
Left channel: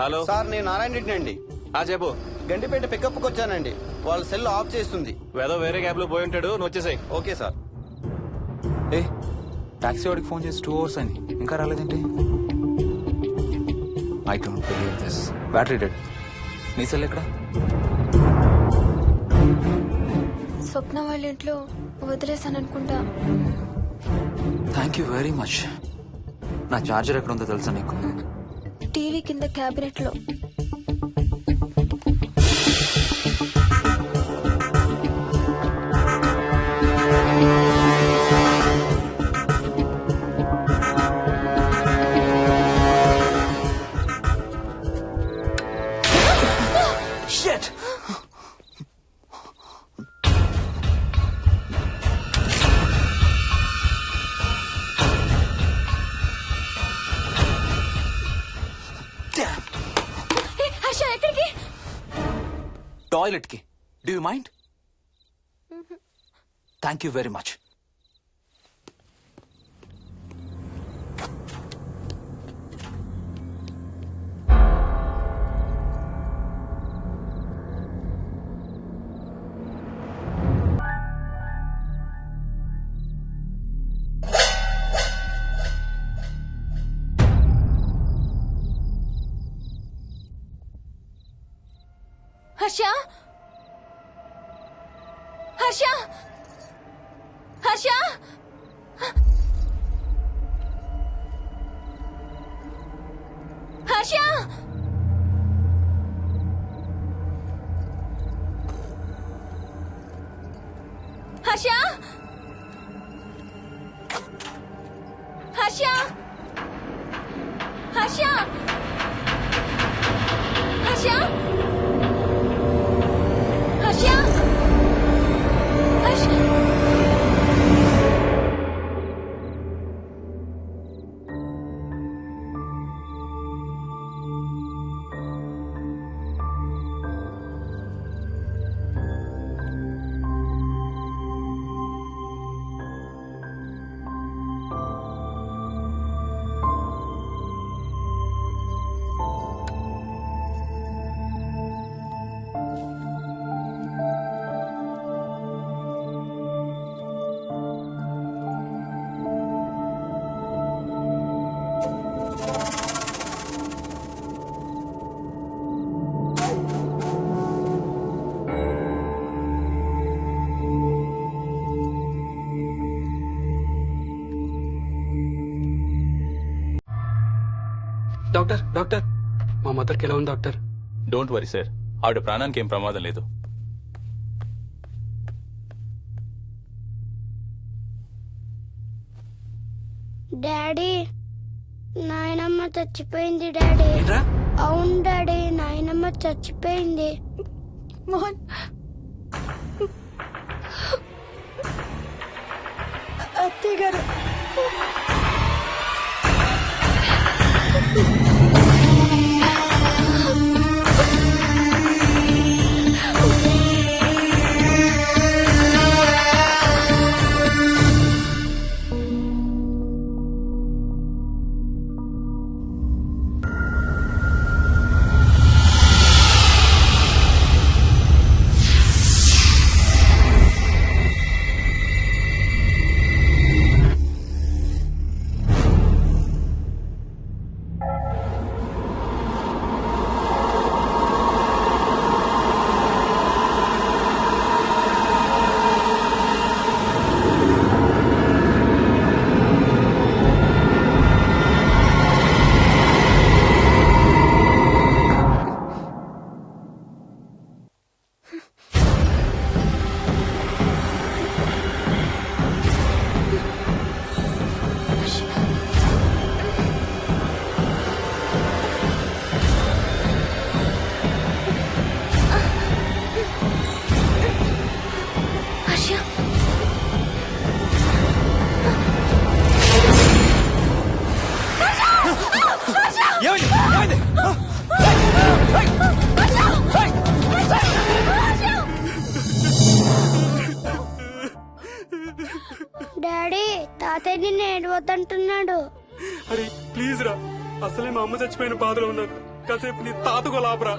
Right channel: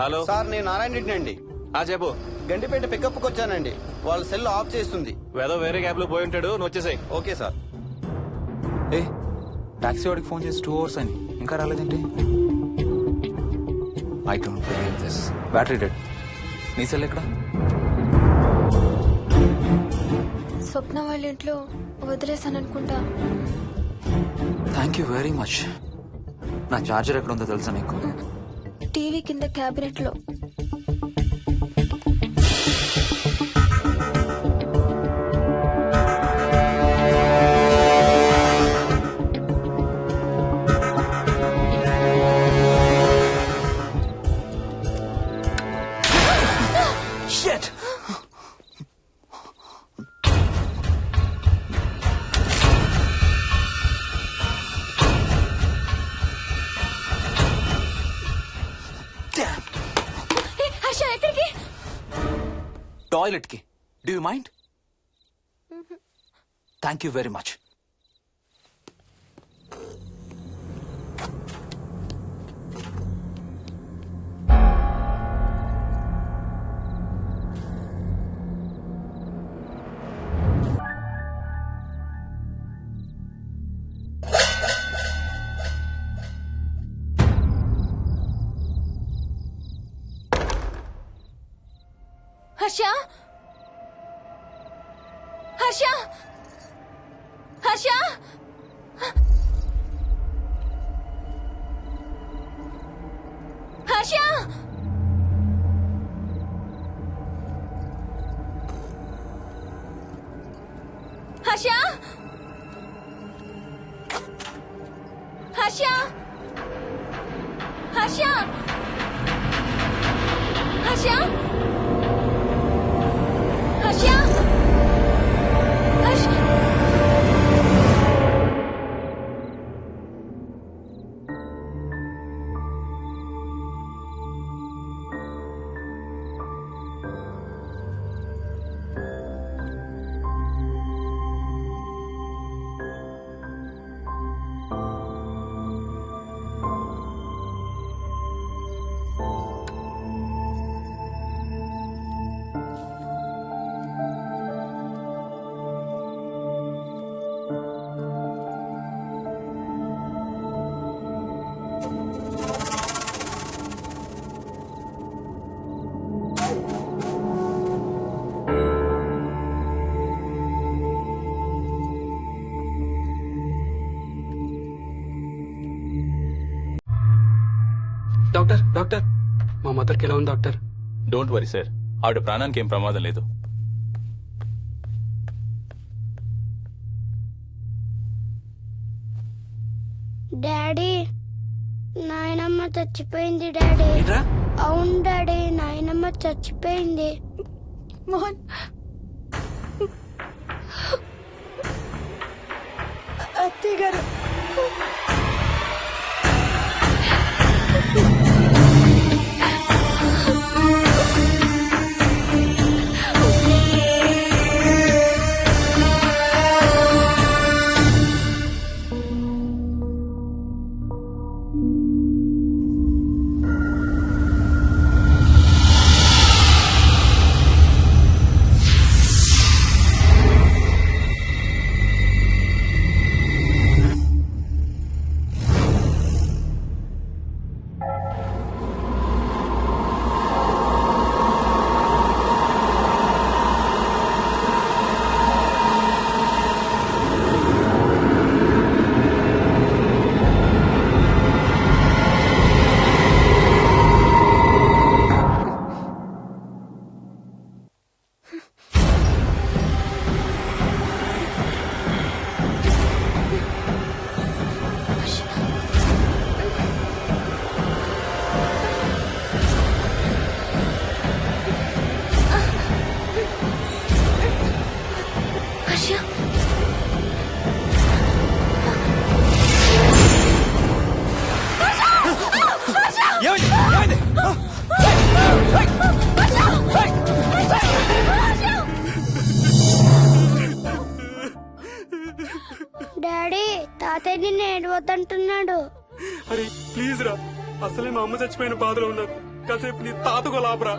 Hello sir నేను నారాయణ రెడ్డి అండి. చెప్పు. గండిపేట పికప్కి వచ్చానండి. వాళ్ళ సెల్ ఆఫ్ చేస్తుంది. వేదో వేరే క్యాబ్ లో పోయి ఉంటాడు, నువ్వు వచ్చేసాయి. Okay sir. ఏ టాక్సీ వాడికి ఫోన్ చేసి 2 hours అని ఇంకా రాలేదేంటి? I don't believe this. Battery dead. నీ సెల్ ఎక్కడ? స్వప్న వాళ్ళ ఇంట్లో వదిలేసాను అనుకుంటా. Thank you very much. నా చార్జర్ ఎక్కడ ఉందో తెలుసా నీకు? టీవీ కింద క్యాబినెట్ లో. Shit! హర్ష ఎక్కడికి? టాయిలెట్ కి. Do you mind? Thank you very much. Harsha Harsha Harsha Harsha Harsha Harsha Harsha Harsha Harsha Harsha doctor doctor మా మదర్కి ఎలా ఉంది డాక్టర్? డోంట్ వరీ సార్, ఆవిడ ప్రాణానికి ఏం ప్రమాదం లేదు. డాడీ నాయనమ్మ చచ్చిపోయింది డాడీ. అవును డాడీ, నాయనమ్మ చచ్చిపోయింది. మోహన్ అత్తయ్య గారు హర్ష డాడీ తాతయ్య నిన్ను ఏడవద్దంటున్నాడు. అరే ప్లీజ్ రా, అసలే మా అమ్మ చచ్చిపోయిన బాధలో ఉన్నారు. కాసేపు నీ తాతకు లాభరా.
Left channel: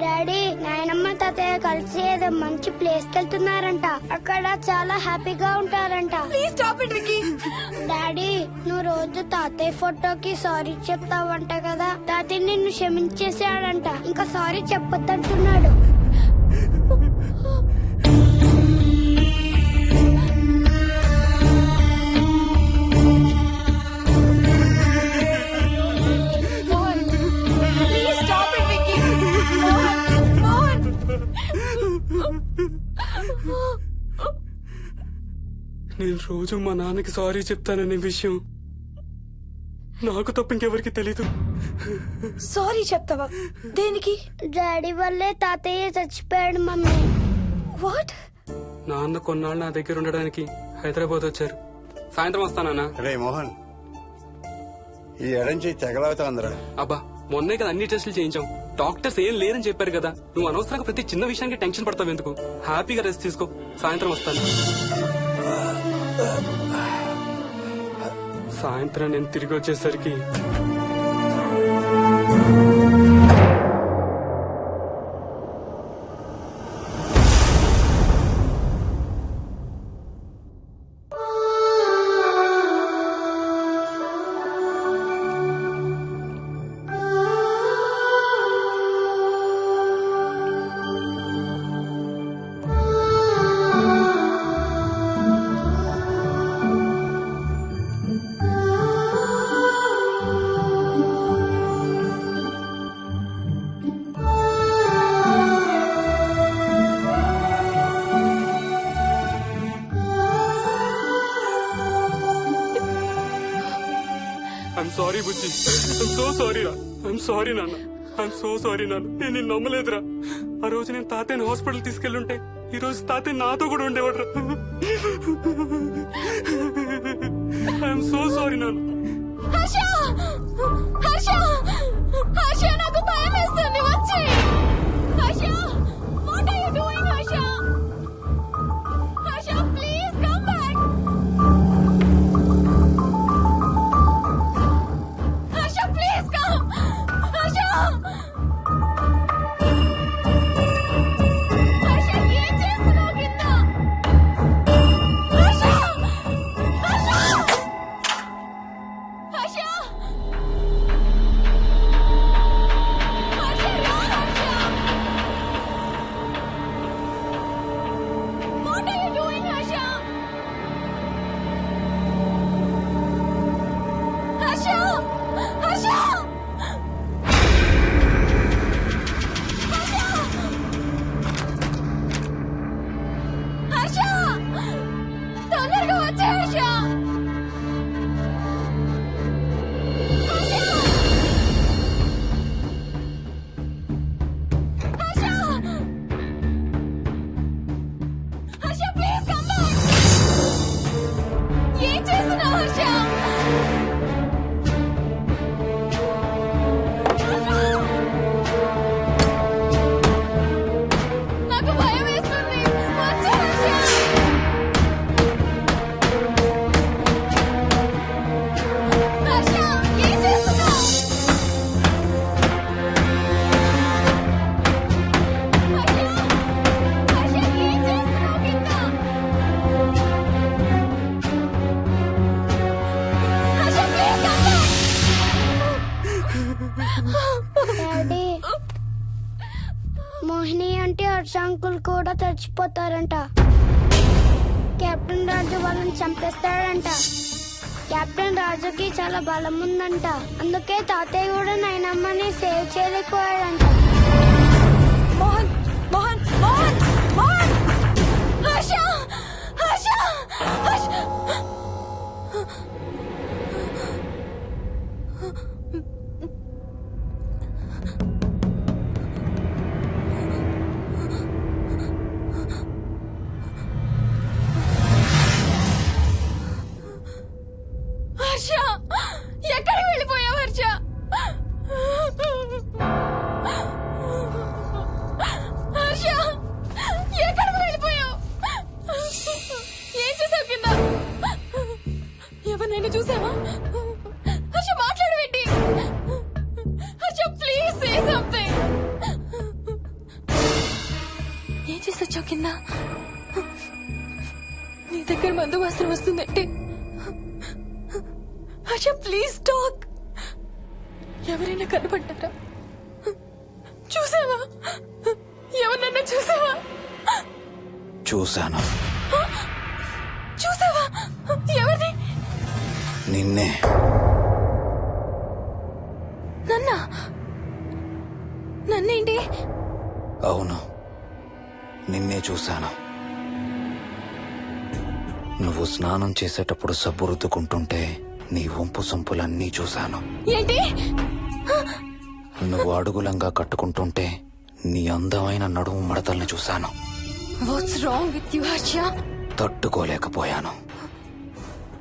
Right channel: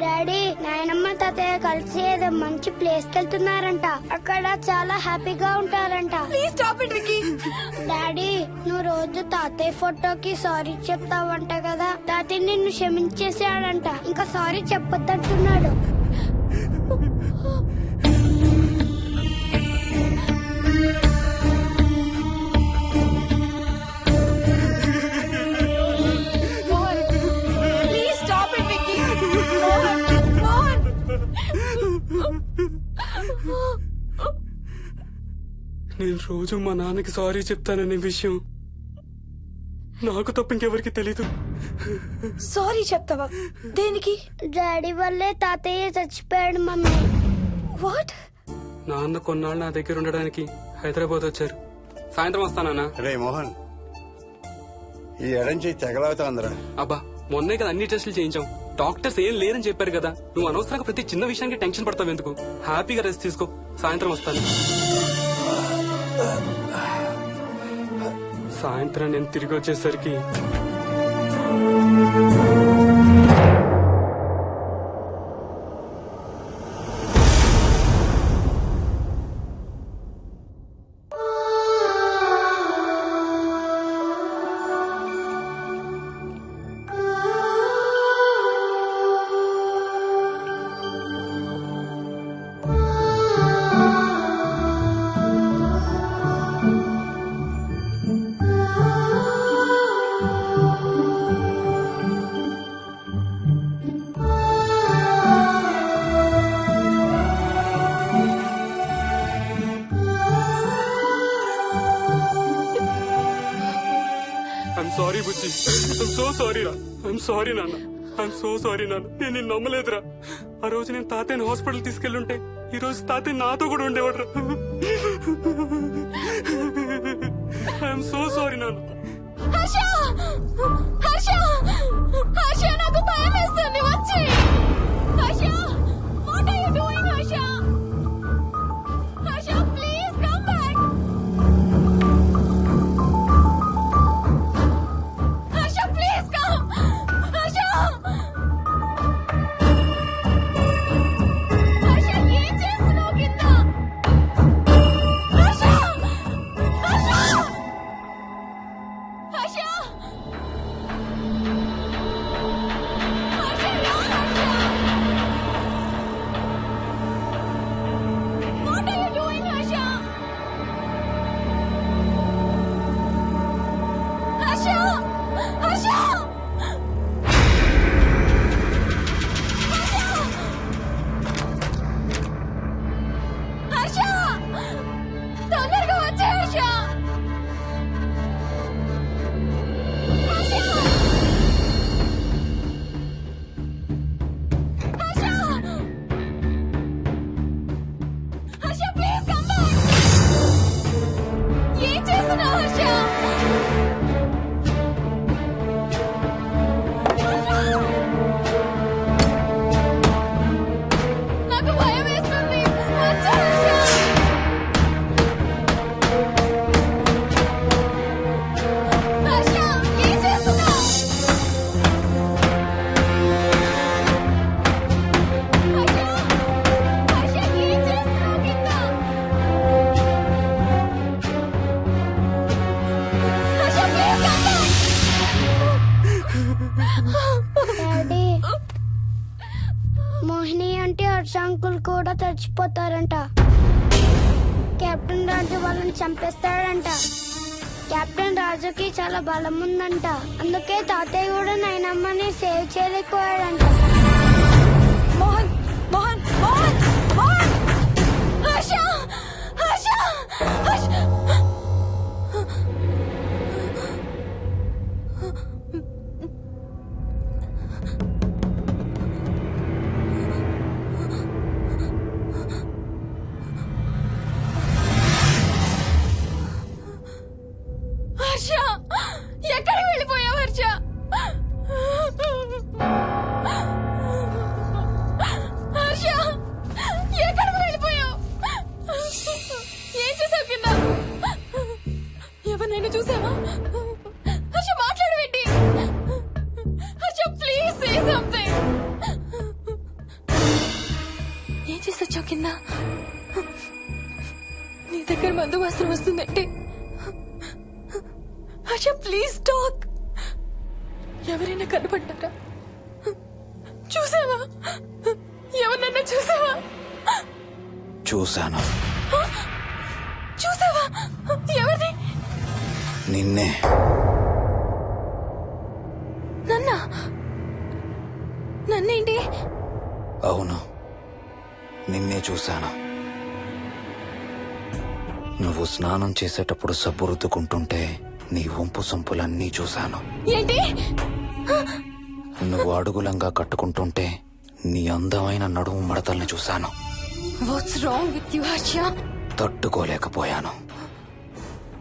డాడీ నాయనమ్మ తాతయ్య కలిసి ఏదో మంచి ప్లేస్ కి వెళ్తున్నారంట. అక్కడ చాలా హ్యాపీగా ఉంటారంట. డాడీ నువ్వు రోజు తాతయ్య ఫోటోకి సారీ చెప్తావంట కదా. తాతయ్య నిన్ను క్షమించేసాడంట. ఇంకా సారీ చెప్పొద్దంటున్నాడు. నేను రోజు మా నాన్నకి సారీ చెప్తాననే విషయం నాకు తప్ప ఇంకెవరికి తెలీదు. సారీ చెప్తావా? దేనికి? డాడీ వల్లే తాతయ్య చచ్చిపోయాడు మమ్మీ. వాట్? నాన్న కొన్నాళ్ళు నా దగ్గర ఉండడానికి హైదరాబాద్ వచ్చారు. సాయంత్రం వస్తానా? రే మోహన్, ఈ ఎడంచి తెగలవుతాందిరా. అబ్బా మొన్నే కదా అన్ని టెస్టులు చేయించాం. డాక్టర్స్ ఏం లేదని చెప్పారు కదా. నువ్వు అనవసరంగా ప్రతి చిన్న విషయానికి టెన్షన్ పడతావు ఎందుకు? హ్యాపీగా రెస్ట్ తీసుకో. సాయంత్రం వస్తాను. సాయంత్రం నేను తిరిగి వచ్చేసరికి I'm sorry Bujji. I'm so sorry రా. ఐఎమ్ సారీ నాన్న. ఐఎమ్ సో సారీ నాన్న. నేను నిన్ను నమ్మలేదురా. ఆ రోజు నేను తాతయ్యని హాస్పిటల్ తీసుకెళ్లుంటే ఈ రోజు తాతయ్య నాతో కూడా ఉండేవాడు రా. ఐఎమ్ సో సారీ నాన్న. నాకు భయం వేస్తుంది. వచ్చి తొందరగా వచ్చే హర్ష. ఏం చేస్తున్నావు హర్ష? నాకు భయం వేస్తుంది. వచ్చే హర్ష. హర్ష ఏం చేస్తున్నావు? హర్ష ప్లీజ్ డాడీ మోహిని అంటే హర్ష అంకుల్ కూడా చచ్చిపోతారంట. కెప్టెన్ రాజు వాళ్ళని చంపేస్తాడంట. కెప్టెన్ రాజుకి చాలా బలం ఉందంట. అందుకే తాతయ్య కూడా నాయనమ్మని సేవ్ చేయలేకపోయాడంట. మోహన్ మోహన్ మోహన్ మోహన్ హర్ష హర్ష హర్ష. Say something. ఏం చేసొచ్చావు కింద? నీ దగ్గర మందు వాసన వస్తుందంటే హర్ష ప్లీజ్ టాక్. ఎవరైనా కనపడ్డారా? చూసావా? ఎవరన్నా చూసావా? చూశాను. చూసావా? ఎవరిని? నిన్నే. నన్నేంటి? అవును, నిన్నే చూశాను. నువ్వు స్నానం చేసేటప్పుడు సబ్బు రుద్దుకుంటుంటే నీ వంపు సొంపులన్నీ చూశాను. ఏంటి? నువ్వు అడుగులంగా కట్టుకుంటుంటే నీ అందమైన నడుము మడతల్ని చూశాను. What's wrong with you Harsha? తట్టుకోలేకపోయాను,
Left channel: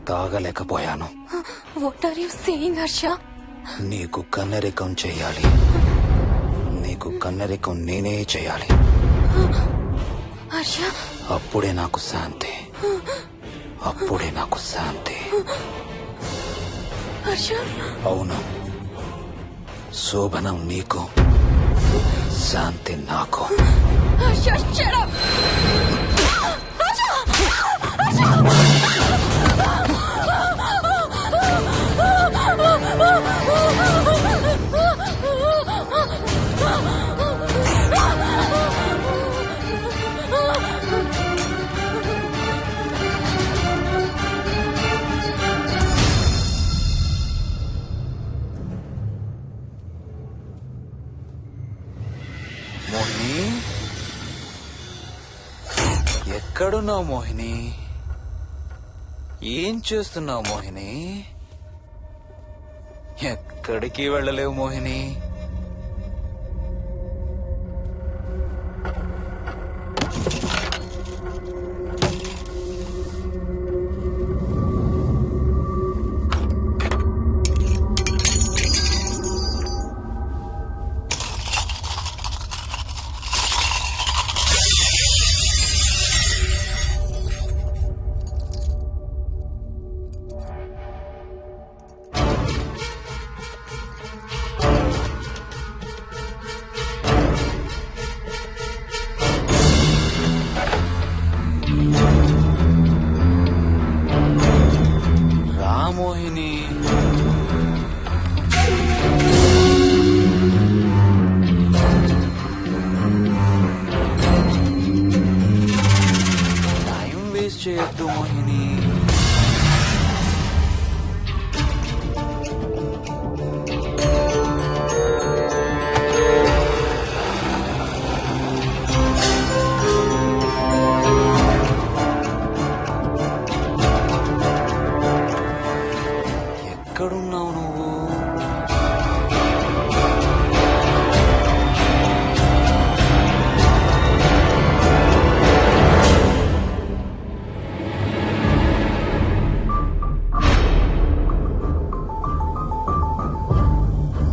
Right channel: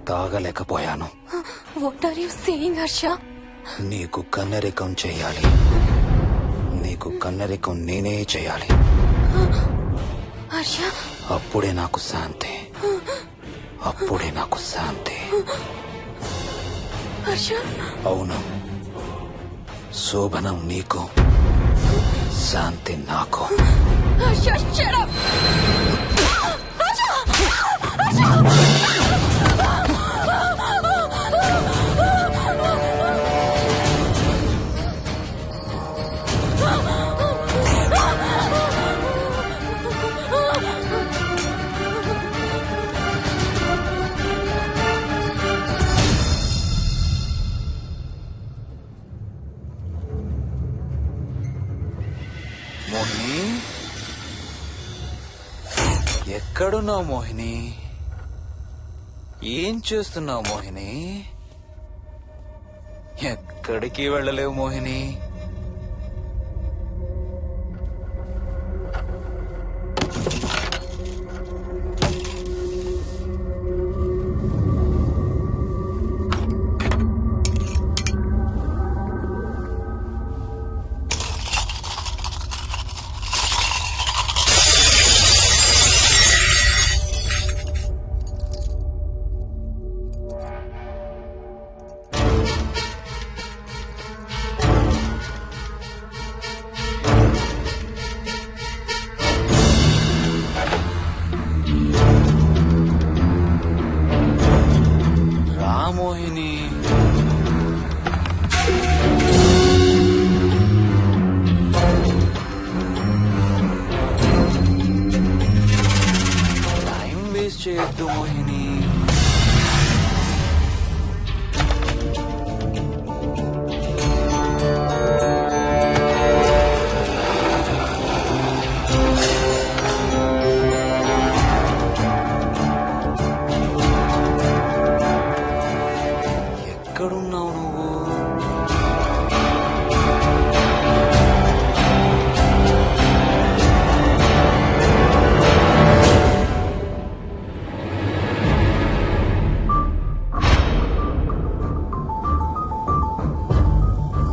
తాగలేకపోయాను. What are you saying Harsha? నీకు కన్నరికం చేయాలి. నీకు కన్నరికం నేనే చేయాలి. హర్ష, అప్పుడే నాకు శాంతి. అప్పుడే నాకు శాంతి. హర్ష, అవును, శోభనం నీకు, శాంతి నాకు. Harsha, shut up. హర్ష, హర్ష. మోహిని, ఎక్కడున్నావు మోహిని? ఏం చేస్తున్నావు మోహిని? ఎక్కడికి వెళ్ళలేవు మోహిని. మోహిని, టైం వేస్ట్ చేయొద్దు మోహిని. ఎక్కడున్నావు నువ్వు?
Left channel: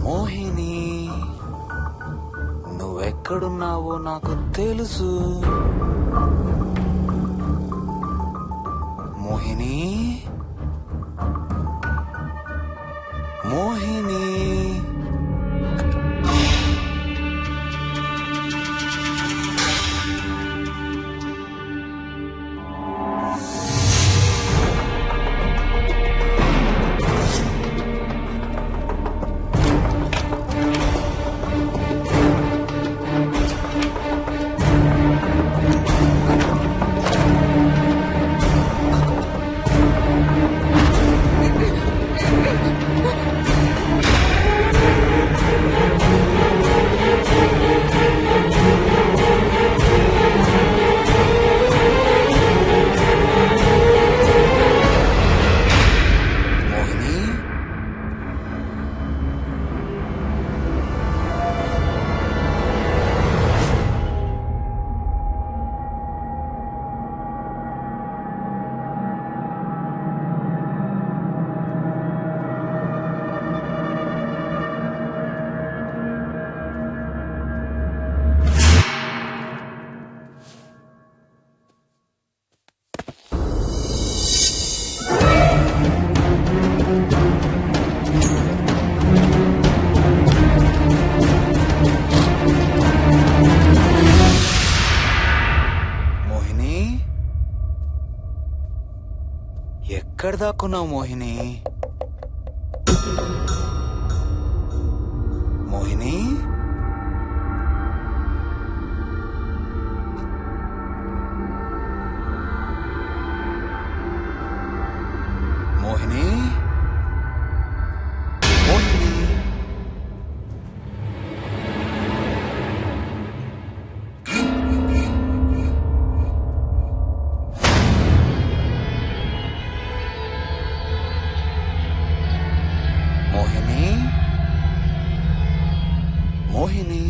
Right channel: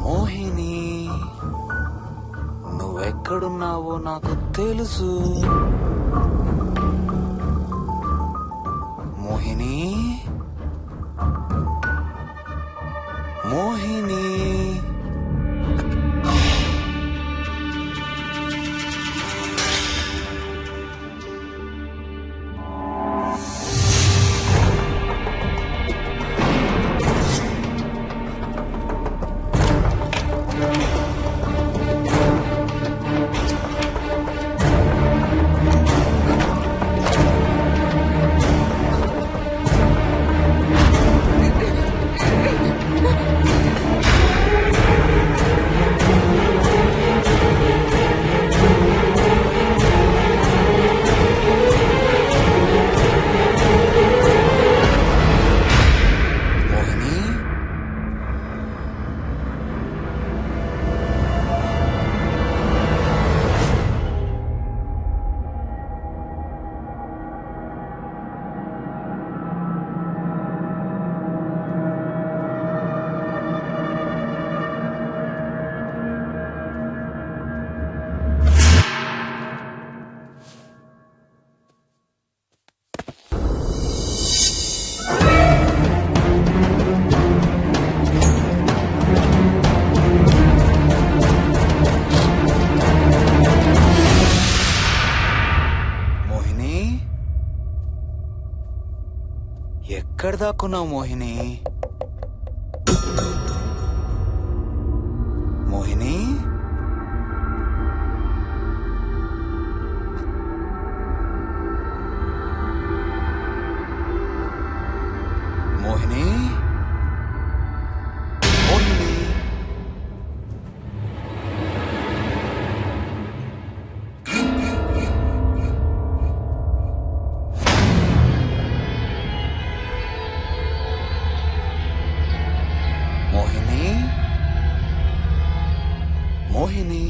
మోహిని, నువ్వెక్కడున్నావో నాకు తెలుసు. మోహిని, మోహిని. ఎక్కడ దాక్కున్నావు మోహిని? మోహిని, మోహిని, మోహిని. మోహిని, మోహిని.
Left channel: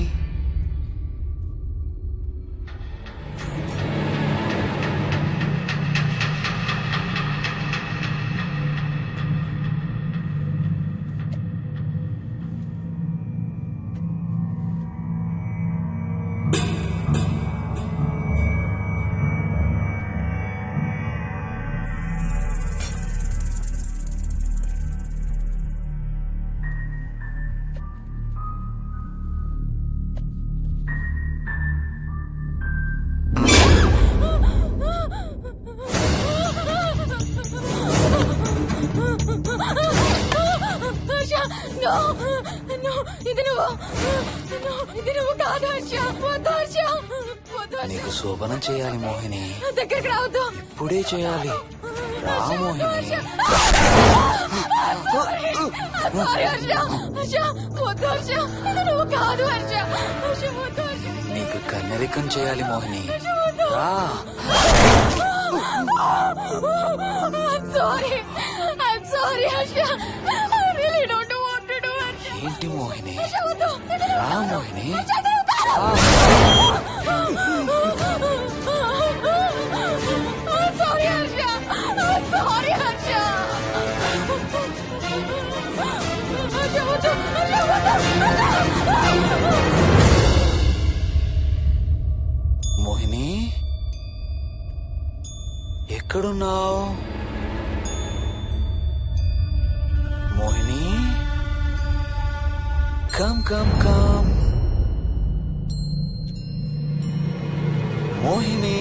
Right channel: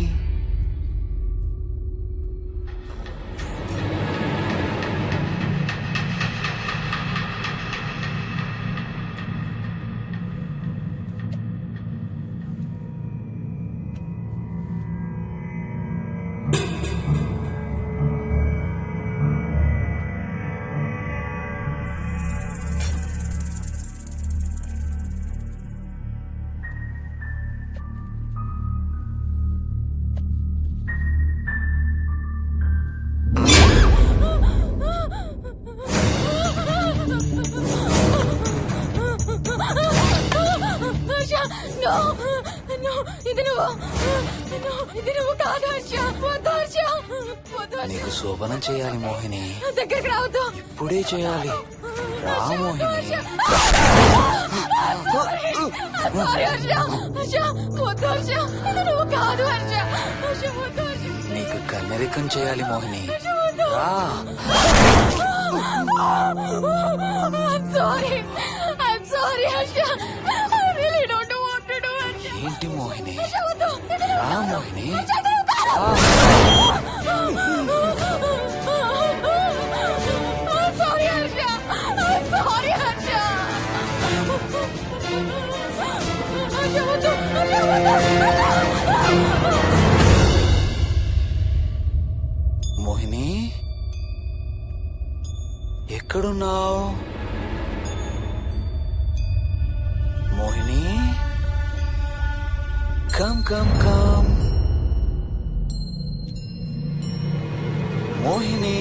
నీకు శోభనం చేయాలి మోహిని. దగ్గరికి రావద్దు. ఇప్పుడే చేయాలి. రా మోహిని. నువ్వు కాదు హర్ష. నీకు కన్నరికం చేయాలి మోహిని. రా. Sorry Harsha. I really don't want to do Harsha. ఏంటి మోహిని? రా Mohini. Sorry Harsha. Sorry Harsha. Harsha, వద్దు. Harsha, వద్దు. మోహిని, ఎక్కడున్నావు Mohini? Come come come Mohini.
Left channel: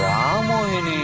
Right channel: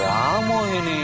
రా మోహిని.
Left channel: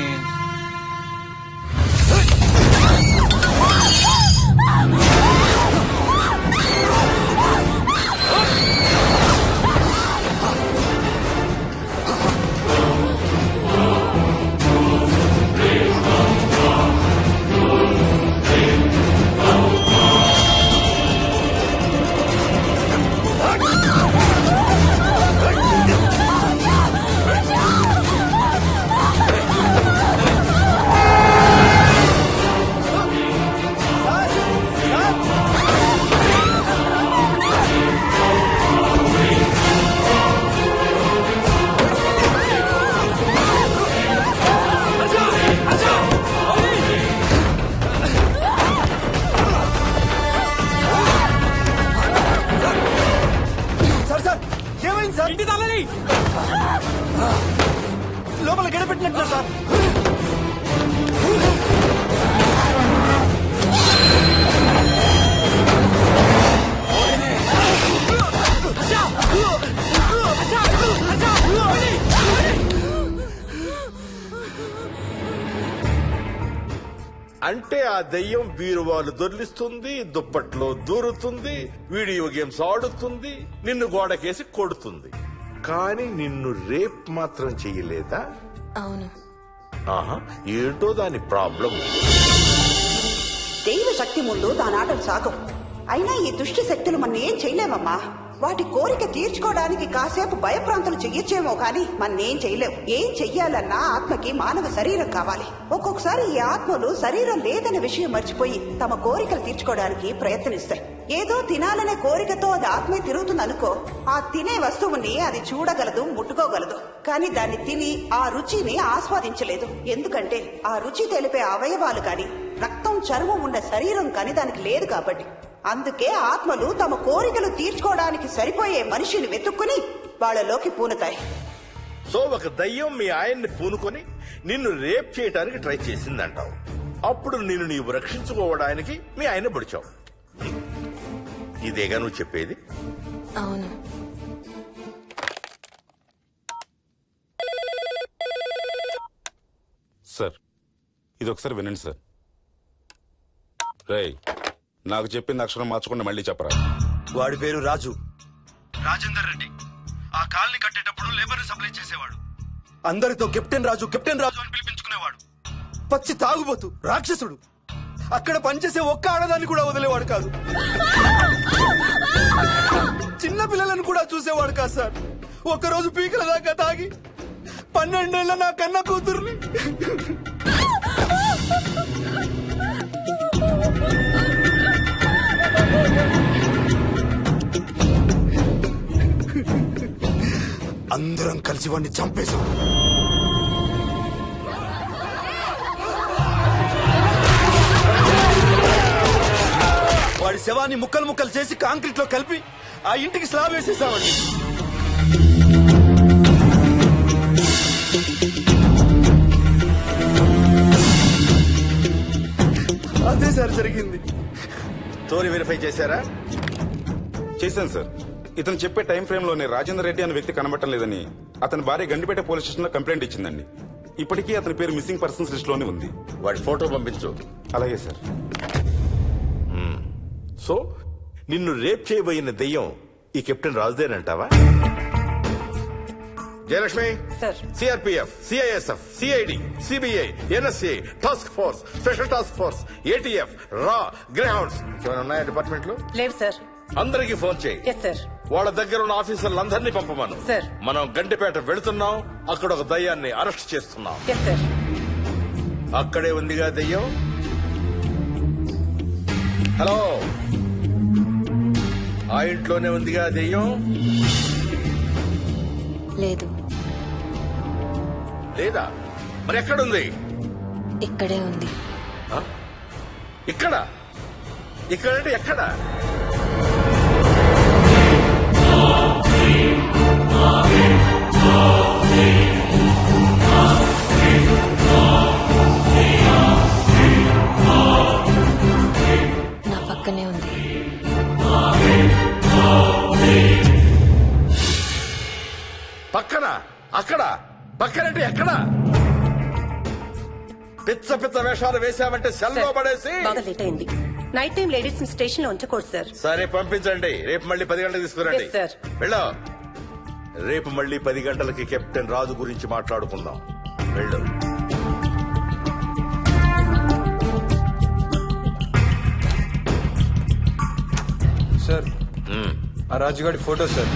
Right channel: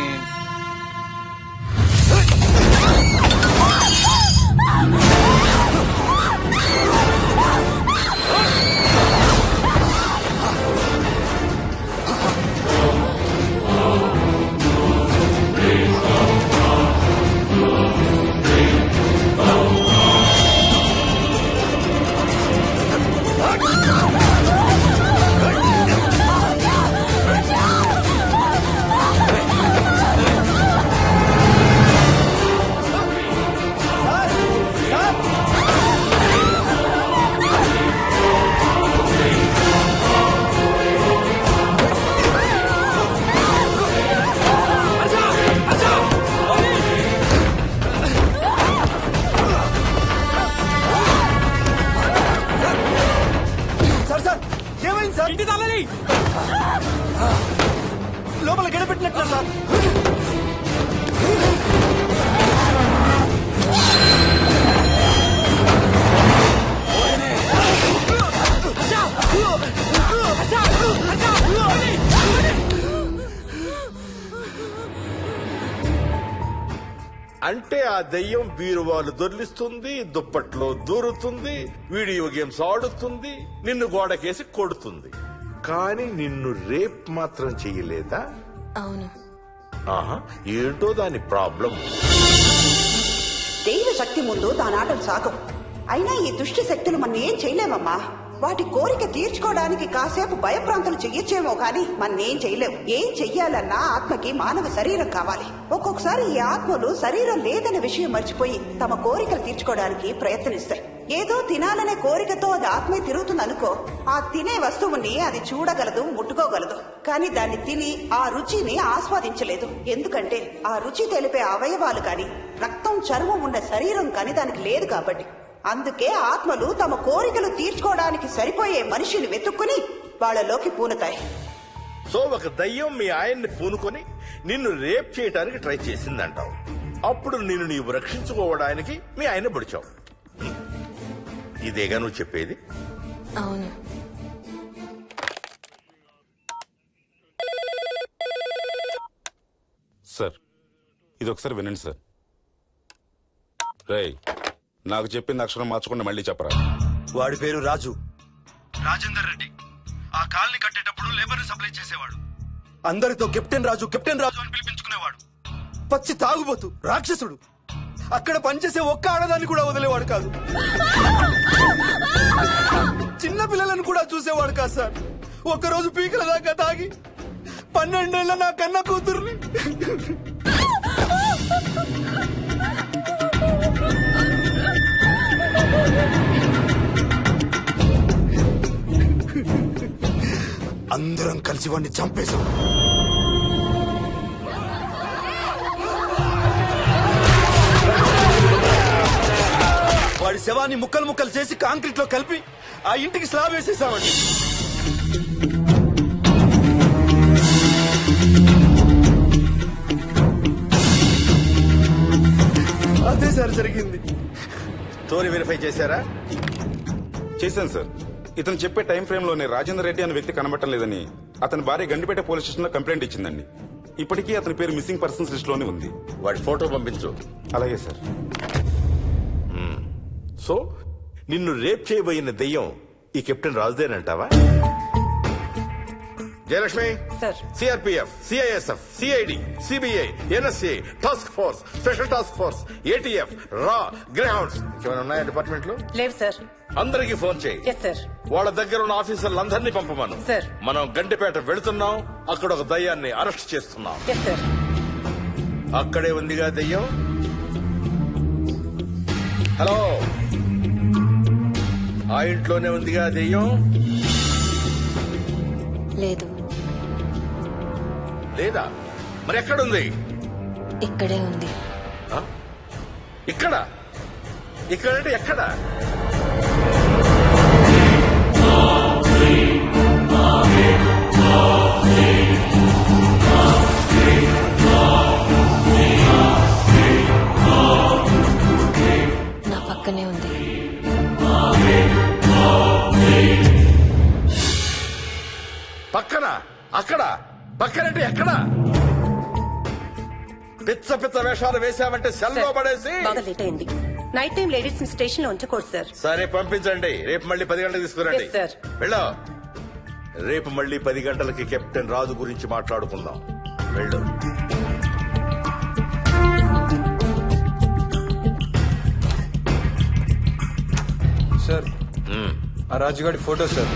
ఇంటి తాళాలి. లోపల గడపెట్టినట్టు సార్. అంటే ఆ దెయ్యం బీరువాలు దొర్లిస్తుంది, దుప్పట్లో దూరుతుంది, వీడియో గేమ్స్ ఆడుతుంది, నిన్ను గోడకేసి కొడుతుంది. కానీ నిన్ను రేప్ మాత్రం చెయ్యలేదా? అవును. ఆహా, ఏంటో దాని ప్రాబ్లం. దైవ శక్తి ముందు దాని ఆటలు సాగం. అయినా ఈ దుష్ట శక్తులు మన ఏం చేయలేమమ్మా. వాటి కోరిక తీర్చుకోవడానికి కాసేపు భయప్రాంతులు చెయ్యొచ్చేమో కానీ మన్నేం చేయలేవు. ఏం చెయ్యాలన్నా ఆత్మకి మానవ శరీరం కావాలి. ఒక్కొక్కసారి ఈ ఆత్మలు శరీరం లేదనే విషయం మర్చిపోయి తమ కోరికలు తీర్చుకోవడానికి ప్రయత్నిస్తాయి. ఏదో తినాలనే కోరికతో అది ఆత్మే తిరుగుతుంది అనుకో, ఆ తినే వస్తువుని అది చూడగలదు, ముట్టుకోగలదు. కానీ దాన్ని తిని ఆ రుచిని ఆస్వాదించలేదు. ఎందుకంటే ఆ రుచి తెలిపే అవయవాలు కాని రక్తం, చర్మం ఉండే శరీరం కాని దానికి లేదు కాబట్టి. అందుకే ఆత్మలు తమ కోరికలు తీర్చుకోవడానికి సరిపోయే మనిషిని వెతుక్కుని వాళ్ళలోకి పూనుతాయి. సో ఒక దయ్యం మీ ఆయన్ని పూనుకొని నిన్ను రేప్ చేయడానికి ట్రై చేసిందంటావు. అప్పుడు నిన్ను నీవు రక్షించుకోవడానికి మీ ఆయన పొడిచావు. ఇదేగా నువ్వు చెప్పేది? అవును. సార్, ఇది ఒకసారి వినండి సార్. రేయ్, నాకు చెప్పింది అక్షరం మార్చకుండా మళ్ళీ చెప్పరా. వాడి పేరు రాజు, రాజేందర్ రెడ్డి. ఆ కాలనీ కట్టేటప్పుడు లేబర్ సప్లై చేసేవాడు. అందరితో కెప్టెన్ రాజు అని పిలిపించుకునేవాడు. పచ్చి తాగుబోతు, రాక్షసుడు. అక్కడ పనిచేసే ఒక్క ఆడదాన్ని కూడా వదిలేవాడు కాదు. చిన్న పిల్లలను కూడా చూసేవాడు కాదు సార్. ఒక్కరోజు పీకల దాకా తాగి 12 ఏళ్ల నా కన్న కూతుర్ని అందరం కలిసి వాడిని చంపేశాం. వాడి శవాన్ని ముక్కలు ముక్కలు చేసి కాంక్రీట్ లో కలిపి ఆ ఇంటికి స్లాబ్ వేసేసామండి. అదే సార్ జరిగింది. స్టోరీ వెరిఫై చేశారా? చేశాను సార్. ఇతను చెప్పే టైం ఫ్రేమ్ లోనే రాజేందర్ రెడ్డి అనే వ్యక్తి కనబడటం లేదని అతని భార్య గండిపేట పోలీస్ స్టేషన్ లో కంప్లైంట్ ఇచ్చిందండి. ఇప్పటికీ అతని పేరు మిస్సింగ్ పర్సన్స్ లిస్ట్ లోనే ఉంది. వాడి ఫోటో పంపించు. అలాగే సార్. సో నిన్ను రేప్ చేయబోయిన దెయ్యం ఈ కెప్టెన్ రాజుదేనంటావా? Jayalakshmi, CRPF, CISF, CID, CBI, NSA, task force, special task force, ATF, రా, గ్రేహౌండ్స్ ఏమైనా ఉన్నాయా డిపార్ట్మెంట్ లో? లేవు సార్. అందరికీ ఫోన్ చేయి. వాళ్ళ దగ్గర ఉన్న ఆఫీసర్లందరినీ పంపమను. మనం గండిపేట వెళుతున్నాం. అక్కడ ఒక దయ్యాన్ని అరెస్ట్ చేస్తున్నాం. అక్కడే ఉందిగా దయ్యం. హలో, ఆ ఇంట్లోనే ఉందిగా దెయ్యం? లేదు. లేదా? మరి ఎక్కడుంది? ఇక్కడే ఉంది. ఇక్కడ? ఇక్కడంటే ఎక్కడ? నా పక్కనే ఉంది. పక్కన? అక్కడ? పక్కనంటే ఎక్కడ? పిచ్చ పిచ్చ వేషాలు వేశామంటే సెల్లో పడేసి. లేట్ అయింది. నైట్ టైం లేడీస్ స్టేషన్ లో ఉంచకూడదు సార్. సరే పంపించండి. రేపు మళ్ళీ 10 గంటలకు తీసుకురండి. వెళ్ళు. రేపు మళ్ళీ 10 గంటలకి కెప్టెన్ రాజు గురించి మాట్లాడుకుందాం. వెళ్ళు. సార్, ఆ రాజుగాడి ఫోటో సార్.